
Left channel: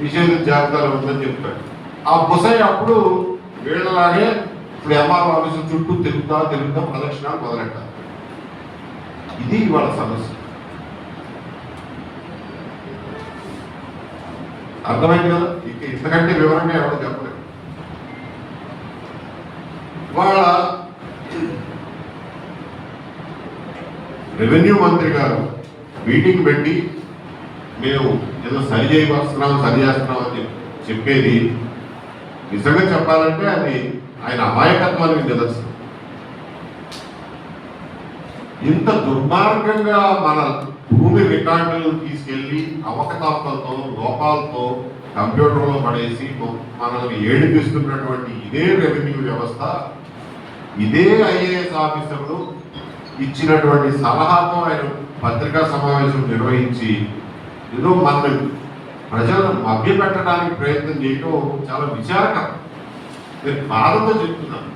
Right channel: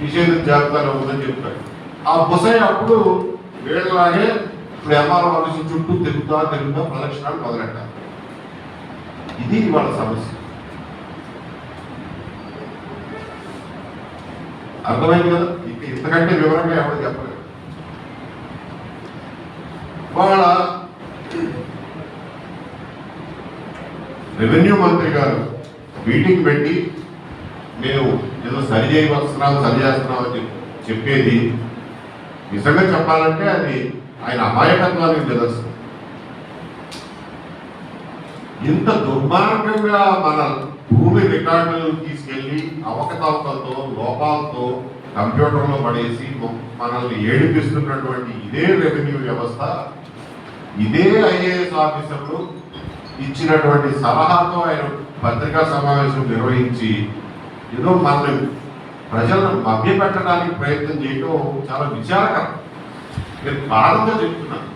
నిషేధ జాబితాలో ఉందని చెప్తాడు. ఆ బుసయ్య అప్పుడు వీళ్ళలాగే ఇప్పుడు MRO ఆఫీసు చుట్టూ తిరుగుతా ప్రదక్షిణాలు మొదలెట్టారు. ఇది వాళ్ళ సమస్య. అర్థమైంది కదా? ఇంతకంటే వివరంగా ఎవరు చెప్పలేదు. వాళ్ళ రెవెన్యూ మంత్రి గారు మీటింగ్ పెట్టి మేము ఏదో సరి చేస్తున్నాం అని చెప్పేది నిజంగా చెప్పాలంటే అది ఆయన అమాయకత్వానికి నిదర్శనం. ఇంత దుర్మార్గంగా మన భూమి రికార్డులు తీసుకెళ్లి అవకతవకలతో లోపాలతో కంప్యూటర్లో పడేసి మనల్ని ఏడిపిస్తున్నటువంటి ఇదే రెవెన్యూ వ్యవస్థ, ఇదే IAS ఆఫీసర్లు ఇచ్చినటువంటి సలహాతో ఆయన పత్రికా సమావేశం నిర్వహించి ఏదో మన ప్రజలను మభ్యపెట్టడానికి ప్రయత్నం చేయడం చాలా విచారకరం. నేను కారణంతో చెప్తున్నాను.